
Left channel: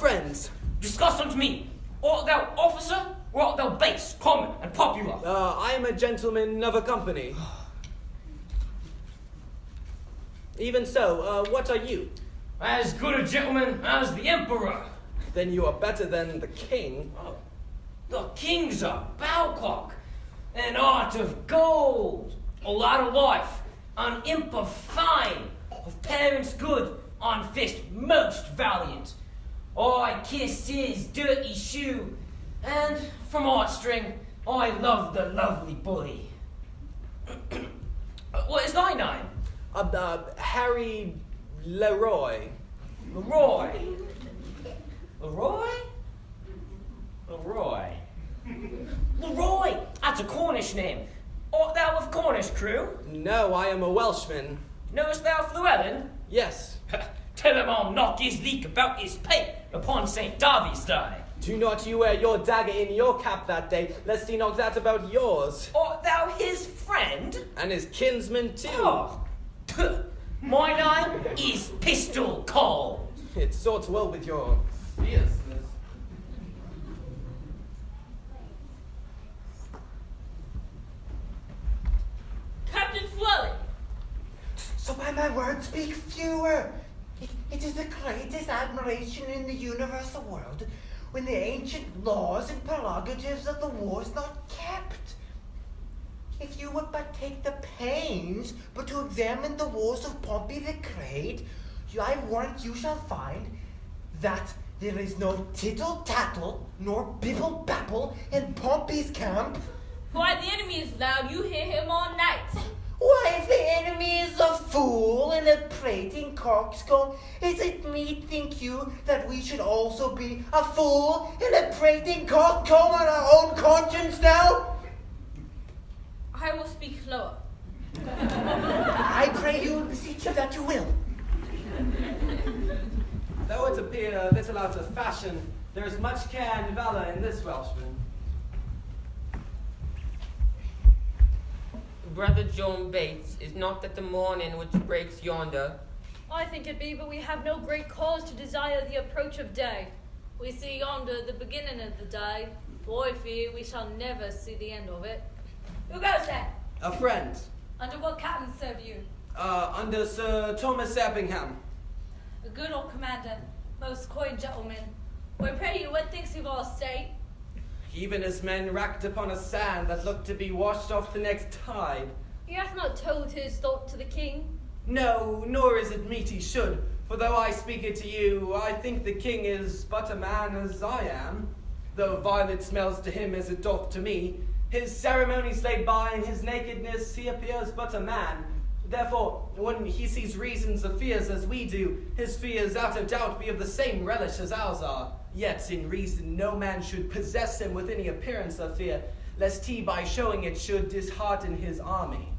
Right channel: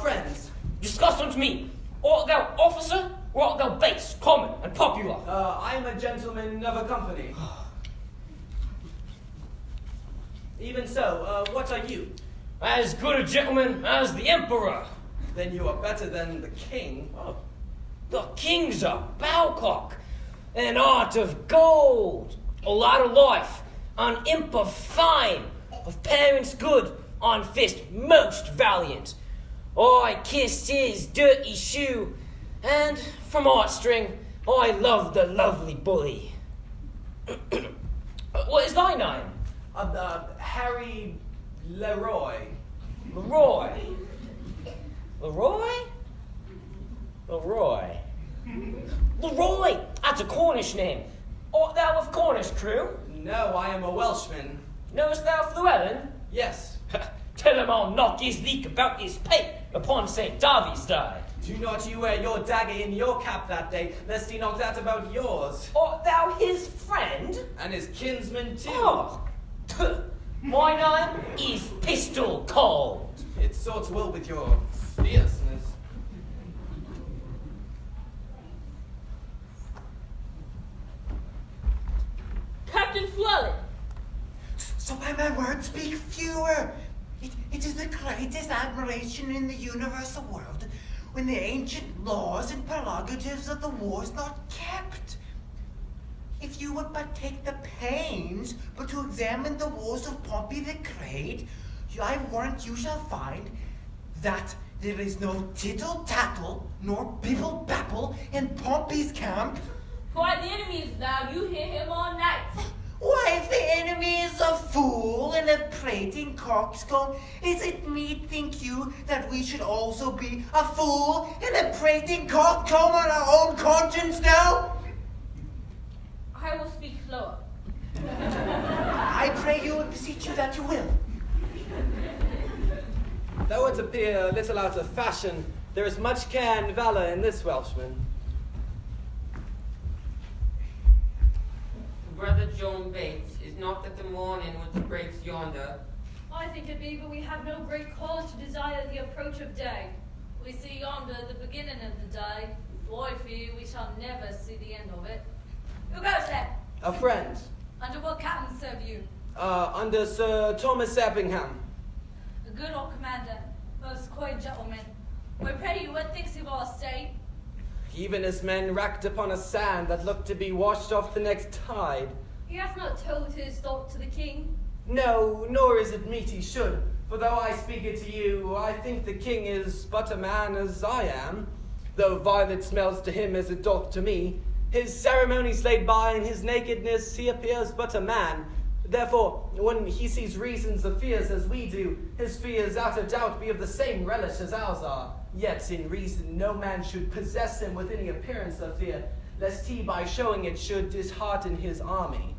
Friends. Discuss unto me. Art thou officer, or art thou base, common, and popular? I am a gentleman of a company. Even so, what are you? As good a gentleman as the emperor. Then you are better than the king. Oh, the king's a bowcock, an art of gold, a lot of life, an imp of fine, of parents good, on fist most valiant. I kissed his dirty shoe, and from heartstring I love the lovely bully. What is thy name? Harry Leroy. Leroy? Leroy? Leroy. Leroy! That's a Cornish name. Art thou of Cornish crew? No, I am a Welshman. Knowest thou Llewellyn? Yes. Tell him I'll knock his leek about his pate upon St. Darby's day. Do not you wear your dagger in your cap that day, lest he knock that about yours. Art thou his friend? And his kinsman too. Oh, my name is Pistol Cold. It sorts well with your fierceness. Captain Flully. So by my word speak fewer. It is the greatest admiration in the universal world when the ancient laws and prerogatives of the war is not kept. If you would but take the pains but to examine the wars of Pompey the Great, I warrant you shall find that there is no tittle-tattle nor bibble-babble in Pompey's camp. Why, the enemy is loud, you hear him all night. Why, if the enemy is a fool and a prating coxcomb, is it meet, think you, that we should also be a fool and a prating coxcomb on our own conscience now? I will speak lower. I pray you and beseech you that you will. Though it appear a little out of fashion, there is much care and valour in this Welshman. Brother John Bates, is not that the morning which breaks yonder? I think it be, but we have no great cause to desire the approach of day. We see yonder the beginning of the day. I fear we shall never see the end of it. Who goes there? A friend. Under what captain serve you? Under Sir Thomas Eppingham. A good old commander, most coy gentleman. I pray you, what thinks of our state? Even as men racked upon a sand that looked to be washed off the next tide. He hath not told his thought to the king. No, nor is it meet he should. For though I speak it to you, I think the king is but a man as I am. Though violet smells to him as it doth to me, his ceremonies laid by, in his nakedness he appears but a man. Therefore, when he sees reasons of fears as we do, his fears out of doubt be of the same relish as ours are. Yet in reason no man should possess him with any appearance of fear, lest he by showing it should dishearten his army.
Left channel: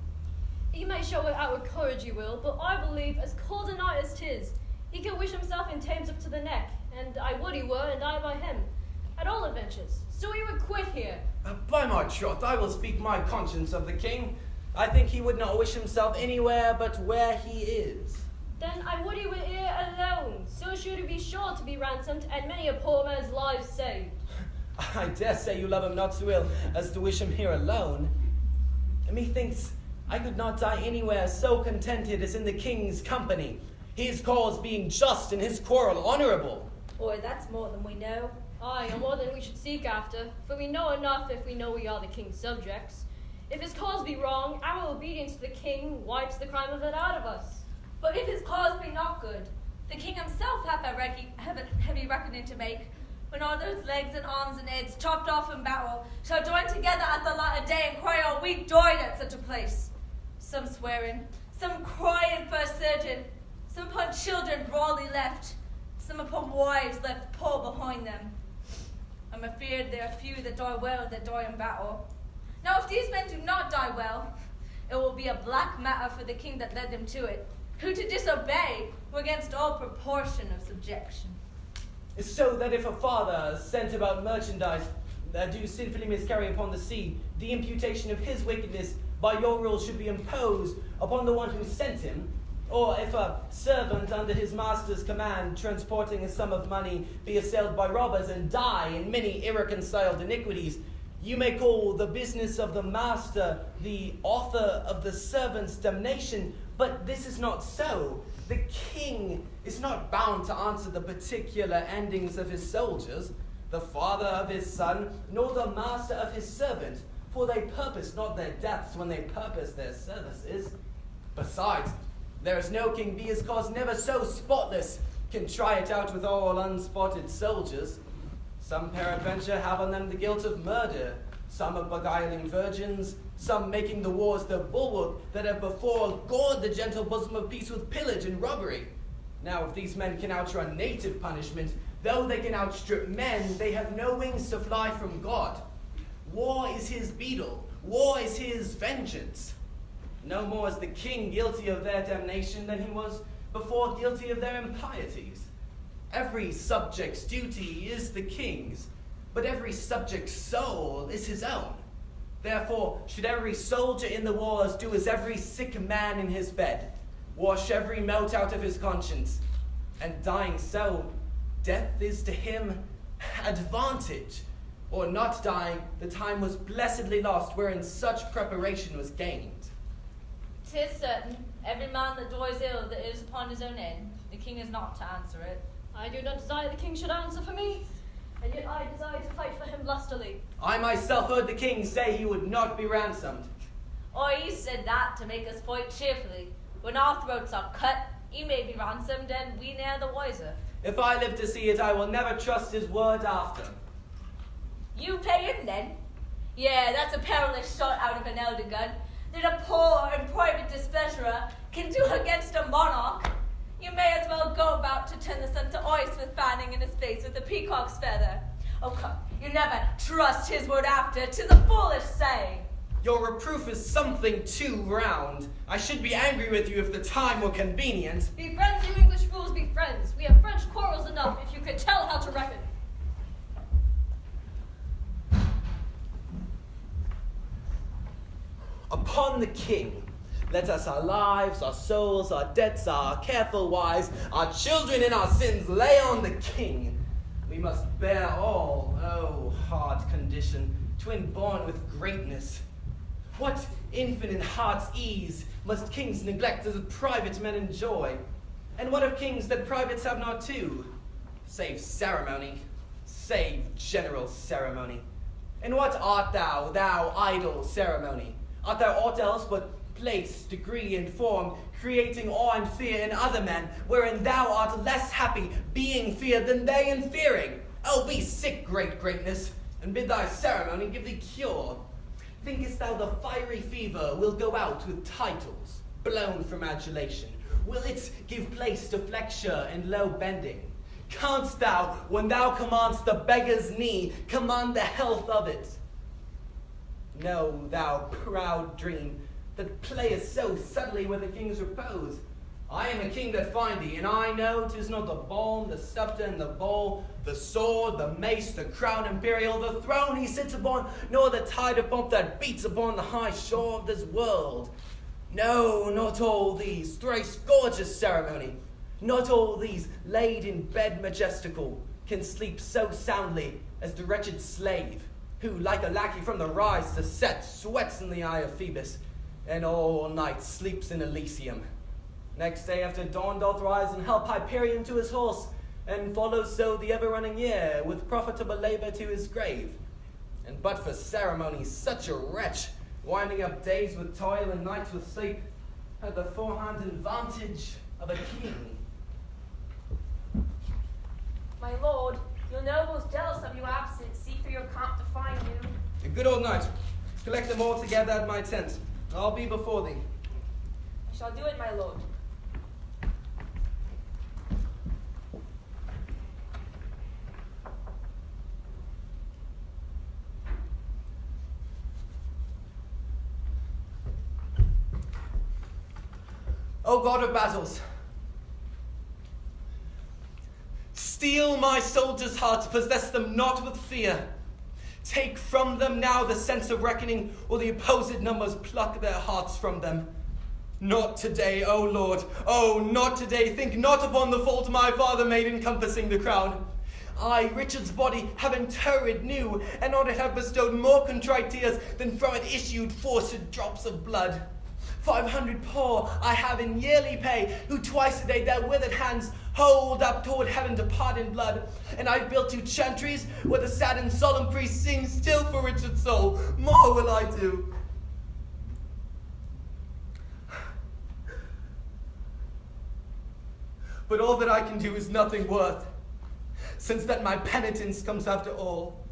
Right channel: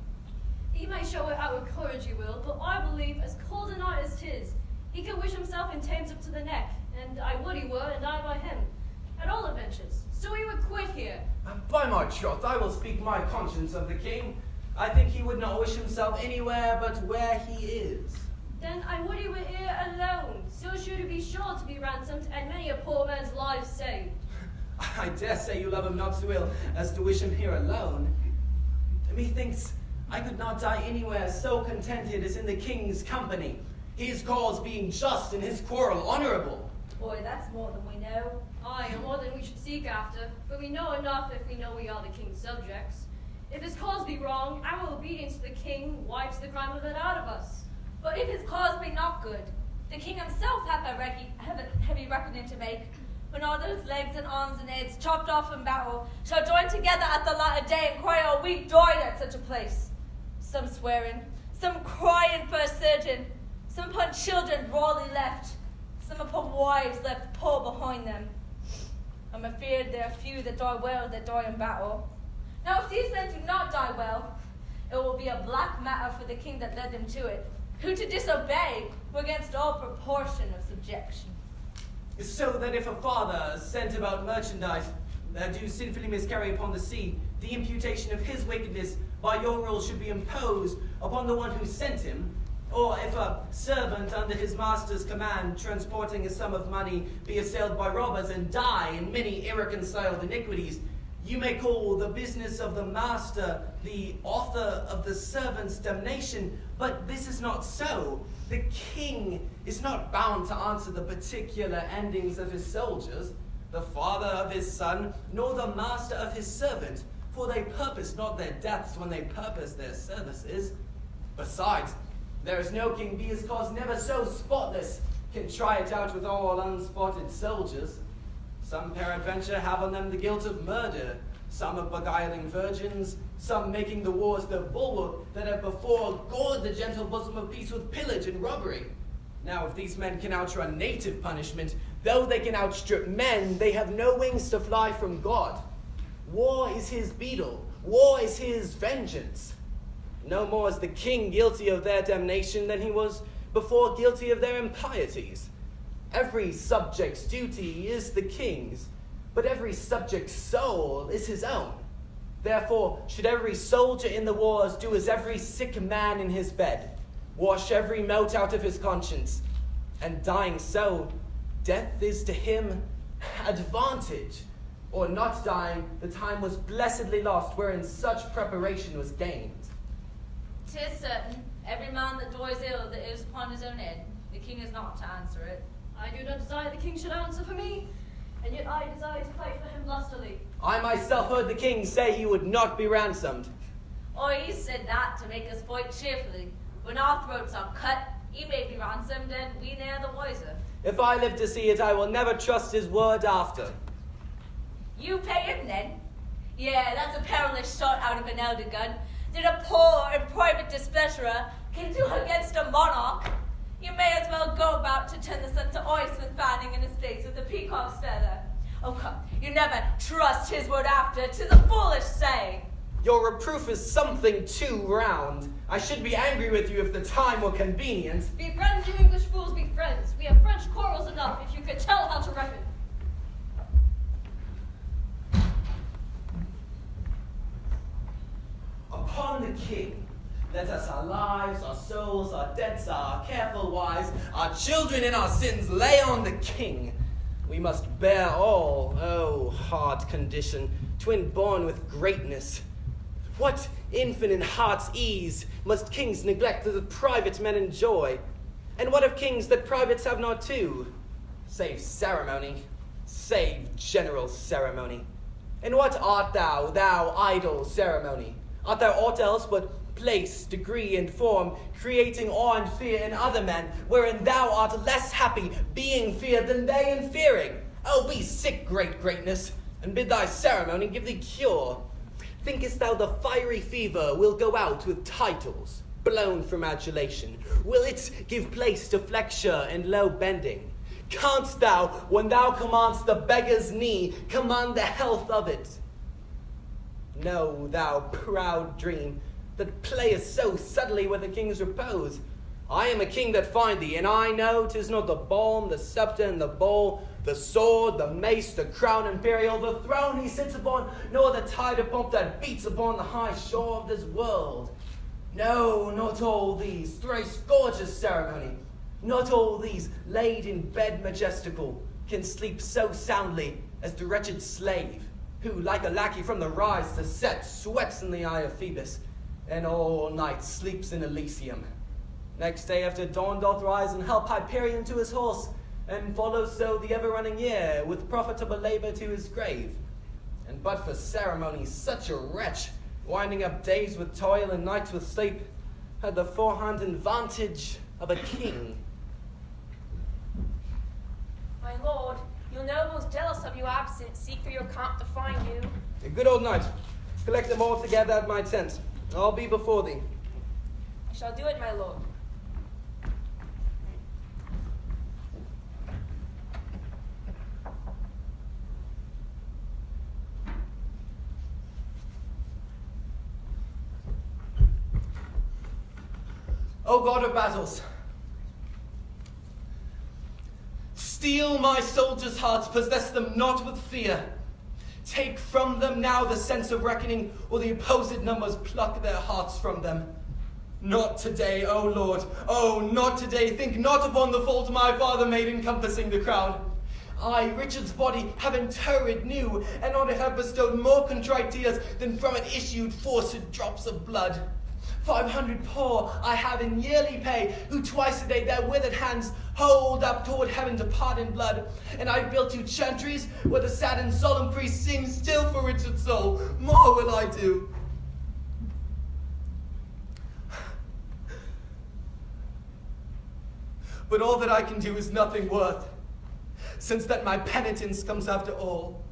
He may show what outward courage you will, but I believe as cold a night as 'tis, he can wish himself in Thames up to the neck, and I would he were, and I by him, at all adventures. So he would quit here. By my troth, I will speak my conscience of the king. I think he would not wish himself anywhere but where he is. Then I would he were here alone, so should he be sure to be ransomed, and many a poor man's life saved. I dare say you love him not so ill as to wish him here alone. Methinks I could not die anywhere so contented as in the king's company, his cause being just and his quarrel honourable. Boy, that's more than we know. Aye, and more than we should seek after, for we know enough if we know we are the king's subjects. If his cause be wrong, our obedience to the king wipes the crime of it out of us. But if his cause be not good, the king himself hath a heavy reckoning to make, when all those legs and arms and heads chopped off in battle shall join together at the latter day and cry, "Oh, we died at such a place." Some swearing, some crying for a surgeon, some upon children rawly left, some upon wives left poor behind them. I'm afeard there are few that die well that die in battle. Now if these men do not die well, it will be a black matter for the king that led them to it, who to disobey were against all proportion of subjection. So that if a father sent about merchandise that do sinfully miscarry upon the sea, the imputation of his wickedness by your rule should be imposed upon the one who sent him, or if a servant under his master's command, transporting a sum of money, be assailed by robbers and die in many irreconciled iniquities, you may call the business of the master the author of the servant's damnation, but this is not so. The king is not bound to answer the particular endings of his soldiers, the father of his son, nor the master of his servant, for they purpose not their deaths when they purpose their services. Besides, there is no king, be his cause never so spotless, can try it out with all unspotted soldiers. Some peradventure have on them the guilt of murder, some of beguiling virgins, some making the wars the bulwark that have before gored the gentle bosom of peace with pillage and robbery. Now if these men can outrun native punishment, though they can outstrip men, they have no wings to fly from God. War is his beadle, war is his vengeance. No more is the king guilty of their damnation than he was before guilty of their impieties. Every subject's duty is the king's, but every subject's soul is his own. Therefore, should every soldier in the wars do as every sick man in his bed, wash every mote out of his conscience, and dying so, death is to him advantage, or not dying, the time was blessedly lost wherein such preparation was gained. 'Tis certain, every man that dies ill that is upon his own head, the king is not to answer it. I do not desire the king should answer for me, and yet I desire to fight for him lustily. I myself heard the king say he would not be ransomed. Oh, he said that to make us fight cheerfully. When our throats are cut, he may be ransomed, and we ne'er the wiser. If I live to see it, I will never trust his word after. You pay him then? Yeah, that's a perilous shot out of an elder gun, than a poor and private displeasurer can do against a monarch. You may as well go about to turn the sun to ice with fanning in his face with a peacock's feather. Oh, come, you never trust his word after, 'tis a foolish saying. Your reproof is something too round. I should be angry with you if the time were convenient. Be friends, you English fools, be friends. We have French quarrels enough if you could tell how to reckon. Upon the king, let us our lives, our souls, our debts, our careful wives, our children and our sins lay on the king. We must bear all, oh, hard condition, twin born with greatness. What infinite heart's ease must kings neglect that private men enjoy? And what of kings that privates have not too? Save ceremony, save general ceremony. And what art thou, thou idle ceremony? Art thou aught else but place, degree, and form, creating awe and fear in other men, wherein thou art less happy, being feared than they in fearing? Oh, be sick, great greatness, and bid thy ceremony give thee cure. Thinkest thou the fiery fever will go out with titles, blown from adulation? Will it give place to flexure and low bending? Canst thou, when thou commandst the beggar's knee, command the health of it? No, thou proud dream, that playest so subtly with the king's repose. I am a king that find thee, and I know 'tis not the balm, the scepter, and the bowl, the sword, the mace, the crown imperial, the throne he sits upon, nor the tide of pomp that beats upon the high shore of this world. No, not all these thrice gorgeous ceremony, not all these laid in bed majestical, can sleep so soundly as the wretched slave, who, like a lackey from the rise to set, sweats in the eye of Phoebus, and all night sleeps in Elysium. Next day after dawn doth rise and help Hyperion to his horse, and follows so the ever-running year, with profitable labor to his grave. And but for ceremony, such a wretch, winding up days with toil and nights with sleep, had the forehand advantage of a king. My lord, your nobles jealous of you absent seek through your camp to find you. A good old knight, collect them all together at my tent. I'll be before thee. I shall do it, my lord. O God of battles, steel my soldiers' hearts, possess them not with fear. Take from them now the sense of reckoning, or the opposite numbers pluck their hearts from them. Not today, O Lord, oh, not today. Think not upon the fault my father made encompassing the crown. I, Richard's body, have interred new, and on it have bestowed more contrite tears than from it issued forced drops of blood. 500 poor I have in yearly pay, who twice a day their withered hands hold up toward heaven to pardon blood. And I've built 2 chantries where the sad and solemn priest sings still for Richard's soul. More will I do. But all that I can do is nothing worth, since that my penitence comes after all,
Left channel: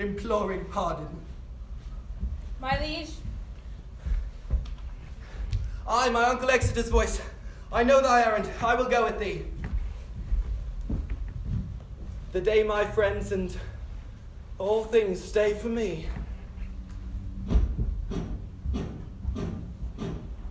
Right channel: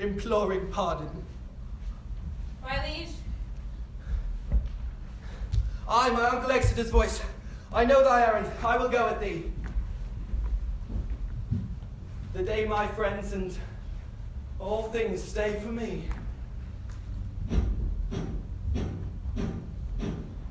imploring pardon. My liege, I, my uncle Exeter's voice, I know thy errand, I will go with thee. The day my friends and all things stay for me.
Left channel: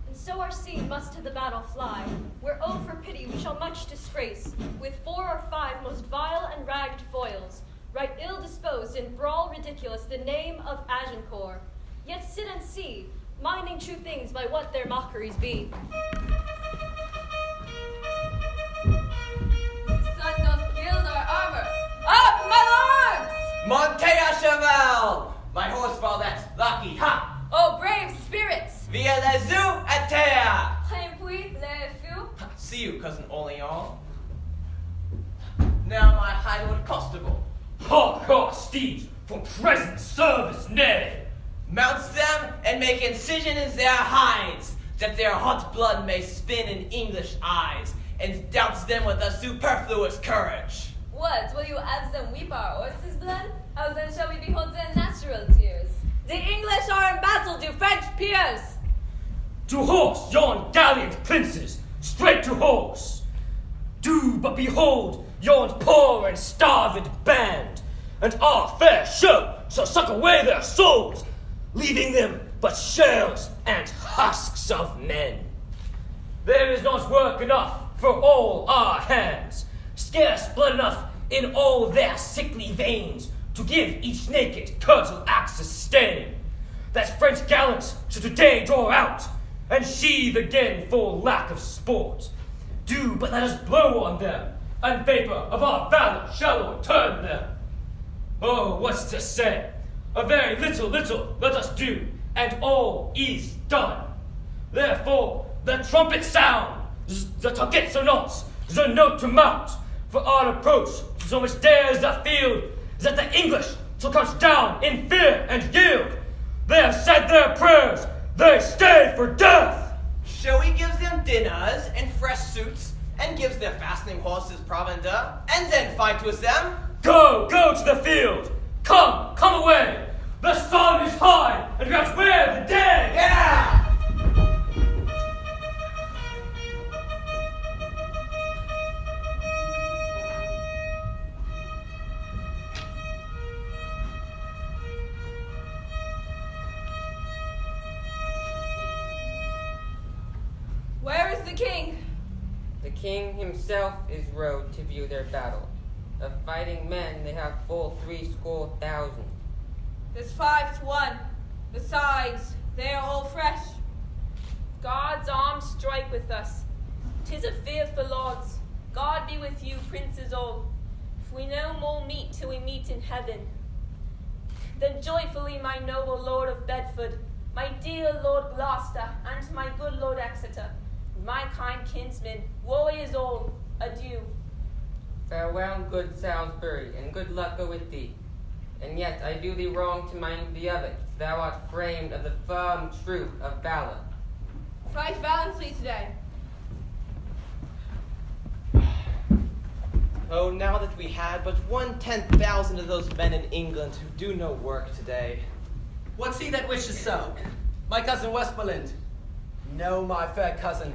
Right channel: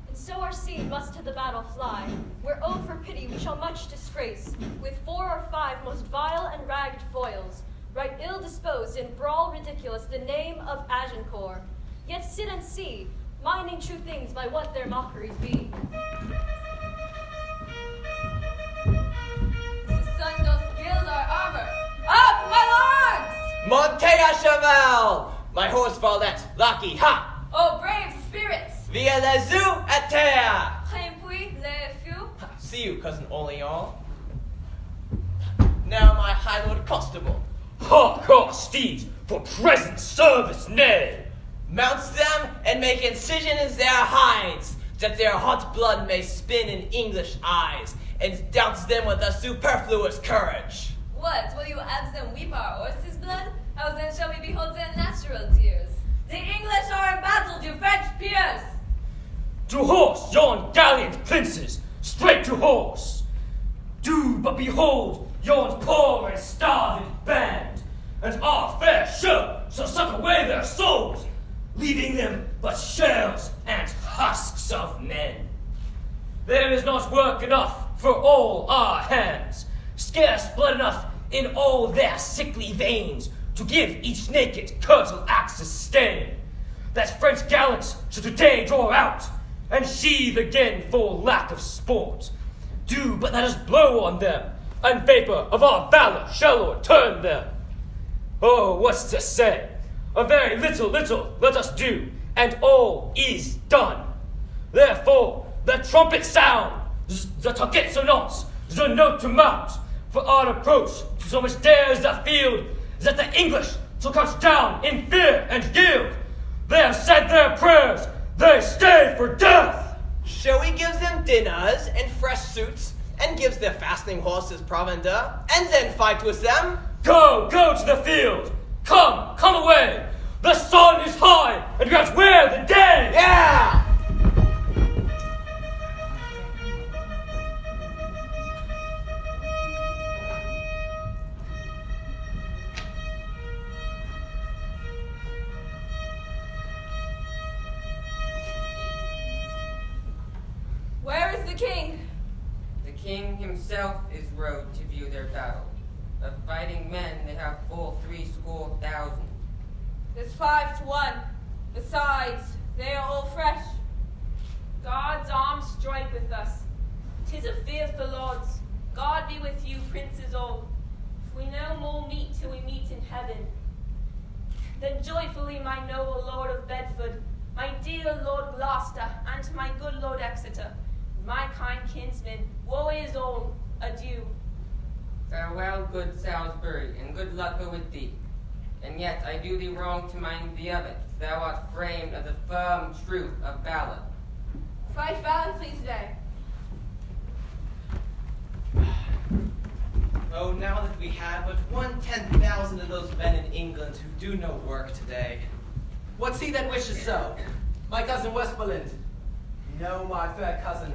And so our seed must to the battle fly, where oh for pity we shall much disgrace, with 4 or 5 most vile and ragged foils, right ill disposed and brawl ridiculous the name of Agincourt. Yet sit and see, minding true things by what their mockeries be. The sun doth gild our armor. Up, my lords! Monte a cheval! My horse Valette, lucky, ha! Oh, brave spirits! Via les yeux à terre! Répuit les fous. See you, cousin Oleon. Now my high lord constable. Hark our steeds for present service, nay! Mounts them and make incision in their hides, that their hot blood may spin in English eyes, and doubts them with a superfluous courage. What, will you have them weep our horses' blood? How then shall we behold their natural tears? The English Piers! To horse, yon gallant princes, straight to horse. Do but behold yon poor and starved band, and our fair show shall suck away their souls, leaving them but shells and husks of men. There is not work enough for all our hands, scarce blood enough in all their sickly veins to give each naked curtal axe a stain, that French gallants should today draw out, and sheathe again for lack of sport. Do but let us blow on them, and vapor of our valor shall o'erturn them. Oh, what's to say? A very little let us do, and all is done. Therefore, the trumpet sound, the tucket sonance, the note to mount, for our approach to so much dares the field, that the English shall crouch down in fear and yield. They have said their prayers, they stay for death. Shall we give them dinners and fresh suits, and gives their fasting horses provender, and then fight with them? Go to the field. Come away. The sun is high, and we have to wear the day. Yeah! Where is the king? The king himself is rode to view their battle. Of fighting men they have full 70,000. There's 5 to 1. Besides, they are all fresh. God's arms strike with us. 'Tis a fearful odds. God be with you, princes all. If we no more meet till we meet in heaven, then joyfully my noble Lord of Bedford, my dear Lord Gloucester, and my good Lord Exeter, my kind kinsmen, warriors all, adieu. Farewell, good Salisbury, and good luck go with thee. And yet I do thee wrong to mind thee of it. Thou art framed of the firm truth of valor. Fight valiantly today. Oh, now that we had but 1/10,000 of those men in England who do no work today. What's he that wishes so? My cousin Westmoreland. No, my fair cousin.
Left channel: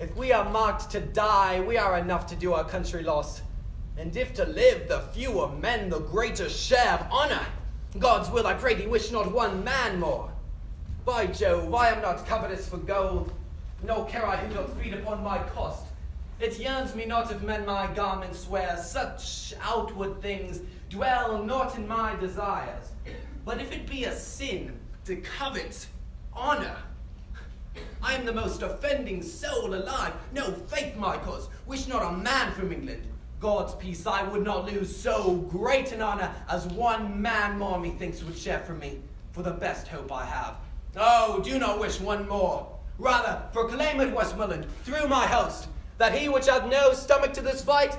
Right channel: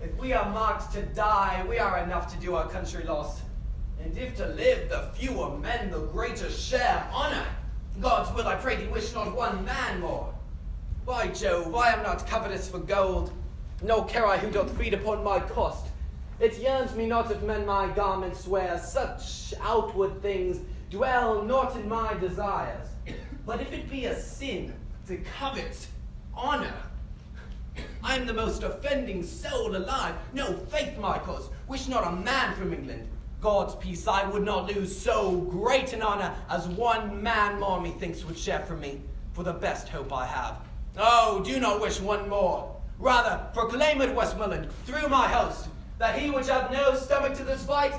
If we are marked to die, we are enough to do our country loss. And if to live, the fewer men, the greater share of honor. God's will, I pray thee, wish not one man more. By Jove, I am not covetous for gold, nor care I who doth feed upon my cost. It yearns me not if men my garments wear, such outward things dwell not in my desires. But if it be a sin to covet honor, I am the most offending soul alive. No, faith, my cause, wish not a man from England. God's peace I would not lose so great an honor as one man more methinks would share from me, for the best hope I have. Oh, do not wish one more. Rather, proclaim it, Westmoreland, through my host, that he which hath no stomach to this fight,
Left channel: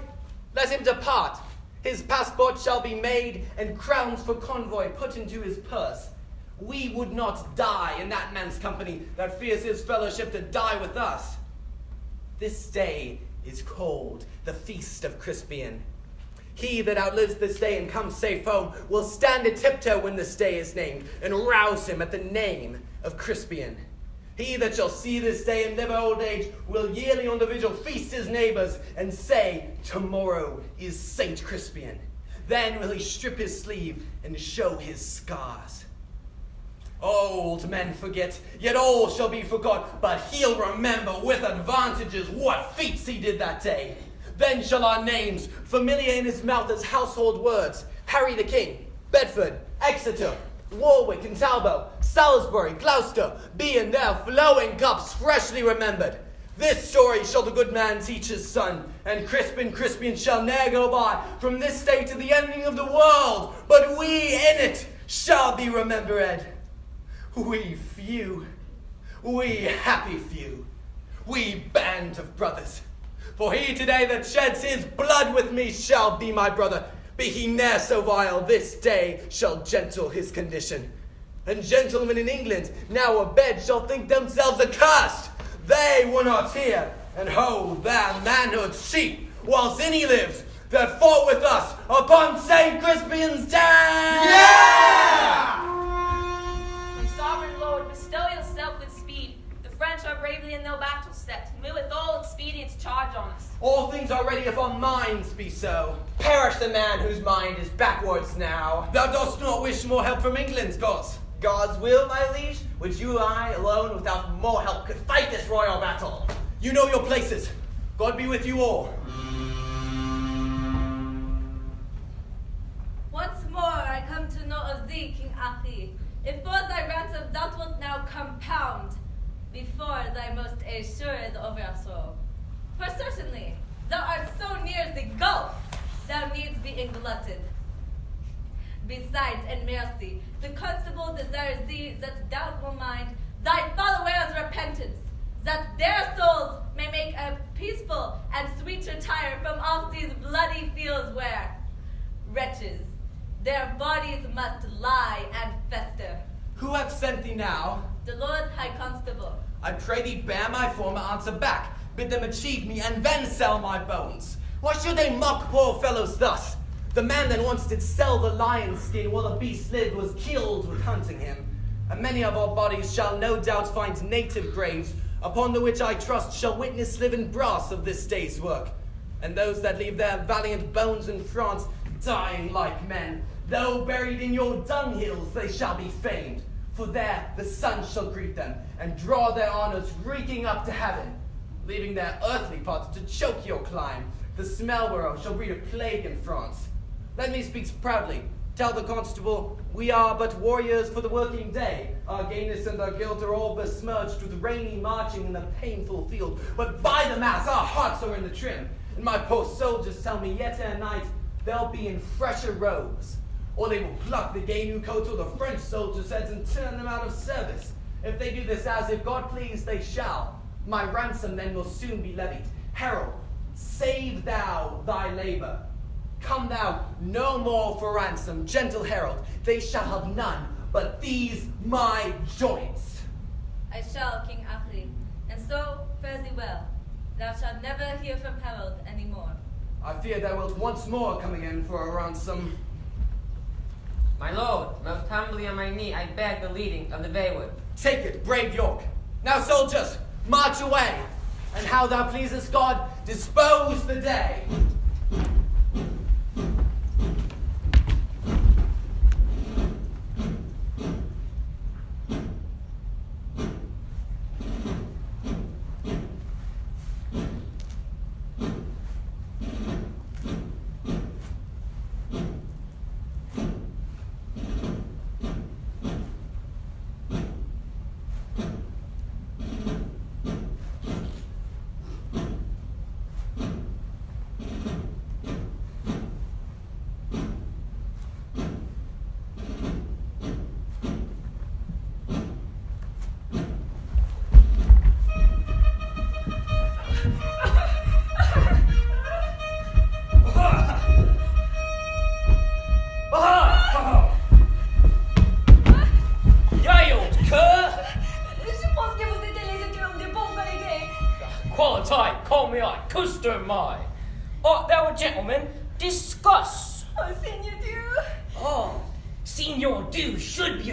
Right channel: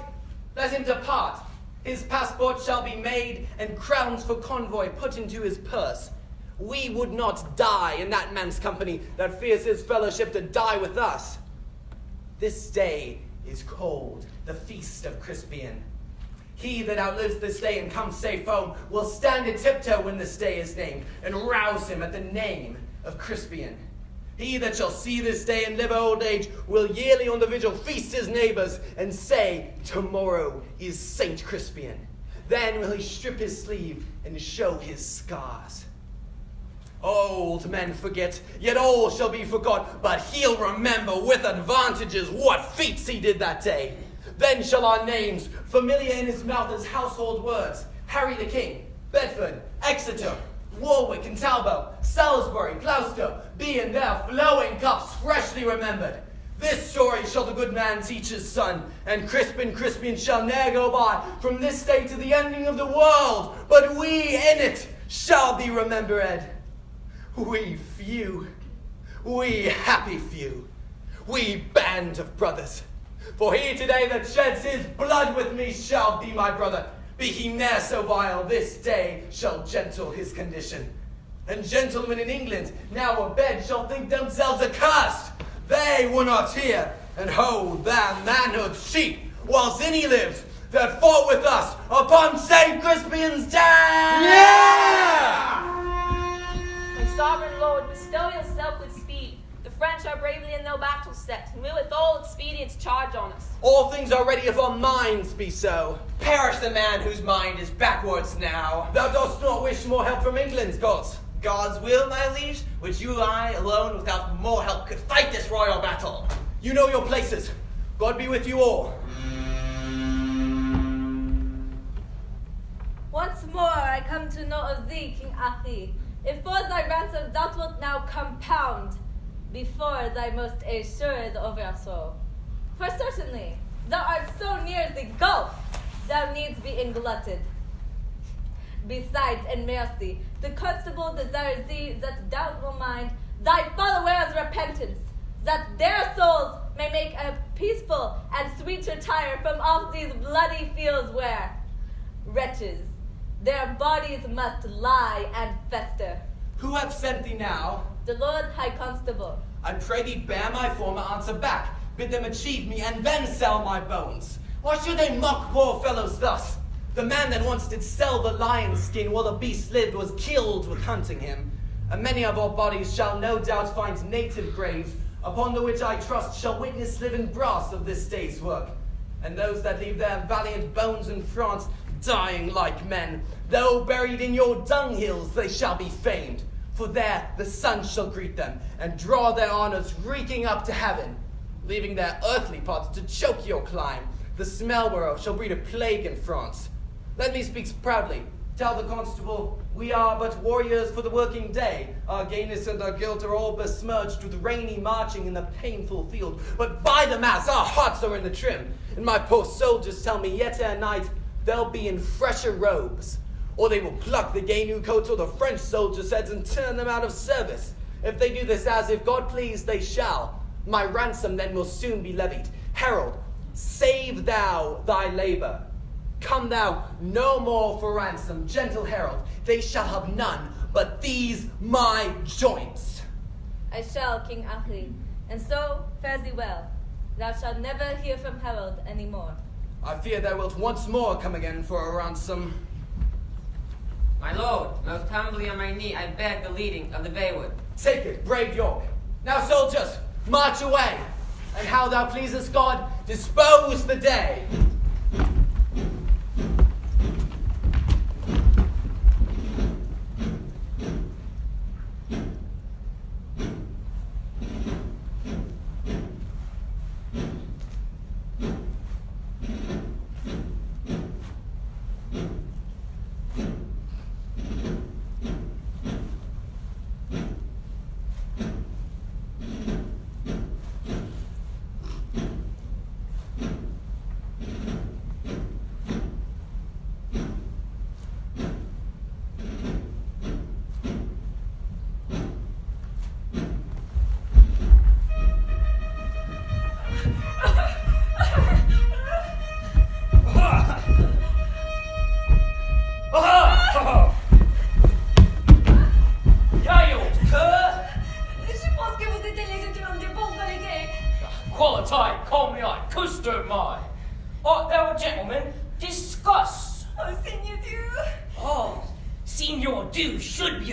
let him depart. His passport shall be made, and crowns for Conway put into his purse. We would not die in that man's company that fears his fellowship to die with us. This day is called the Feast of Crispian. He that outlives this day and comes safe home will stand a tiptoe when this day is named, and rouse him at the name of Crispian. He that shall see this day and live old age will yearly on the vigil feast his neighbors and say, tomorrow is Saint Crispian. Then will he strip his sleeve and show his scars. Old men forget, yet all shall be forgot, but he'll remember with advantages what feats he did that day. Then shall our names, familiar in his mouth as household words, Harry the King, Bedford, Exeter, Warwick and Talbot, Salisbury, Gloucester, be in their flowing cups freshly remembered. This story shall the good man teach his son, and Crispian shall ne'er go by from this day to the ending of the world, but we in it shall be remembered. We few, we happy few, we band of brothers. For he today that sheds his blood with me shall be my brother. Be he ne'er so vile, this day shall gentle his condition. And gentlemen in England, now abed, shall think themselves accursed. They were not here, and hold their manhood's sheep, whilst any lives that fought with us upon St. Crispian's day. Yeah! sovereign lord, bestow yourself with speed. The French are bravely in their battle set, and will with all expedients charge on us. All things are ready if our minds be so. Perish the man whose mind is backwards now. Thou dost not wish more help from England's gods. God's will, my liege, which you and I alone without more help could fight this royal battle. You know your places. God be with you all. Once more I come to know of thee, King Achi. If for thy ransom thou wilt now compound before thy most assured overthrow. For certainly thou art so near the gulf, thou needs be englutted. Besides, in mercy, the constable desires thee that thou will mind thy followers' repentance, that their souls may make a peaceful and sweet retire from off these bloody fields where, wretches, their bodies must lie and fester. Who hath sent thee now? The Lord High Constable. I pray thee bear my former answer back, bid them achieve me, and then sell my bones. Why should they mock poor fellows thus? The man that once did sell the lion's skin while the beast lived was killed with hunting him. And many of our bodies shall no doubt find native graves, upon the which I trust shall witness living brass of this day's work. And those that leave their valiant bones in France, dying like men, though buried in your dunghills, they shall be famed. For there the sun shall greet them, and draw their honors reeking up to heaven, leaving their earthly parts to choke your clime. The smell whereof shall breed a plague in France. Let me speak proudly. Tell the constable, we are but warriors for the working day. Our gayness and our guilt are all besmirched with rainy marching in the painful field. But by the mass, our hearts are in the trim. And my poor soldiers tell me yet ere night, they'll be in fresher robes. Or they will pluck the gay new coats or the French soldiers' heads and turn them out of service. If they do this as if God please, they shall. My ransom then will soon be levied. Herald, save thou thy labor. Come thou no more for ransom, gentle herald. They shall have none but these my joints. I shall, King Achi, and so fare thee well. Thou shalt never hear from herald any more. I fear thou wilt once more come again for a ransom. My lord, most humbly on my knee, I beg the leading of the wayward. Take it, brave York. Now, soldiers, march away, and how thou pleasest God, dispose the day.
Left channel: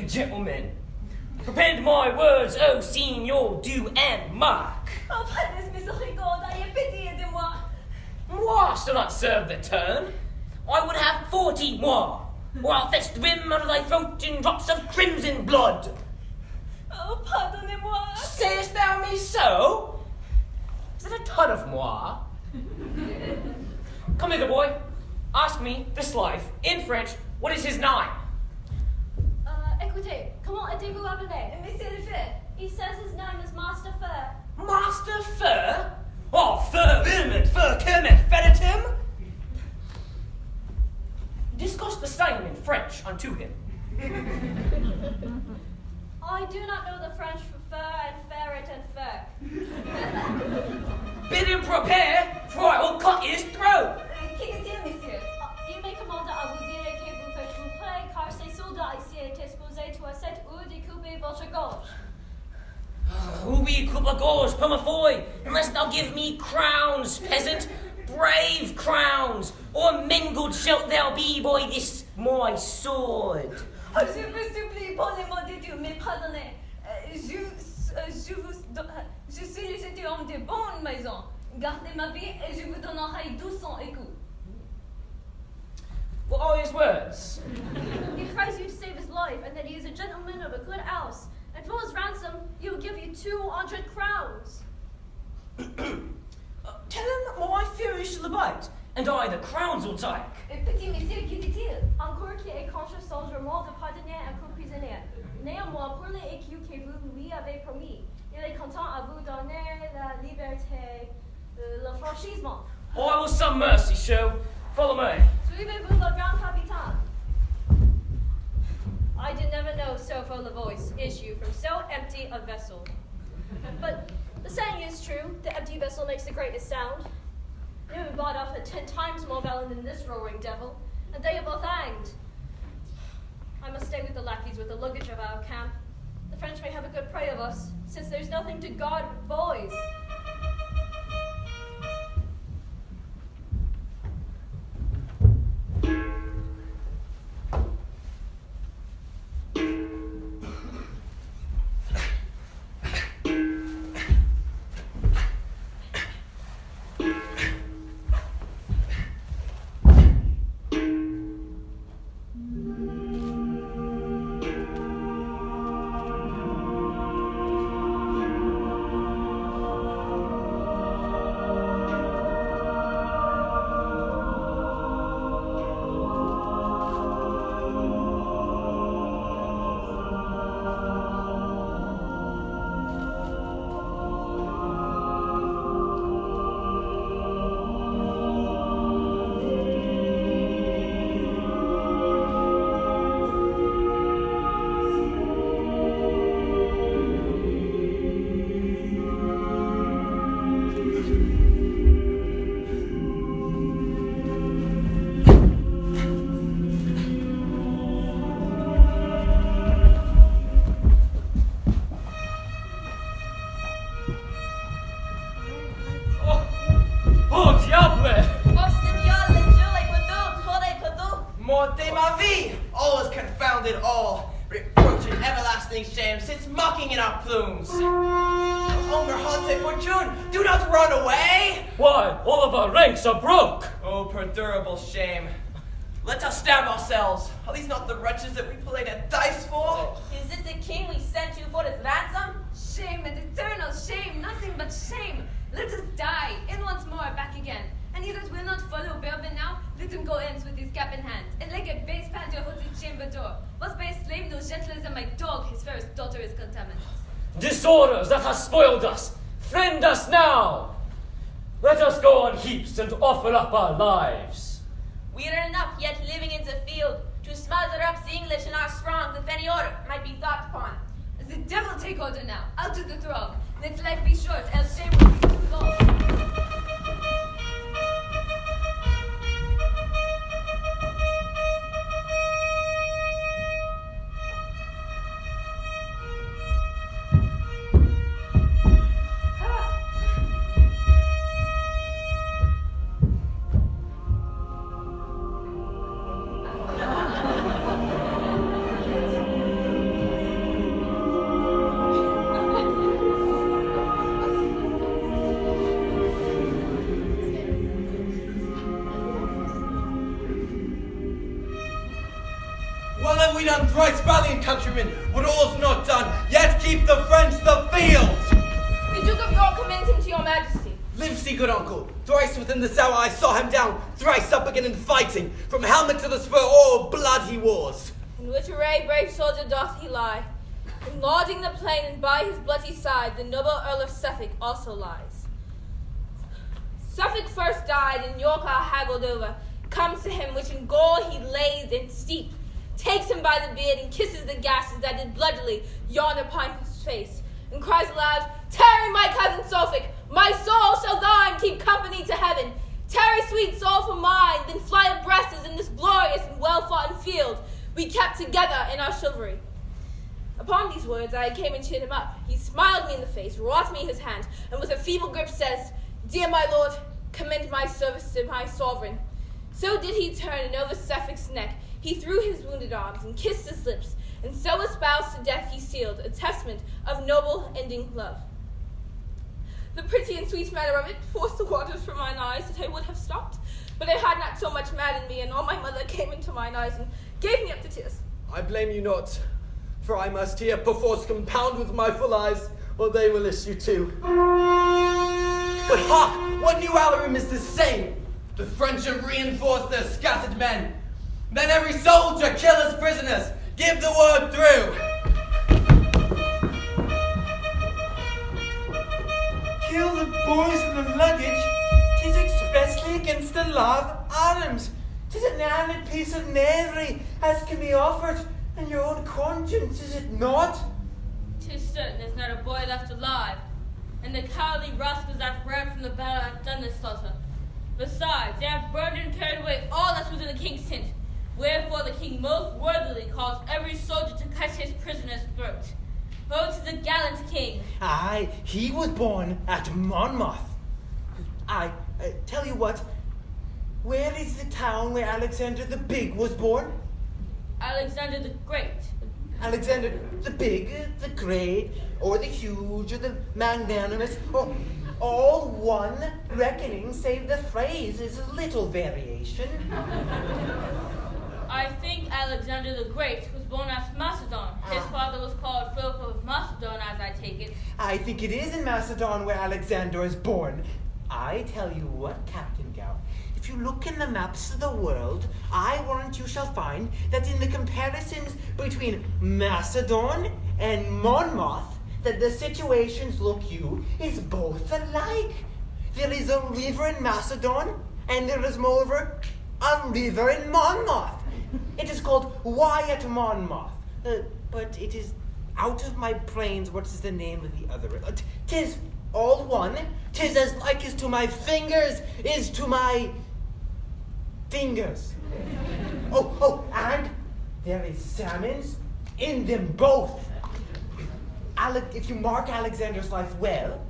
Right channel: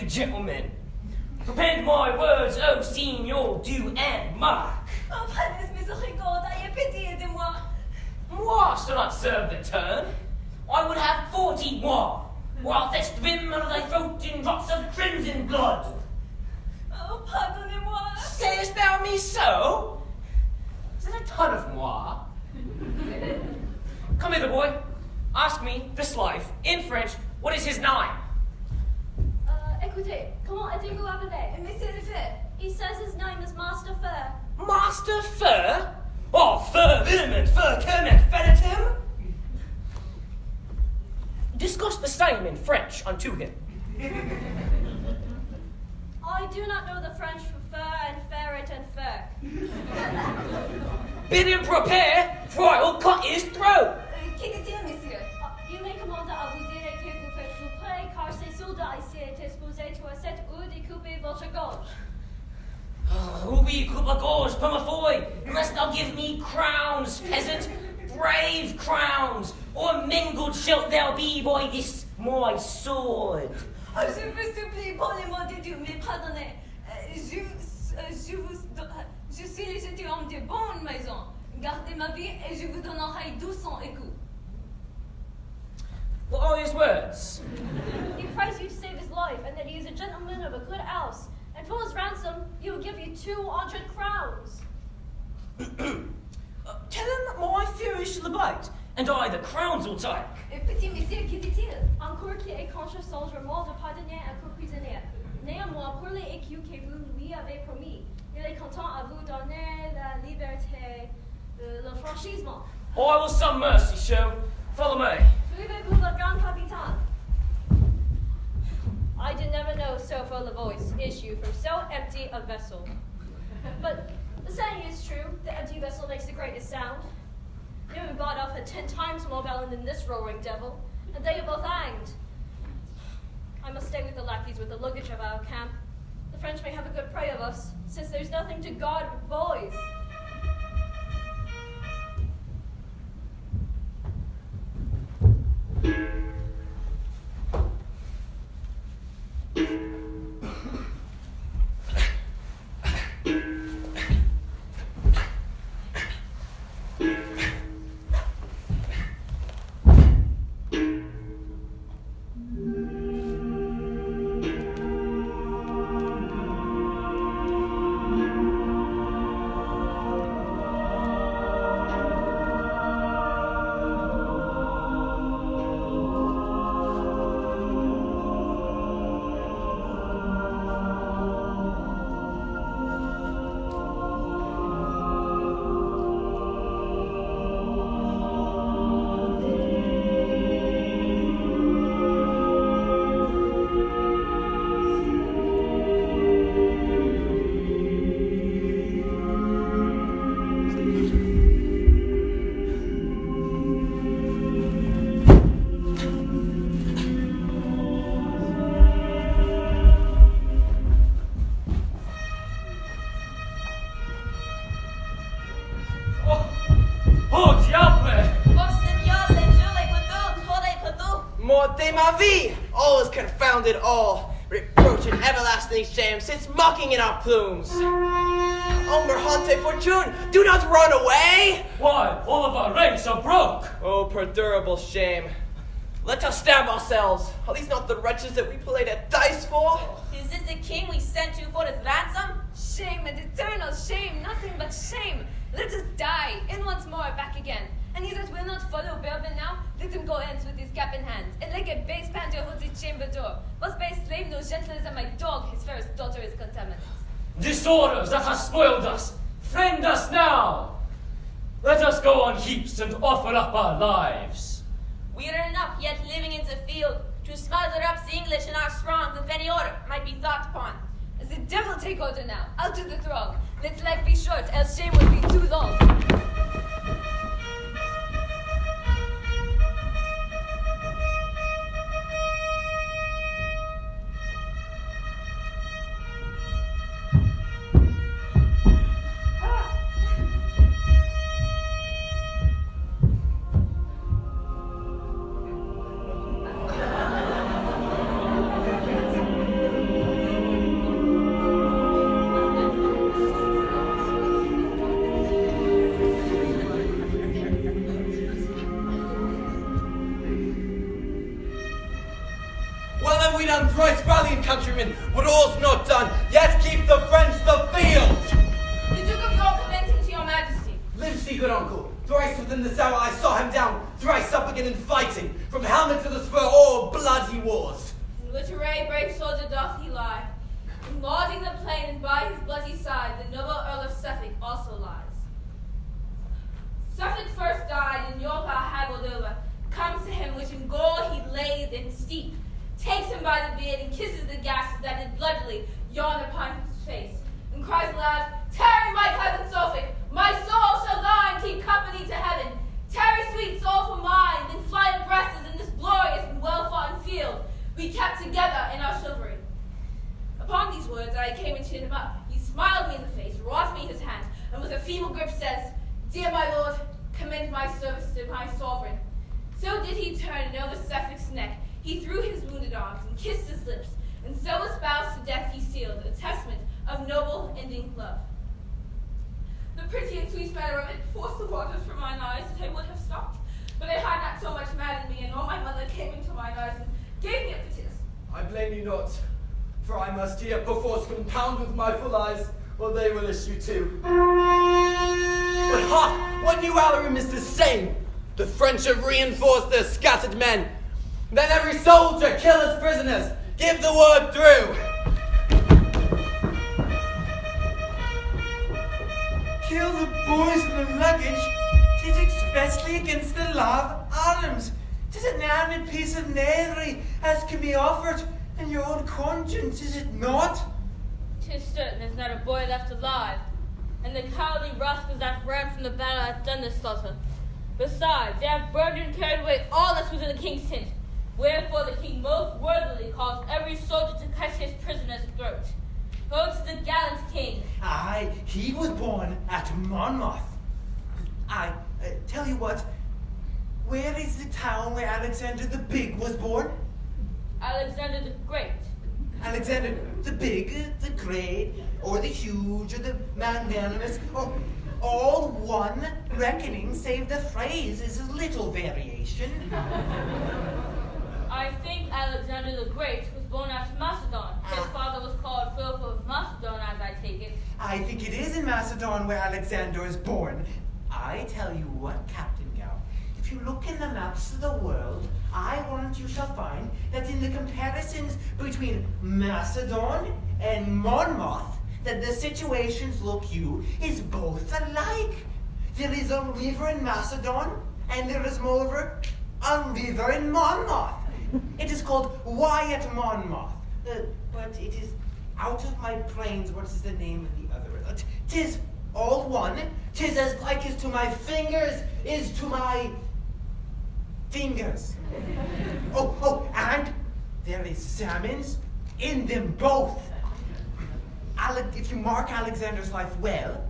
Gentlemen, repent my words, oh signor, do and mark. Oh, prenez miséricorde, ayez pitié de moi. Moi shall not serve the turn. I would have 40 moi, or I'll fetch the rim under thy throat in drops of crimson blood. Oh, pardonnez-moi. Sayest thou me so? Is it a ton of moi? Come hither, boy. Ask me, this life, in French, what is his name? Écoutez, comment êtes-vous appelé? Monsieur le Feu. He says his name is Master Fur. Master Fur? Oh, Fur Wilmot, Fur Kermit, Fennetim? Discuss the same in French unto him. I do not know the French for fur and ferret and fur. Bid him prepare, for I will cut his throat. Qu'est-il, monsieur? Il me commande à vous dire que vous faites tout près, car ces soldats ici étaient supposés to set ou découper votre gorge. Who be coupe a gorge, Pumafoy? Unless thou give me crowns, peasant, brave crowns, or mingled shalt thou be by this my sword. Oh, je vous supplie, prenez-moi du Dieu, mais pardonnez. Je suis légitime homme de bonne maison. Gardez ma vie et je vous donnerai 200 écus. What are his words? He cries you to save his life, and that he is a gentleman of a good house. And for his ransom, he will give you 200 crowns. Tell him my fury shall abate, and I the crowns will take. Petit monsieur, qui dit-il? Encore qui échange son jurement de pardonner un co-prisonnier. Néanmoins, pour les écus que vous lui avez promis, il est content à vous donner la liberté, le franchissement. I will some mercy show. Follow me. Suivez-vous le grand capitaine. I did never know so full a voice issue from so empty a vessel. But the saying is true, the empty vessel makes the greatest sound. No one bought off at 10 times more valor than this roaring devil, and they are both hanged. I must stay with the lackeys with the luggage of our camp. The French may have a good prey of us, since there's nothing to guard but boys. Morte ma vie! All is confounded all, reproach and everlasting shame sits mocking in our plumes. Omerhante fortune, do not run away! Why, all of our ranks are broke! Oh, perdurable shame. Let us stab ourselves. Are these not the wretches that we played at dice for? Is this the king we sent you for his ransom? Shame and eternal shame, nothing but shame. Let us die, and once more back again. And he that will not follow Bourbon now, let him go hence with his cap in hand, and like a base panther holds his chamber door. Was by a slave no gentler than my dog, his fairest daughter is contaminated. Disorders that have spoiled us, friend us now! Let us go on heaps and offer up our lives. We are enough yet living in the field to smother up the English in our strong if any order might be thought upon. As the devil take order now, out to the throng. Let life be short, else shame will be too long. We done thrice valiant countrymen, what all's not done, yet keep the French the field. The Duke of York commends him to your majesty. Live, see, good uncle. Thrice within this hour I saw him down, thrice up again in fighting. From helmet to the spur, all blood he was. In which array brave soldier doth he lie. And lauding the plain, and by his bloody side, the noble Earl of Suffolk also lies. Suffolk first died, and York our haggled over. Comes to him, which in gore he laid in steep. Takes him by the beard and kisses the gashes that did bloodily yawn upon his face, and cries aloud, "Tarry, my cousin Suffolk, my soul shall thine keep company to heaven. Tarry, sweet soul, for mine, then fly abreast as in this glorious and well-foughten field we kept together in our chivalry." Upon these words I came and cheered him up. He smiled me in the face, wrought me his hand, and with a feeble grip says, "Dear my lord, commend my service to my sovereign." So did he turn, and over Suffolk's neck he threw his wounded arms and kissed his lips, and so espoused to death he sealed, a testament of noble ending love. The pretty and sweet matter of it forced the waters from mine eyes that I would have stopped, but it had not so much maddened me, and all my mother came into mine eyes and gave me up to tears. I blame you not, for I must here perforce compound with my full eyes, or they will issue too. But hark! What new alarum is this saying? The French have reinforced their scattered men. Then every soldier kill his prisoners. Give the word through. Kill the boys and the luggage? 'Tis expressly against the law of arms. 'Tis an armed piece of knavery as can be offered in your own conscience, is it not? 'Tis certain there's not a boy left alive, and the cowardly rascals that ran from the battle have done this slaughter. Besides, they have burned and carried away all that was in the king's tent, wherefore the king most worthily caused every soldier to cut his prisoner's throat. Ho to the gallant king! Aye, he was born at Monmouth. I tell you what, where is the town where Alexander the Big was born? Alexander the Great. Alexander the Big, the Great, or the Huge, or the Magnanimous, or all one reckoning, save the phrase is a little variation. I think Alexander the Great was born at Macedon. His father was called Philip of Macedon, as I take it. I think it is in Macedon where Alexander is born. I tell you what, Captain Gow, if you look in the maps of the world, I warrant you shall find that in the comparisons between Macedon and Monmouth, that the situations, look you, is both alike. There is a river in Macedon, and there is moreover a river in Monmouth. It is called Wyatt Monmouth, but it is out of my brains. What is the name of the other? 'Tis all one. 'Tis as like as to my fingers is to my fingers. Oh, and there is salmons in them both. If you mark Alexander's life well,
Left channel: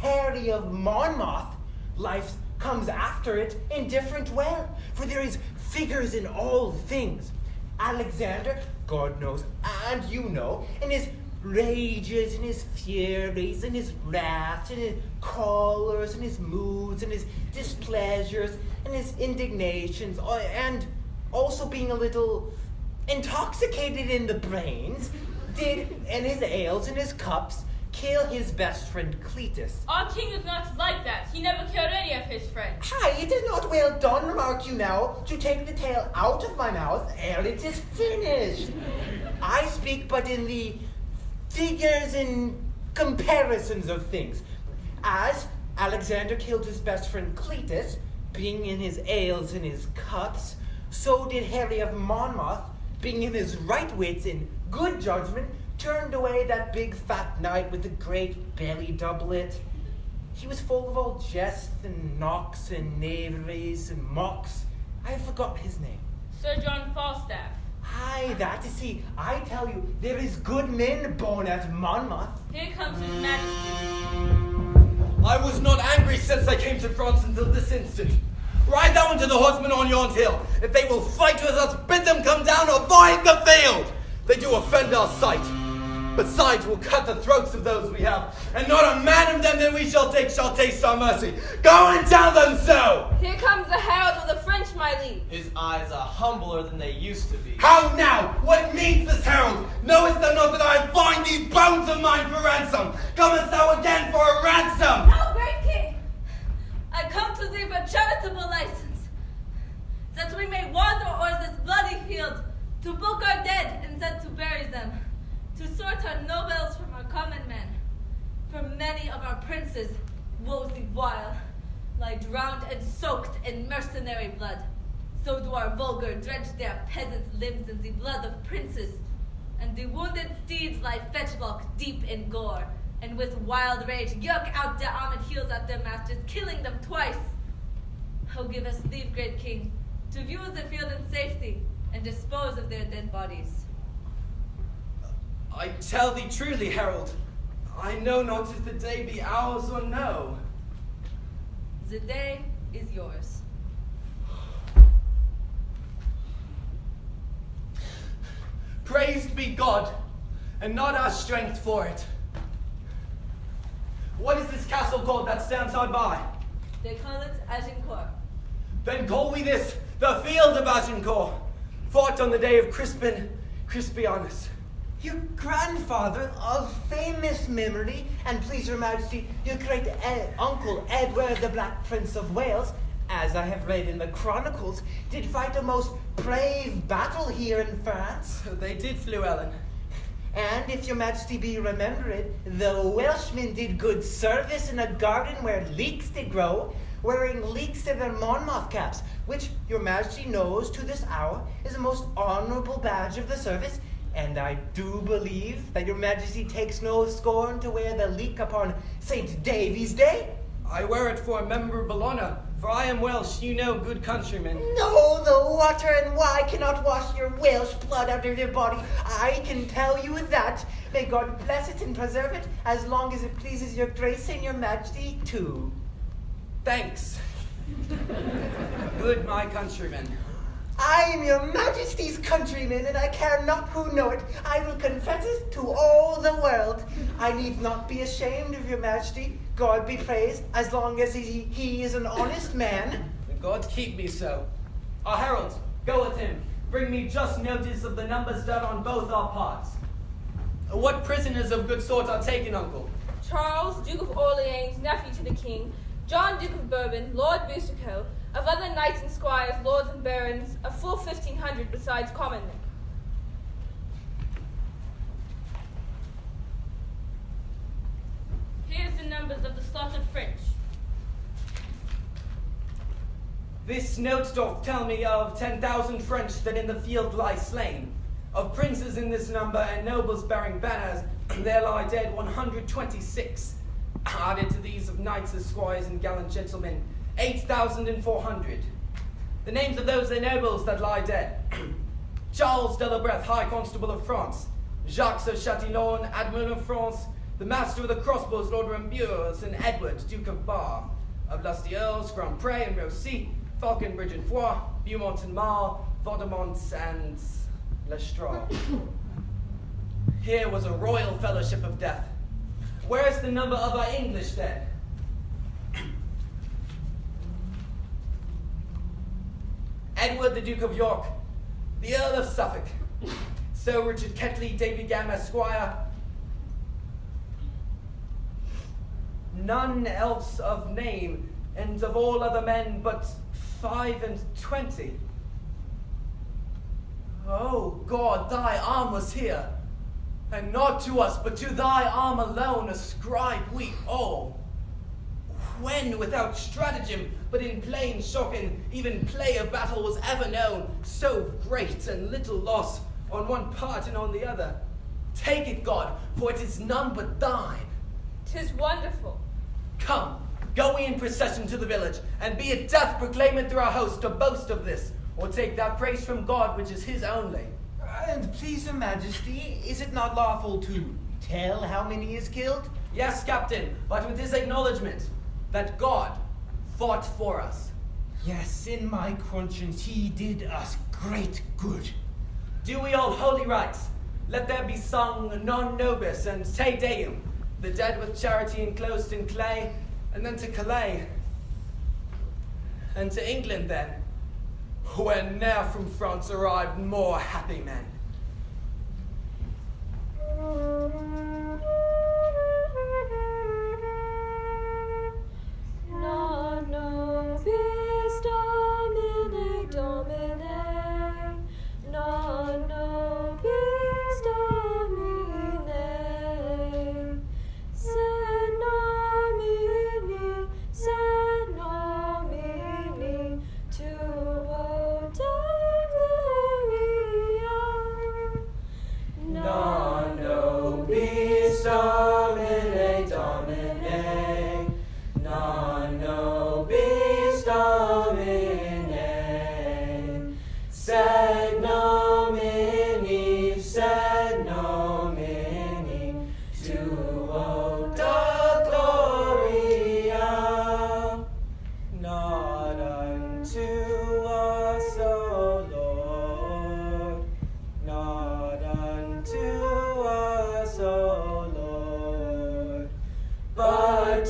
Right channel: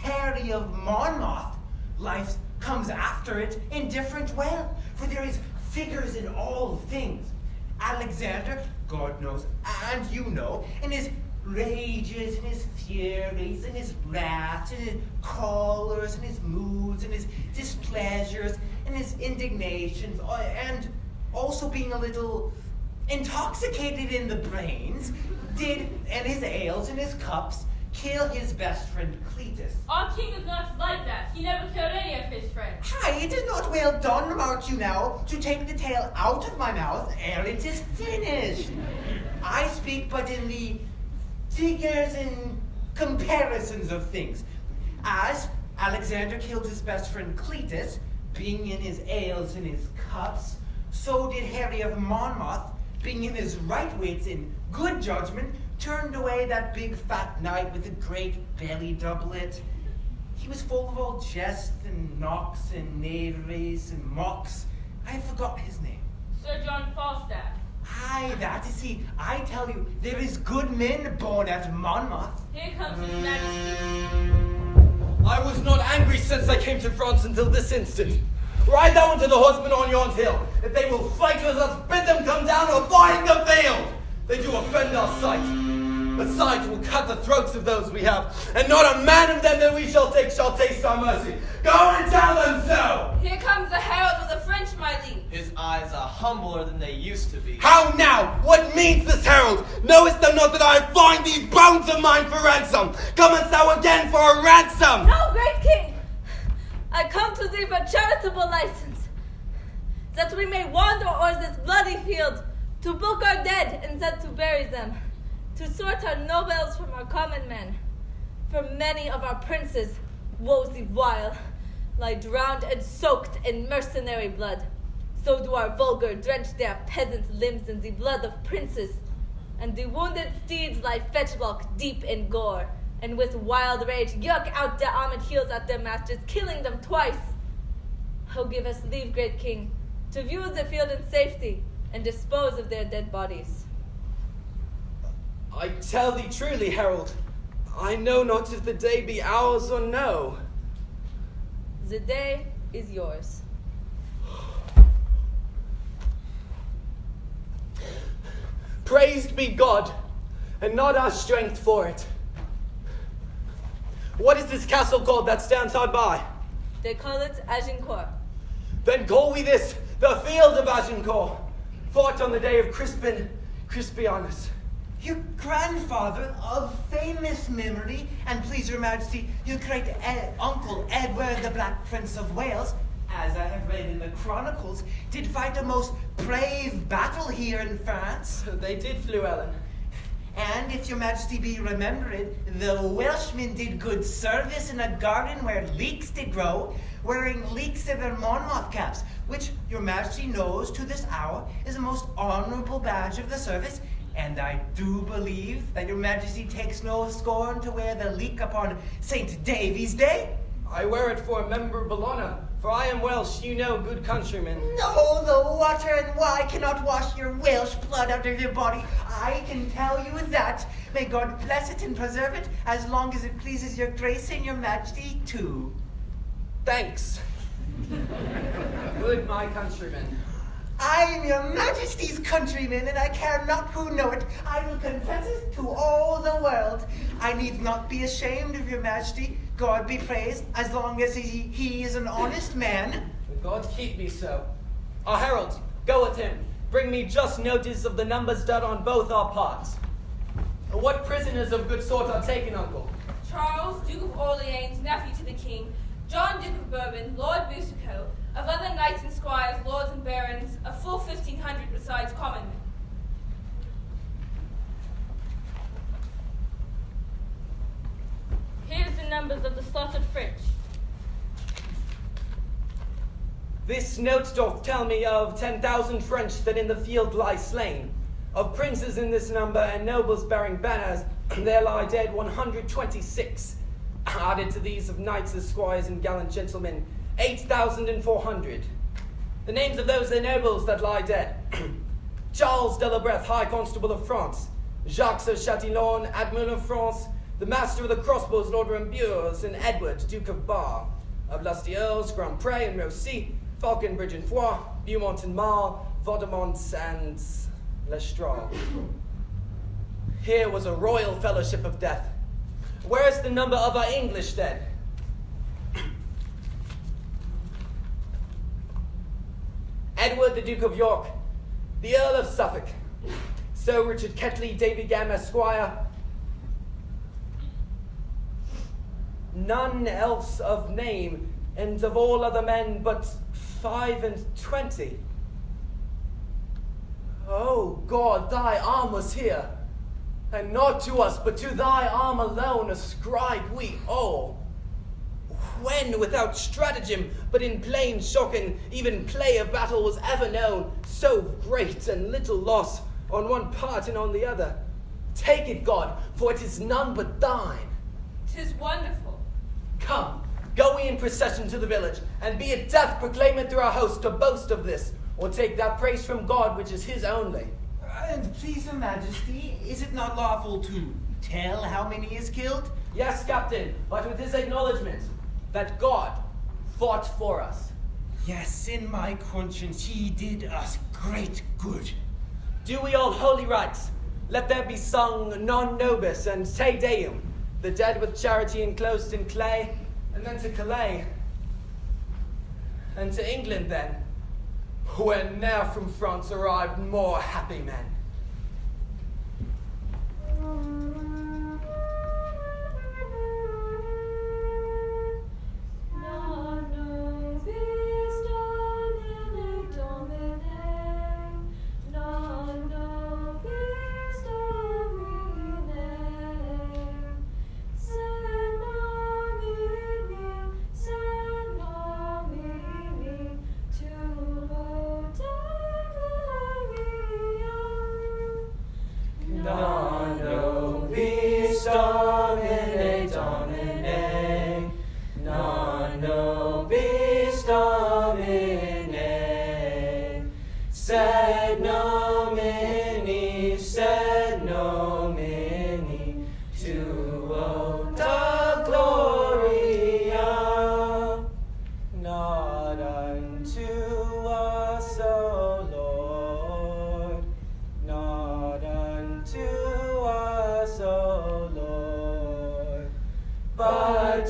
Harry of Monmouth life comes after it in different well, for there is figures in all things. Alexander, God knows, and you know, in his rages, in his furies, in his wraths, in his choler, in his moods, in his displeasures, in his indignations, and also being a little intoxicated in the brains, did, in his ales, in his cups, kill his best friend Cletus. Our king is not like that. He never killed any of his friends. Hi, it is not well done, remark you now, to take the tale out of my mouth ere it is finished. I speak but in the figures and comparisons of things. As Alexander killed his best friend Cletus, being in his ales and his cups, so did Harry of Monmouth, being in his right wits and good judgment, turned away that big fat knight with the great belly doublet. He was full of all jest and knocks and knaveries and mocks. I forgot his name. Sir John Falstaff. Aye, that is he. I tell you, there is good men born at Monmouth. Here comes his majesty. I was not angry since I came to France until this instant. Ride down to the horsemen on yon hill. If they will fight with us, bid them come down or die in the field. They do offend our sight. Besides, we'll cut the throats of those we have, and not a man of them that we shall take shall taste our mercy. Go and tell them so! Here comes the herald of the French, my liege. His eyes are humbler than they used to be. How now? What means this herald? Knowest thou not that I am fine these bones of mine for ransom? Comest thou again for a ransom? No, great king! I come to thee for charitable license, that we may wander o'er this bloody field, to book our dead and then to bury them, to sort our nobles from our common men. For many of our princes, woe the while, lie drowned and soaked in mercenary blood. So do our vulgar drench their peasant limbs in the blood of princes, and the wounded steeds lie fetchlock deep in gore, and with wild rage yerk out their armored heels at their masters, killing them twice. Oh, give us leave, great king, to view the field in safety, and dispose of their dead bodies. I tell thee truly, herald, I know not if the day be ours or no. The day is yours. Praised be God, and not our strength for it. What is this castle called that stands hard by? They call it Agincourt. Then call we this the field of Agincourt, fought on the day of Crispianus. Your grandfather of famous memory, and please your majesty, your great uncle Edward the Black Prince of Wales, as I have read in the chronicles, did fight a most brave battle here in France. They did, Fluellen. And if your majesty be remembered, the Welshmen did good service in a garden where leeks did grow, wearing leeks in their Monmouth caps, which your majesty knows to this hour is a most honorable badge of the service. And I do believe that your majesty takes no scorn to wear the leek upon St. Davy's Day. I wear it for a memorable honor, for I am Welsh, you know, good countrymen. No, the water and wine cannot wash your Welsh blood out of your body. I can tell you that. May God bless it and preserve it, as long as it pleases your grace and your majesty too. Thanks. Good, my countrymen. I am your majesty's countryman, and I care not who know it. I will confess it to all the world. I need not be ashamed of your majesty. God be praised, as long as he is an honest man. God keep me so. Our heralds, go with him. Bring me just notice of the numbers done on both our parts. What prisoners of good sort are taken, uncle? Charles, Duke of Orleans, nephew to the king, John, Duke of Bourbon, Lord Boucicaut, of other knights and squires, lords and barons, a full 1,500 besides common men. Here's the numbers of the slaughtered French. This note doth tell me of 10,000 French that in the field lie slain. Of princes in this number and nobles bearing banners, there lie dead 126. Added to these of knights, esquires, and gallant gentlemen, 8,400. The names of those nobles that lie dead: Charles de la Breth, High Constable of France; Jacques of Chatillon, Admiral of France; the Master of the Crossbows, Lord Rambures; and Edward, Duke of Bar; of Lastille's, Grand Pré and Rossi; Falconbridge and Foix; Beaumont and Marle; Vaudemont and Lestrade. Here was a royal fellowship of death. Where is the number of our English dead? Edward, the Duke of York; the Earl of Suffolk; Sir Richard Ketley, Davy Gam, Esquire; none else of name, and of all other men but 25. Oh God, thy arm was here, and not to us, but to thy arm alone ascribe we all. When without stratagem, but in plain shock and even play of battle was ever known, so great and little loss on one part and on the other. Take it, God, for it is none but thine. 'Tis wonderful. Come, go we in procession to the village, and be it death proclaim it through our host to boast of this, or take that praise from God which is his only. And please your majesty, is it not lawful to tell how many is killed? Yes, captain, but with his acknowledgement that God fought for us. Yes, in my conscience he did us great good. Do we all holy rites? Let there be sung non nobis and te deum, the dead with charity enclosed in clay, and then to Calais, and to England then, where ne'er from France arrived more happy men. Non nobis Domine, Domine, non nobis Domine, se nomini, tuo de gloria.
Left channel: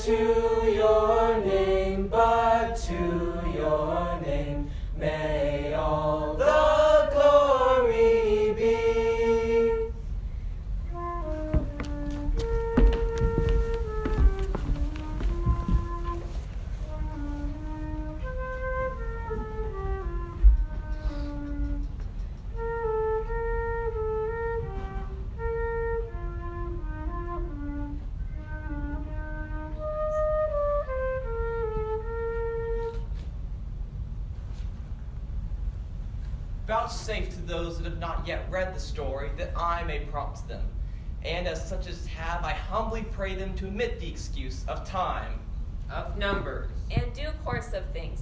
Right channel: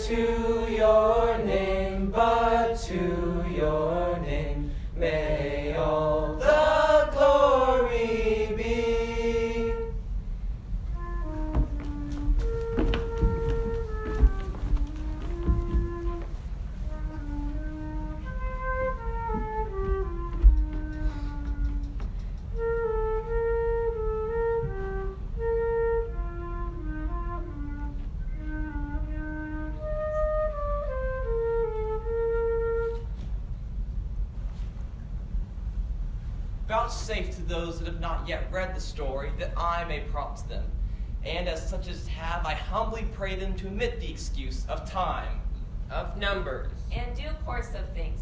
to your name, but to your name, may all the glory be. Vouchsafe to those that have not yet read the story, that I may prompt them. And as such as have, I humbly pray them to admit the excuse of time, of numbers, and due course of things,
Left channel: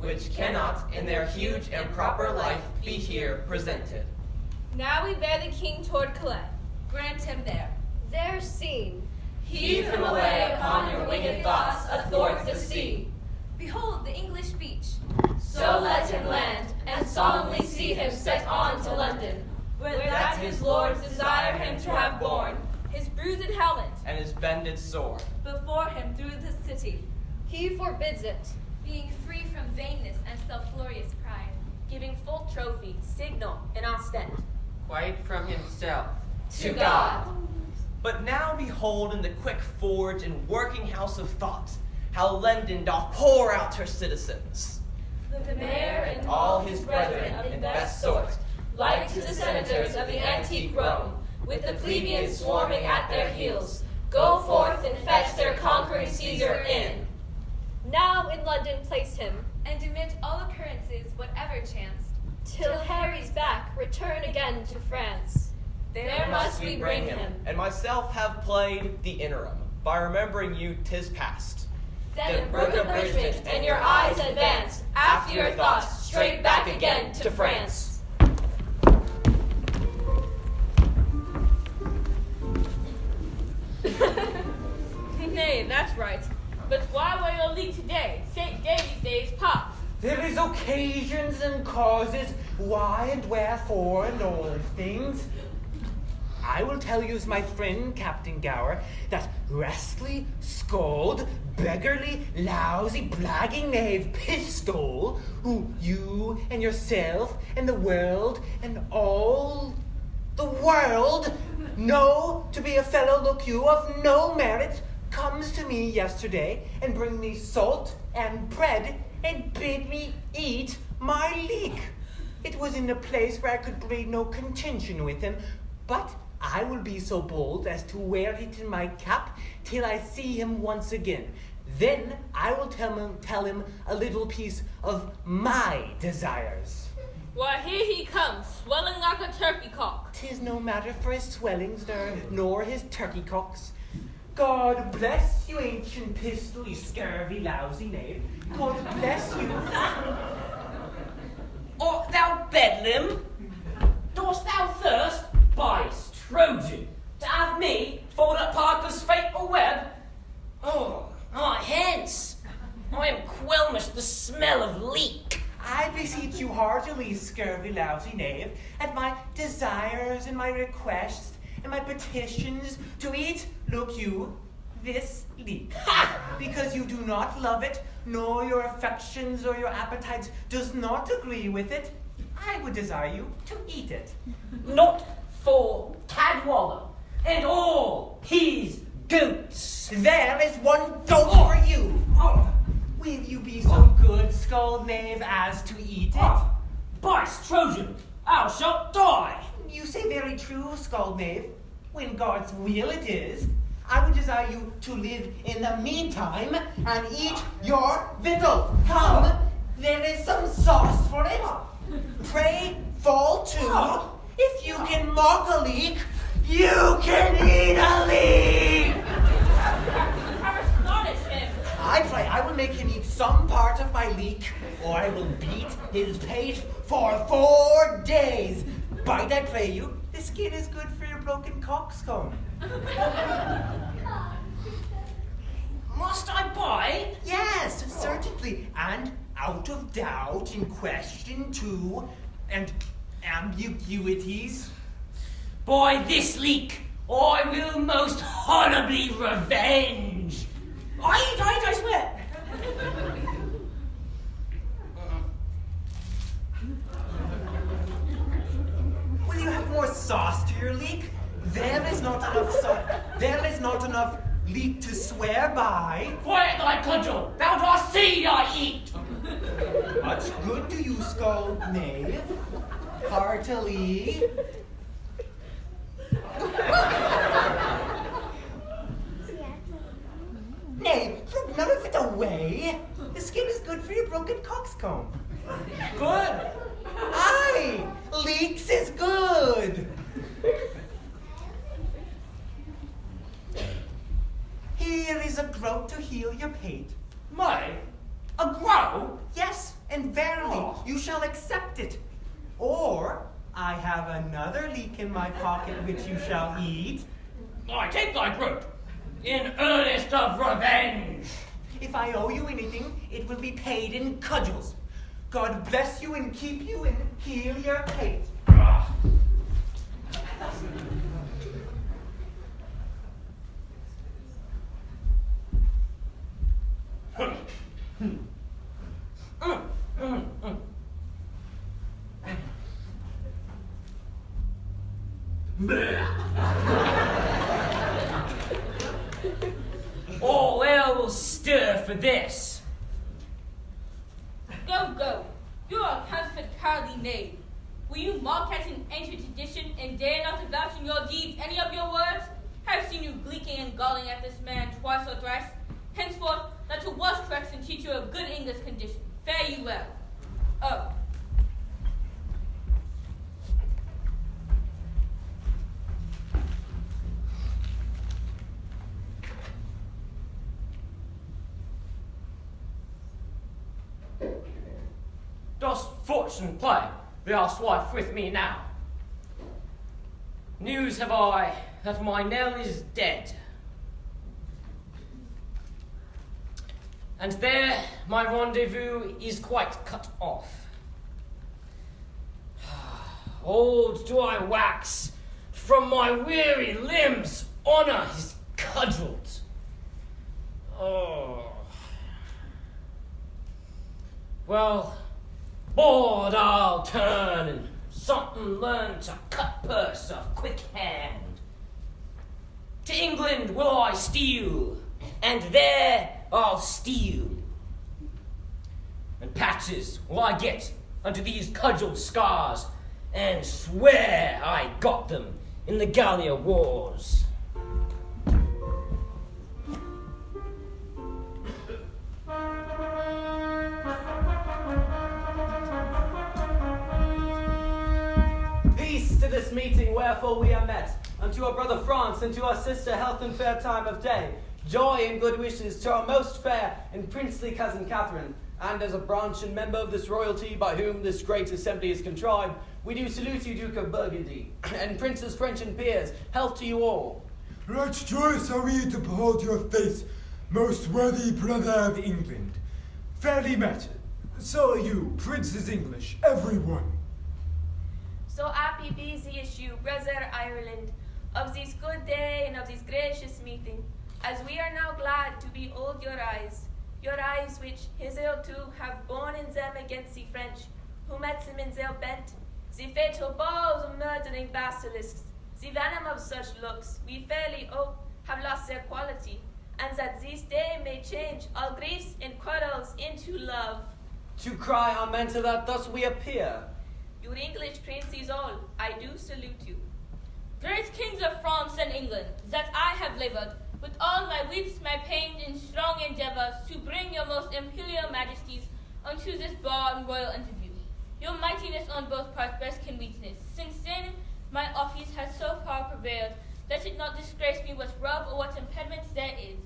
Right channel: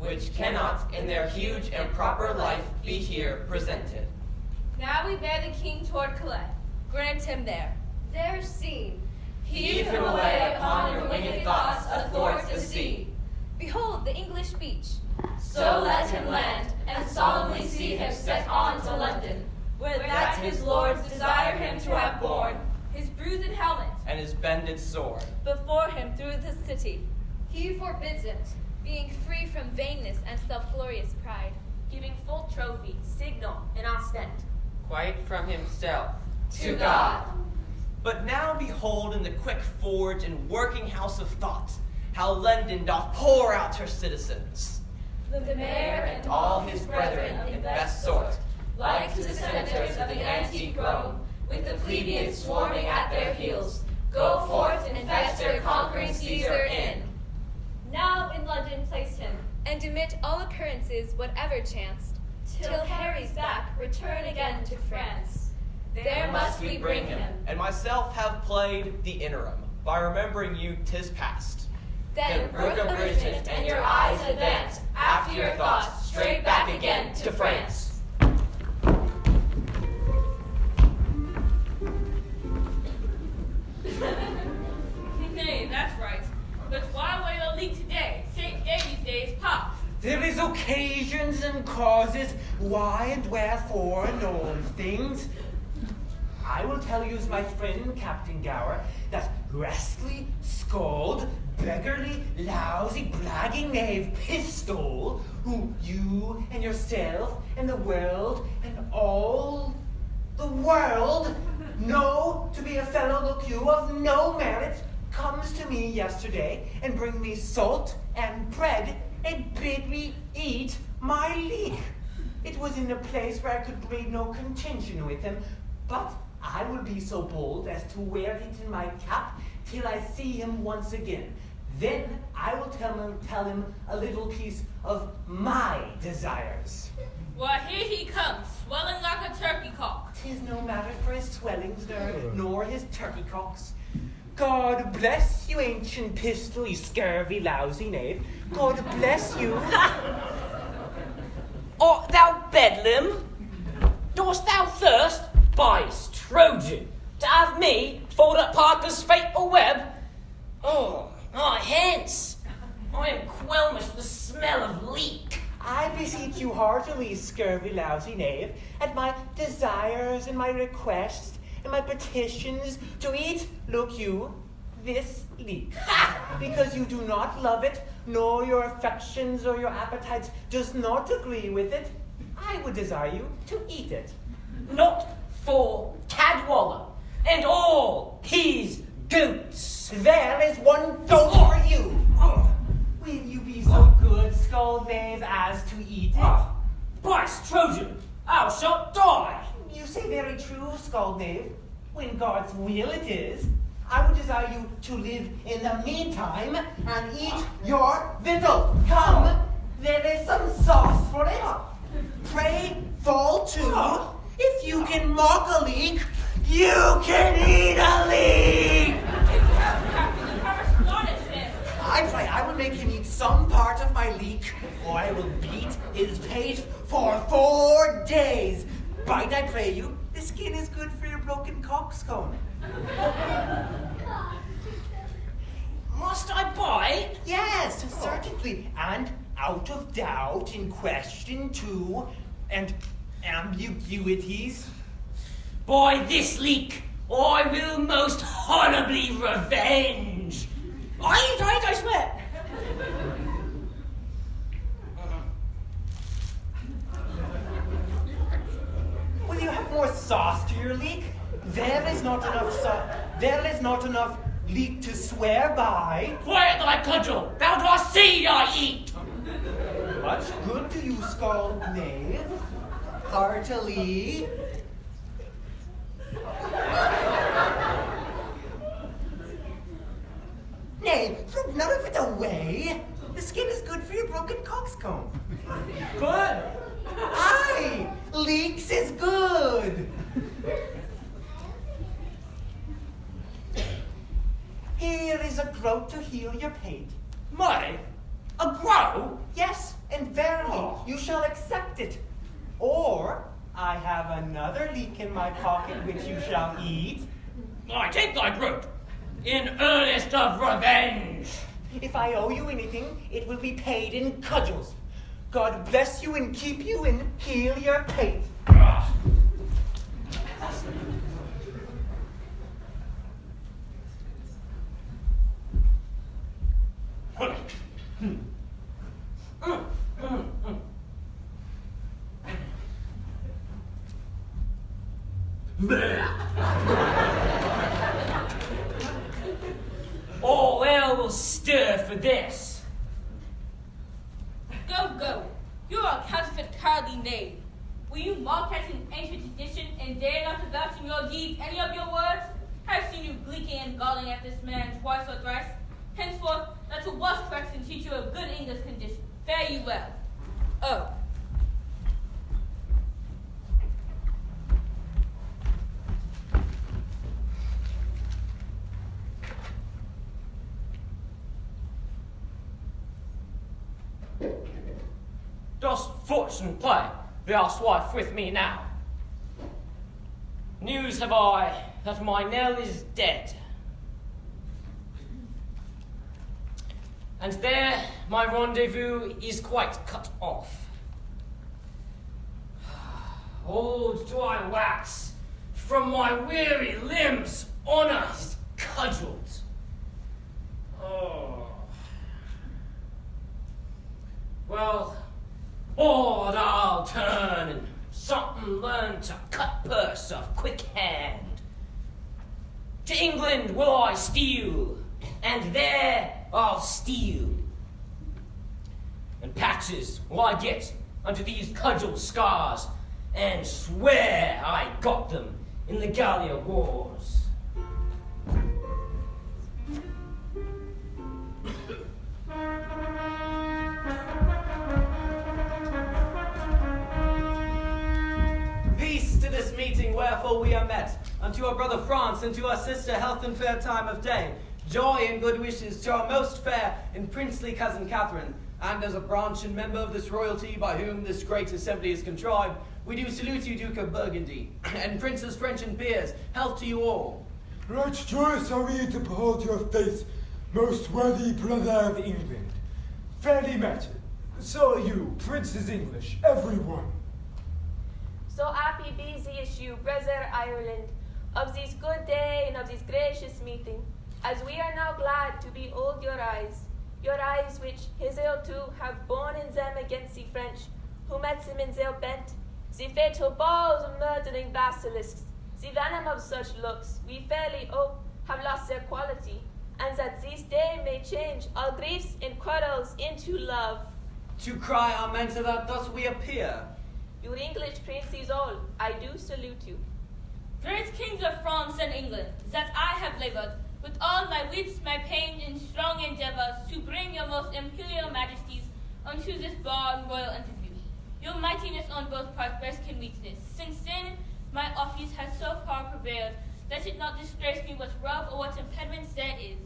which cannot, in their huge and proper life, be here presented. Now we bear the king toward Calais. Grant him there. There seen. Heave him away upon your winged thoughts athwart the sea. Behold the English beach. So let him land, and solemnly see him set on to London, where that his lords desire him to have borne, His bruised helmet. And his bended sword. Before him through the city. He forbids it. Being free from vainness and self-glorious pride. Giving full trophy, signal, and ostent. quite from himself. To God. But now behold in the quick forge and working house of thought, how London doth pour out her citizens. The mayor and all his brethren in best sort, like to the senators of the antique Rome, with the plebeians swarming at their heels, go forth and fetch their conquering Caesar in. Now in London place him, And omit all occurrences, whatever chanced, till Harry's back return again to France. There must we bring him. And myself have played the interim, by remembering you 'tis past. Then brook abridgment, and your eyes advance, after your thoughts, straight back again to France. Nay, that's right. But why were you late today? St. David's Day is past. There is occasions and causes, why and wherefore and all things. I will tell you, my friend Captain Gower, that rascally, scald, beggarly, lousy, blagging knave Pistol, who you and yourself and the world and all the world know to be a fellow, look you, of no merit, comes to me yesterday and bring me salt and bread and bid me eat my leek. It was in a place where I could breed no contention with him, but I will be so bold as to wear it in my cap till I see him once again. Then I will tell him a little piece of my desires. Why, here he comes, swelling like a turkey cock. 'Tis no matter for his swellings there, nor his turkey cocks. God bless you, ancient Pistol, you scurvy, lousy knave. God bless you. Art thou Bedlam? Dost thou thirst? By Trojan, to have me fold up Parker's fatal web? Hence! I am qualmish with the smell of leek. I beseech you heartily, scurvy, lousy knave, at my desires and my requests and my petitions to eat, look you, this leek. Because you do not love it, nor your affections or your appetites does not agree with it, I would desire you to eat it. Not for Cadwallader and all his goats. There is one goat for you. Will you be so good, scald knave, as to eat it? By Trojan, thou shalt die. You say very true, scald knave. When God's will it is, I would desire you to live in the meantime and eat your victual. Come, there is some sauce for it. Pray fall to. If you can mock a leek, you can eat a leek. I pray I will make him eat some part of my leek, or I will beat his pate for 4 days. Bite, I pray you. The skin is good for your broken coxcomb. Must I bite? Yes, certainly. And out of doubt in question too, and ambiguities. By this leek, I will most honorably revenge. I swear. Will you have more sauce to your leek? There is not enough sauce. There is not enough leek to swear by. Quiet thy cudgel, thou dost see I eat. Much good do you scold, knave. Heartily. Nay, throw none of it away. The skin is good for your broken coxcomb. Good. Aye, leeks is good. Here is a groat to heal your pate. My, a groat? Yes, and verily, Oh. you shall accept it. Or I have another leek in my pocket which you shall eat. I take thy groat, in earnest of revenge. If I owe you anything, it will be paid in cudgels. God bless you and keep you and heal your pate. All hell will stir for this. Go. You are a counterfeit cowardly knave. Will you mock at an ancient tradition and dare not to vouch in your deeds any of your words? I have seen you gleeking and galling at this man twice or thrice. Henceforth, let to wash tracks and teach you a good English condition. Fare you well. Oh. Dost fortune play, thou wife with me now? News have I that my Nell is dead. And there my rendezvous is quite cut off. Old do I wax, from my weary limbs honour is cudgelled. Oh. Well, bored I'll turn and something learn to cut purse of quick hand. To England will I steal, and there I'll steal. And patches will I get unto these cudgel scars, and swear I got them in the Gallia wars. Peace to this meeting wherefore we are met, unto our brother France and to our sister health and fair time of day, joy and good wishes to our most fair and princely cousin Catherine, and as a branch and member of this royalty by whom this great assembly is contrived, we do salute you, Duke of Burgundy, and princes French and peers, health to you all. Right joyous are we to behold your face, most worthy brother of England. Fairly met. So are you, princes English, everyone. So happy be the issue, brother Ireland, of this good day and of this gracious meeting, as we are now glad to behold your eyes which hitherto have borne in them against the French, who met them in their bent, the fatal balls of murdering basilisks, the venom of such looks, we fairly hope have lost their quality, and that this day may change all griefs and quarrels into love. To cry amen to that, thus we appear. Your English princes all, I do salute you. Great kings of France and England, that I have labored with all my wits, my pain, and strong endeavors to bring your most imperial majesties unto this broad and royal interview. Your mightiness on both parts best can witness. Since then, my office has so far prevailed, let it not disgrace me what rub or what impediments there is.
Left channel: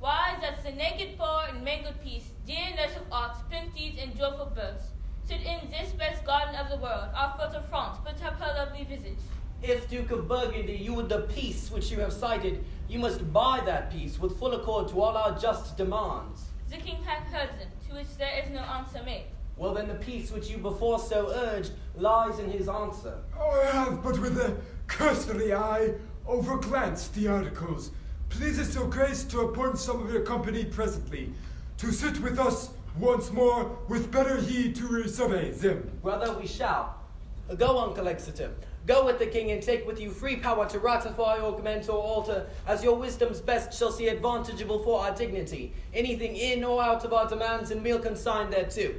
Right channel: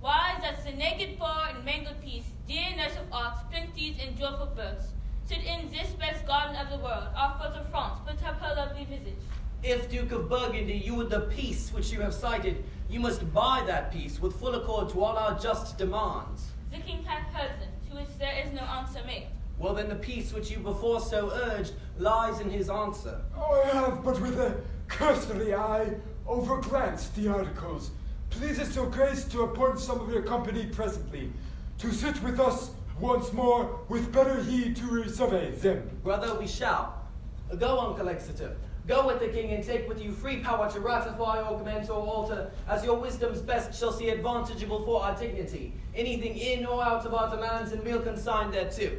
Why, that the naked poor and mangled peace, dear nurse of arts, plenties, and joyful births, should in this best garden of the world, our foot of France, put up her lovely visage. If, Duke of Burgundy, you would the peace which you have cited, you must buy that peace with full accord to all our just demands. The king hath heard them, to which there is no answer made. Well, then the peace which you before so urged lies in his answer. Oh, I have but with a cursory eye overglanced the articles. please us, your grace, to appoint some of your company presently, to sit with us once more, with better heed to survey them. Brother, we shall. Go, Uncle Exeter. Go with the king and take with you free power to ratify, augment, or alter, as your wisdom's best shall see advantageable for our dignity. Anything in or out of our demands and meal consigned thereto.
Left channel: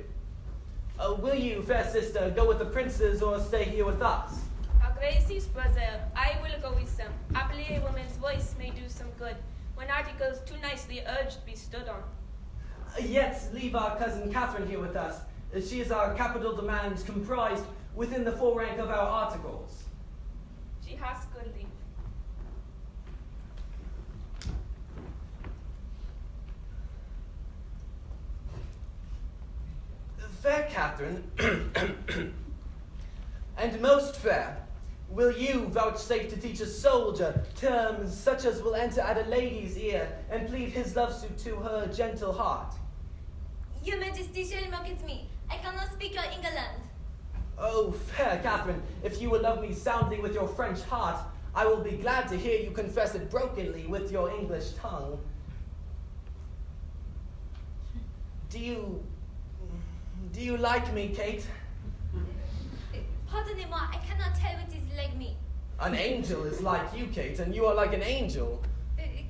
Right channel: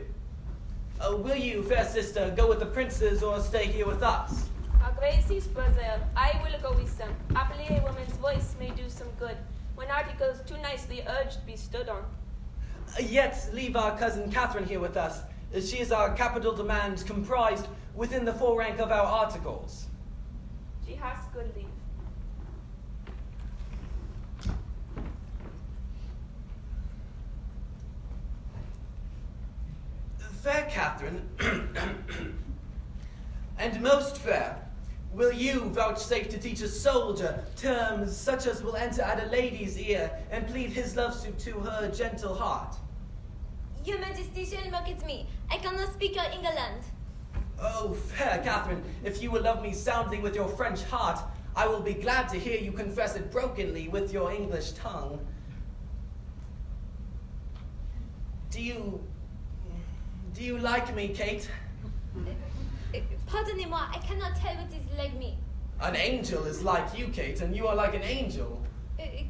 Will you, fair sister, go with the princes or stay here with us? Our Grace's brother, I will go with them. Happily a woman's voice may do some good, when articles too nicely urged be stood on. Yet leave our cousin Catherine here with us. She is our capital demand comprised within the full rank of our articles. She has good leave. Fair Catherine, and most fair, will you vouchsafe to teach a soldier terms such as will enter at a lady's ear and plead his love suit to her gentle heart? Your Majesty shall mock at me. I cannot speak your England. Oh, fair Catherine, if you will love me soundly with your French heart, I will be glad to hear you confess it brokenly with your English tongue. Do you like me, Kate? Pardonnez-moi, I cannot tell what is like me. An angel is like you, Kate, and you are like an angel.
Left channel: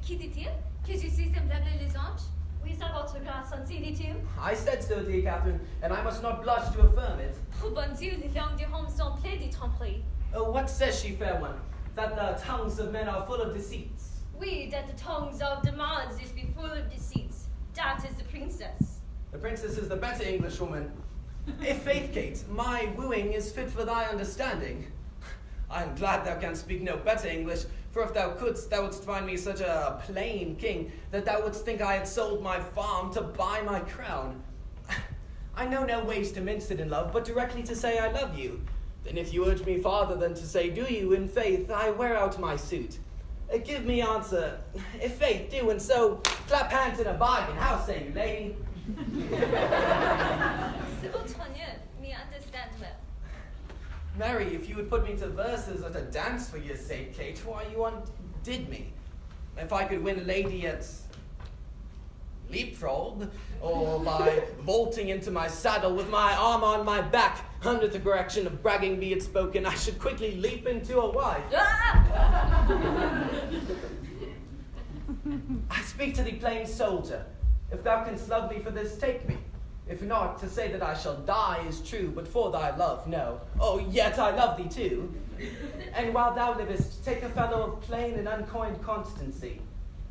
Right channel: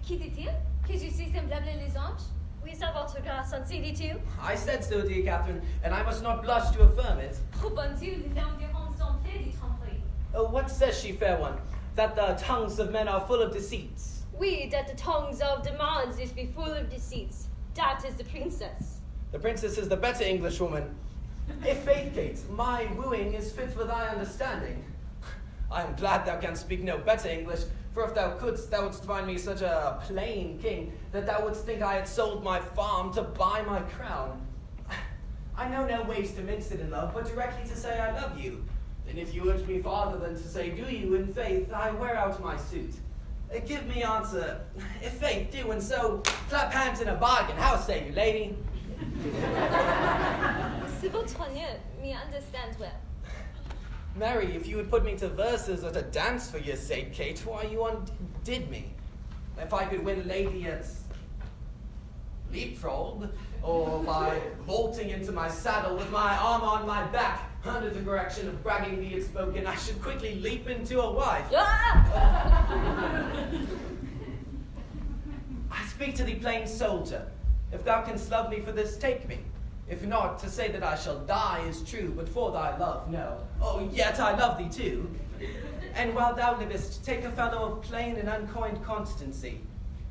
Qui dit-il? Que je suis semblable les anges? Oui, ça votre grâce, dit-il. I said so, dear Catherine, and I must not blush to affirm it. Oh, bon Dieu, les langues des hommes sont pleines de tromperies. What says she, fair one? That the tongues of men are full of deceits. Oui, that the tongues of demands is be full of deceits. That is the princess. The princess is the better Englishwoman. If faith, Kate, my wooing is fit for thy understanding. I am glad thou canst speak no better English, for if thou couldst, thou wouldst find me such a plain king, that thou wouldst think I had sold my farm to buy my crown. I know no ways to mince it in love, but directly to say I love you. Then if you urge me farther than to say do you, in faith, I wear out my suit. Give me answer, if faith do, and so clap hands in a bargain. How say you, lady? C'est votre honneur, me understand well. Mary, if you would put me to verses or to dance for your sake, Kate, why you undid me. If I could win a lady at leapfrog, or by vaulting into my saddle with my arm on my back, under the correction of bragging be it spoken, I should quickly leap into a wife. I speak to thee, plain soldier. If thou canst love me for this, take me. If not, to say that I shall die is true, but for thy love, no. Oh, yet I love thee too. And while thou livest, take a fellow of plain and uncoined constancy.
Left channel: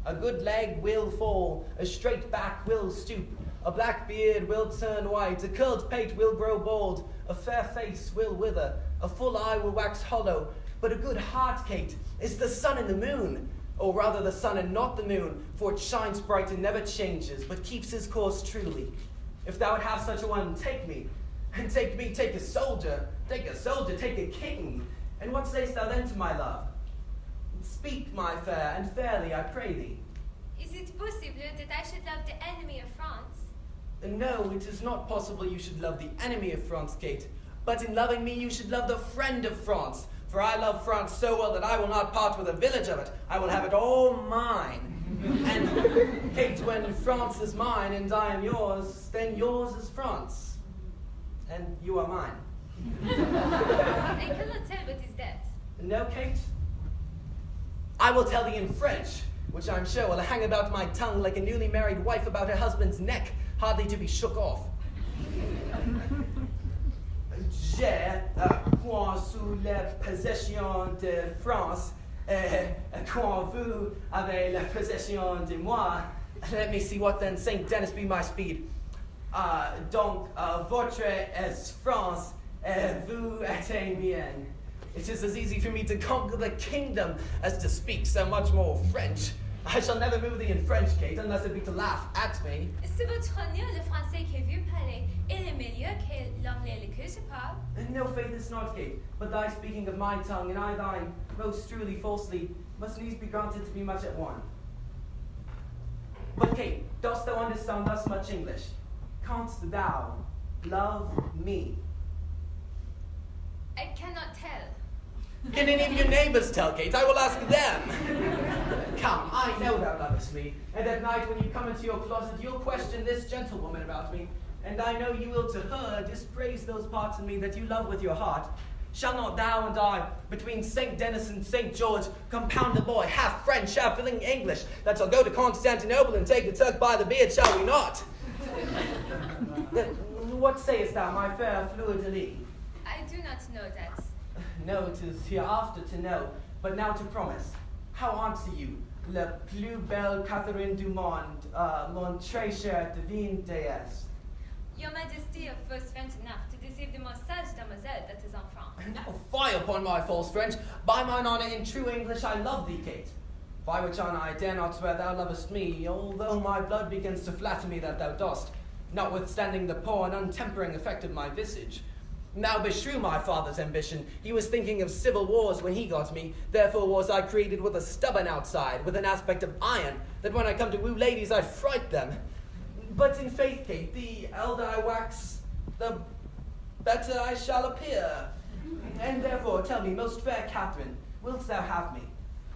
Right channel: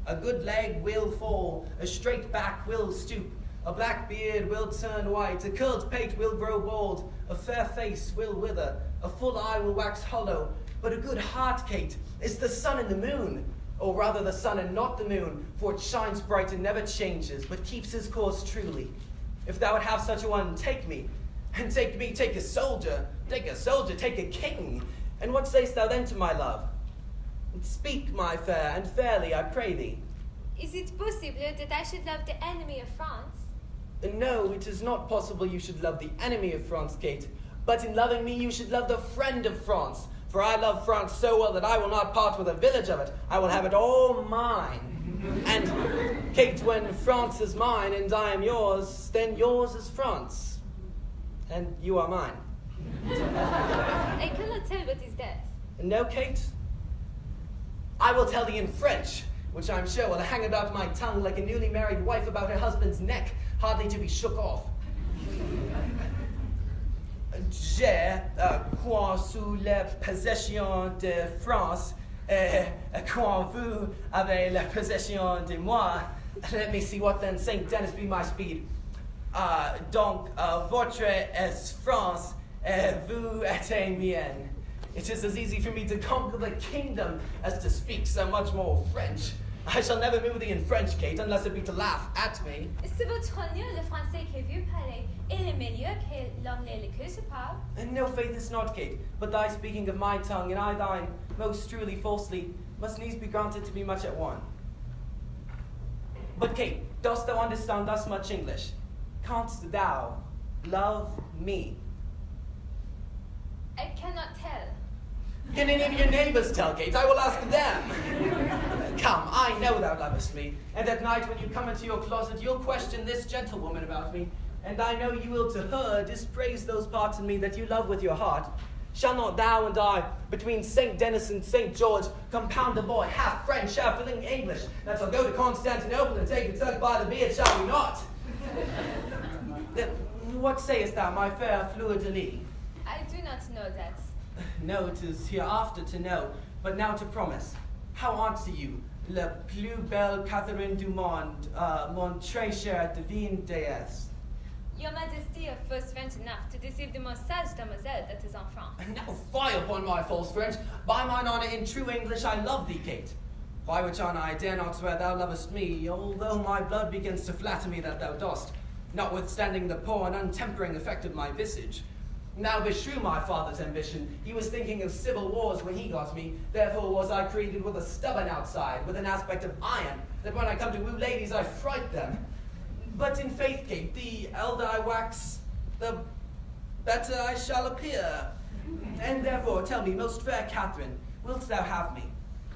A good leg will fall, a straight back will stoop, a black beard will turn white, a curled pate will grow bald, a fair face will wither, a full eye will wax hollow, but a good heart, Kate, is the sun and the moon. Or rather the sun and not the moon, for it shines bright and never changes, but keeps his course truly. If thou would have such a one, take me. And take me, take a soldier. Take a soldier, take a king. And what sayst thou then to my love? Speak, my fair, and fairly, I pray thee. Is it possible that I should love the enemy of France? No, it is not possible you should love the enemy of France, Kate. But in loving me, you should love the friend of France. For I love France so well that I will not part with a village of it. I will have it all mine. And, Kate, when France is mine and I am yours, then yours is France. And you are mine. I cannot tell what is that. No, Kate? I will tell thee in French, which I'm sure will hang about my tongue like a newly married wife about her husband's neck, hardly to be shook off. J'ai, quand sous la possession de France, quand vous avez la possession de moi, let me see what then Saint Denis be my speed. Donc, votre est France, vous êtes mien. It is as easy for me to conquer the kingdom as to speak so much more French. I shall never move thee in French, Kate, unless it be to laugh at me. C'est votre honneur, le français que vous parlez, et le meilleur que l'anglais que je parle. And no faith is not, Kate, but thy speaking of my tongue, and I thine, most truly falsely, must needs be granted to be much at one. But, Kate, dost thou understand thus much English? Canst thou love me? I cannot tell. Can any of your neighbors tell, Kate? I will ask them. Come, I know thou lovest me, and at night when you come into your closet, you'll question this gentlewoman about me, and I know you will to her dispraise those parts in me that you love with your heart. Shall not thou and I, between St. Denis and St. George, compound a boy, half French, half English, that shall go to Constantinople and take the Turk by the beard, shall we not? What sayest thou, my fair fleur-de-lis? I do not know that. No, it is hereafter to know, but now to promise. How answer you? La plus belle Catherine du monde, mon très cher divine déesse. Your Majesty was French enough to deceive the most sage demoiselle that is en France. Now fie upon my false French. By mine honour, in true English, I love thee, Kate. By which honour I dare not swear thou lovest me, although my blood begins to flatter me that thou dost, notwithstanding the poor and untempering effect of my visage. Now beshrew my father's ambition. He was thinking of civil wars when he got me. Therefore was I created with a stubborn outside, with an aspect of iron, that when I come to woo ladies I fright them. But in faith, Kate, the elder I wax, the better I shall appear. And therefore tell me, most fair Catherine, wilt thou have me?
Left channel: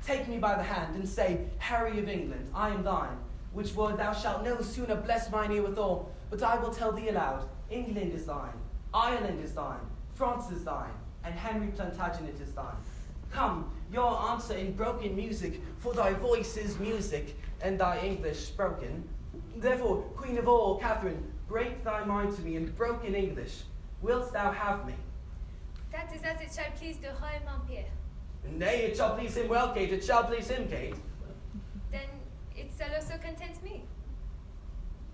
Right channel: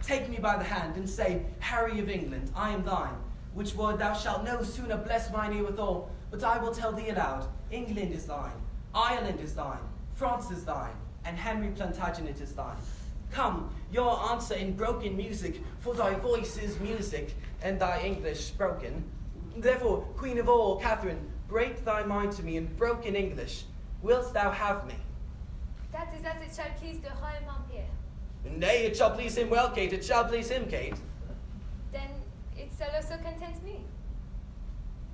Take me by the hand and say, Harry of England, I am thine, which word thou shalt no sooner bless mine ear withal, but I will tell thee aloud, England is thine, Ireland is thine, France is thine, and Henry Plantagenet is thine. Come, your answer in broken music, for thy voice is music, and thy English broken. Therefore, Queen of all, Catherine, break thy mind to me in broken English. Wilt thou have me? That is as it shall please the Royal Empire. Nay, it shall please him well, Kate, it shall please him, Kate. Then it shall also content me.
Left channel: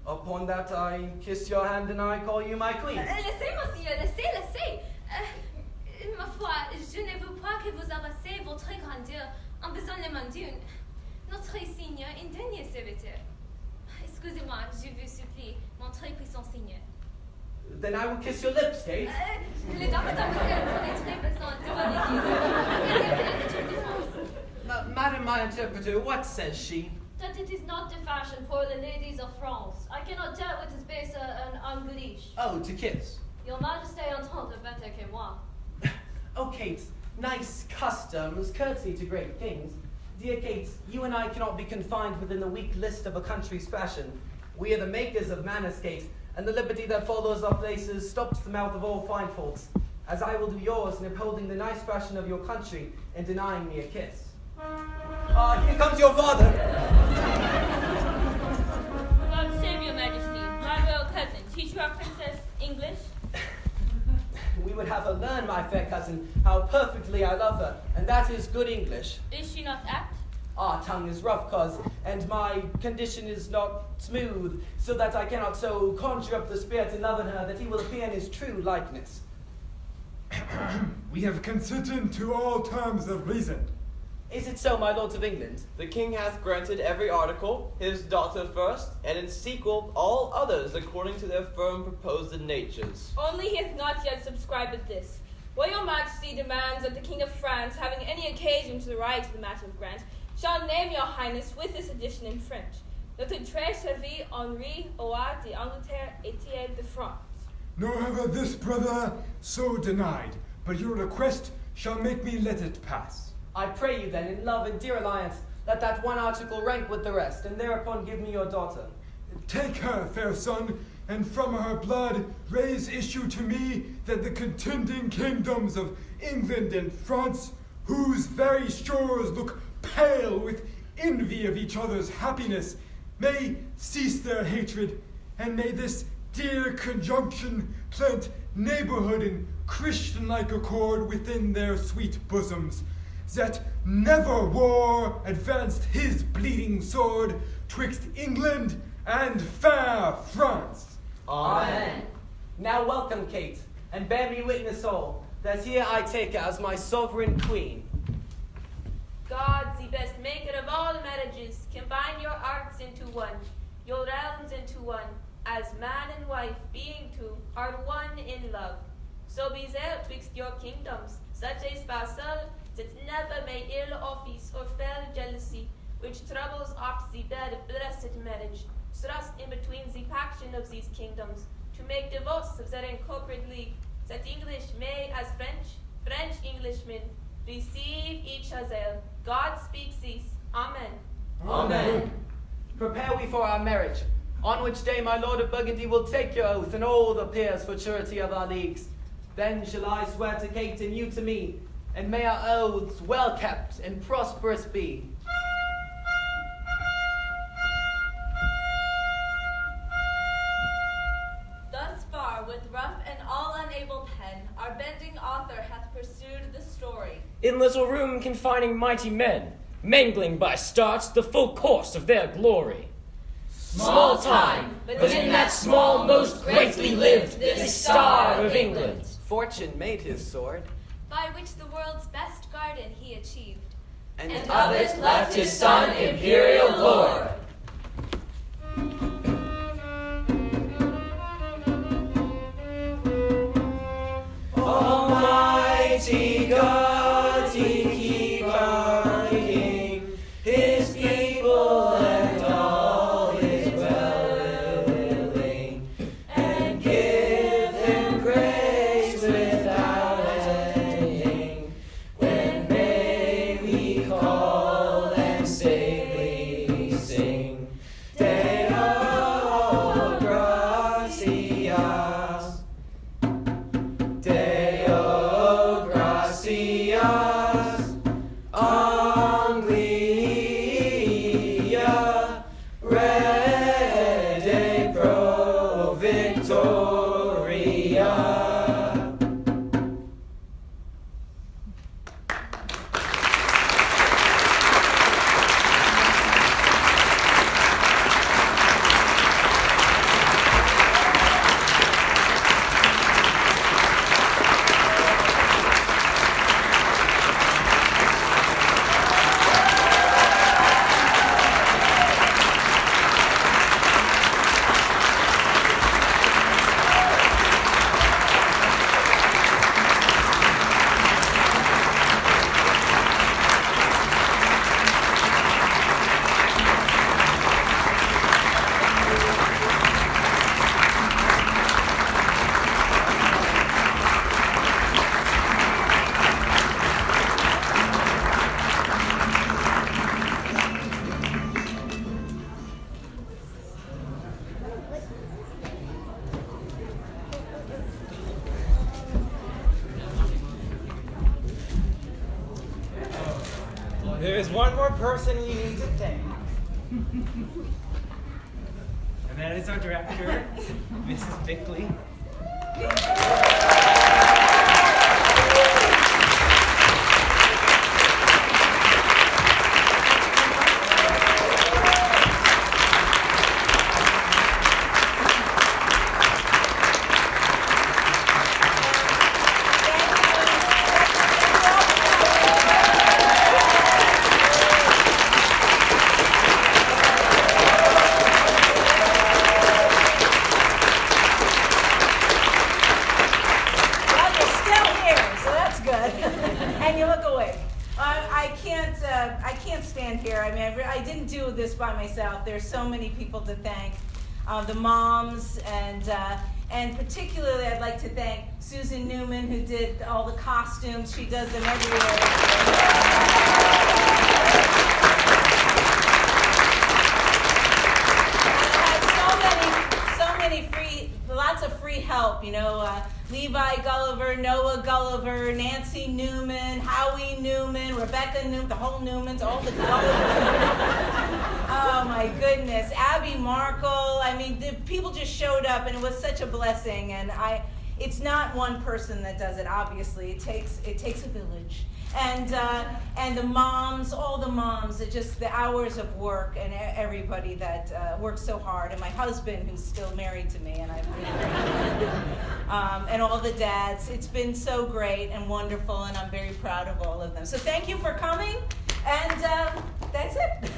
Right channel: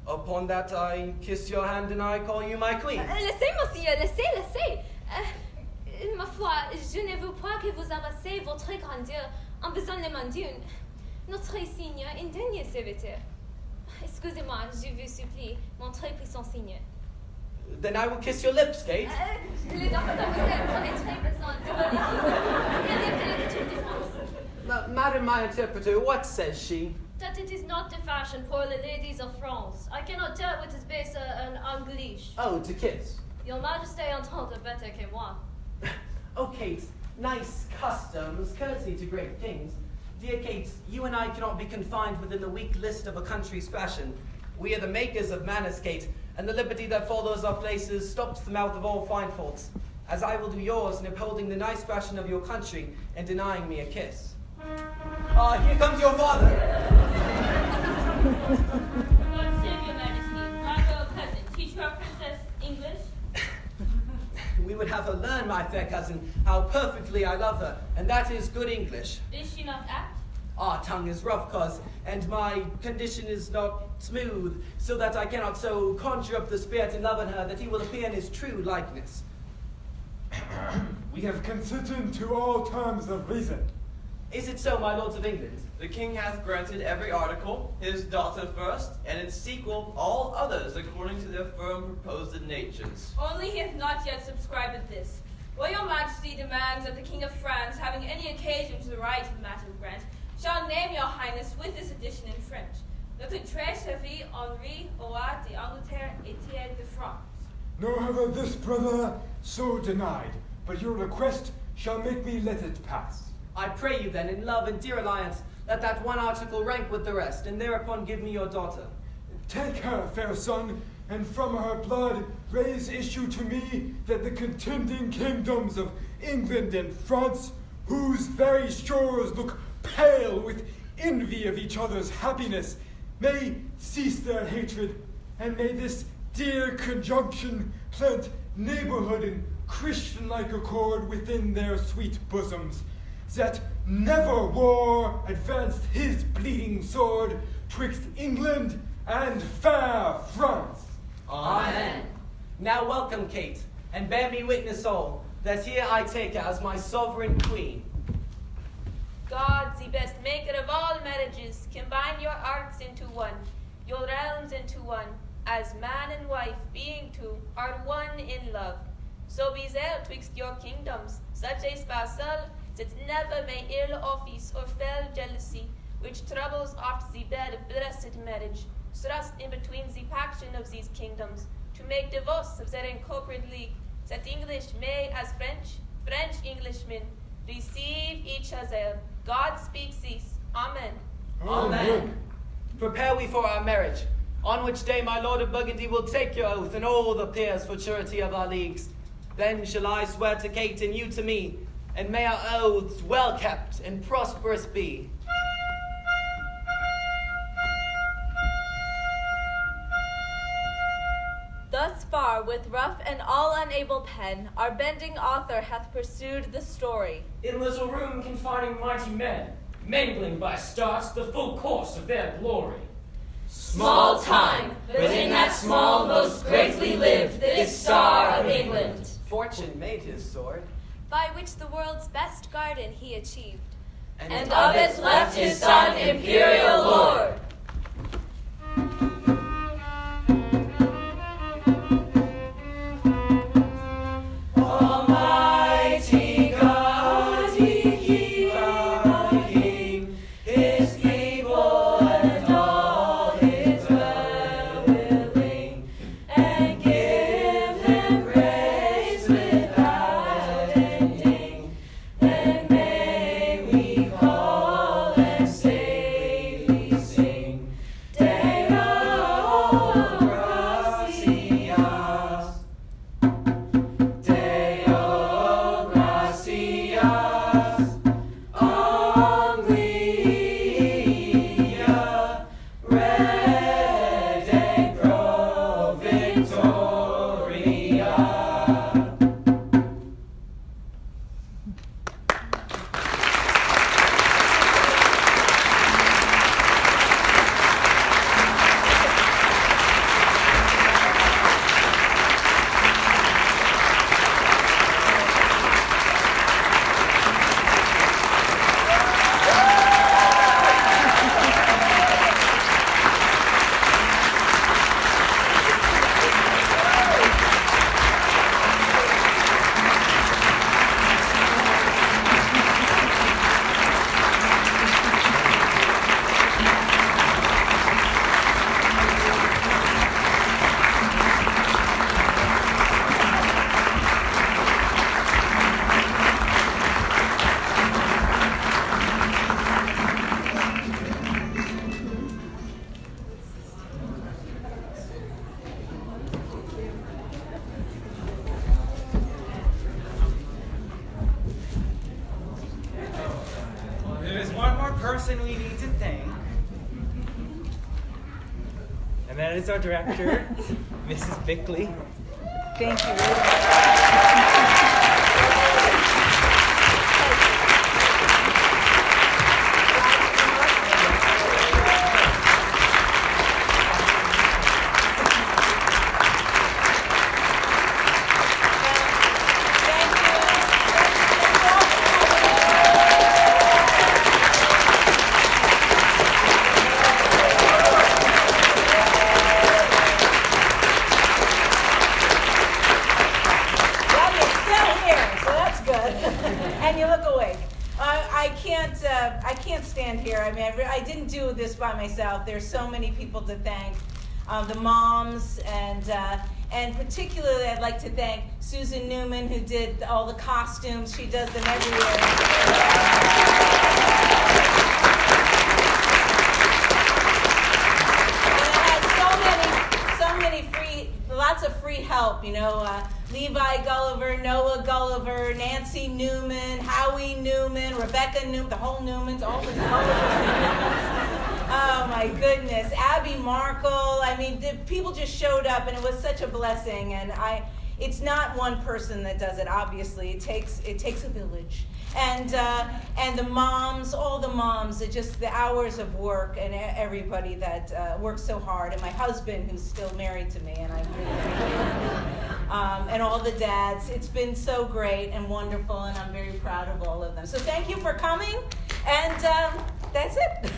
Upon that I kiss your hand and I call you my queen. Laissez, monseigneur, laissez. Ma foi, je ne veux pas que vous avancez votre grandeur en besoin de mandune. Notre signe, un dernier serviteur. Excusez-moi, je vous supplie, mon très puissant signe. Then I will kiss your lips, Kate. Les dames prenez très besoin de Madam, my interpreter, what says she? That it is not the fashion for the ladies of France. I cannot tell what is better en Anglais. Oh, to kiss. Your Majesty entend better que moi. Oh, Kate, nice customs, courtesy to great kings. Dear Kate, you and I cannot be confined within the weak list of a country's fashion. We are the makers of manners, Kate, and the liberty that follows our places stops the mouth of all fine faults, as I will do yours in upholding the nice fashion of your country and denying me a kiss. Here comes your father. God save your Majesty, my royal cousin, teacher of Princess English. We would have her learn, my fair cousin, how perfectly I love her, and that is good English. Is she not apt? Our tongue is rough, cos, and my condition is not smooth, so that I cannot so conjure up the spirit in love in her that he will appear in his true likeness. We have consented to all terms of reason. Is it so, my lords of England? The king hath granted every article, his daughter first, and in sequel all others according to their firm proposed natures. Only he hath not yet subscribed to this. What your Majesty demands that the King of France, having any occasion to write the matter of grant, shall name your Highness with this edition in French. Notre très servi Henri Roi d'Angleterre Etienne de France. Nor have I this, brother, so denied, but your request shall make me let it pass. I pray you then, in love and dear alliance, let that one article rank with the rest, and thereupon give me your daughter. Take her, fair son, and from her blood raise issue to me that the contending kingdoms of England and France, whose very shores look pale with envy of each other's happiness, may cease their hatred, and may this dear conjunction plant neighborhood and Christian-like accord within their sweet bosoms, that never war advanced his bleeding sword twixt England and fair France. Amen. Now welcome, Kate, and bear me witness all, that here I take her as my sovereign queen. God, the best maker of all marriages, combine your arts into one, your realms into one, as man and wife, being two, are one in love. So be there twixt your kingdoms, such a spousal, that never may ill office or fell jealousy, which troubles oft the bed of blessed marriage, thrust in between the paction of these kingdoms, to make divorce of their incorporate league, that English may as French, French Englishmen, Receive each other. God speaks cease. Amen. Amen. Prepare we for our marriage, on which day my lord of Burgundy will take your oath and all the peers for surety of our leagues. Then shall I swear to Kate and you to me, and may our oaths well kept and prosperous be. Thus far, with rough and all unable pen, our bending author hath pursued the story. In little room confining mighty men, mangling by starts the full course of their glory. Small time, but in that small most greatly lived this star of England. Fortune made his sword, by which the world's best garden he achieved. And of it left his son imperial lord. Almighty God, he crowned king, his people and all his well-willing, and give him praise without ending. Then may we call and safely sing, Deo gratias. Deo gratias, Anglia, rede pro victoria. There is one more person we need to thank. And that is our director, Mrs. Bickley. Thank you. I can't stand here. I mean, I didn't do this by myself. There's so many people to thank. The moms, and particularly I'd like to thank Susan Newman, who did all the costumes. She does them every year. Lots of free help, you know, Levi Gulliver, Noah Gulliver, Nancy Newman, Howie Newman, Rebecca Newman, the whole Newmans, all the Gullivers. Oh my goodness, Abby Markle. I mean, the people just showed up, and it was such a blessing. And it's not one person that does it. Obviously, it takes a village. And the moms, all the moms, just the hours of work, and everybody that works so hard, and my husband who's still married to me, and I'm really and all the dads. It's been so great and wonderful, and I'm very proud of all of them. So thank you for coming, and that's it.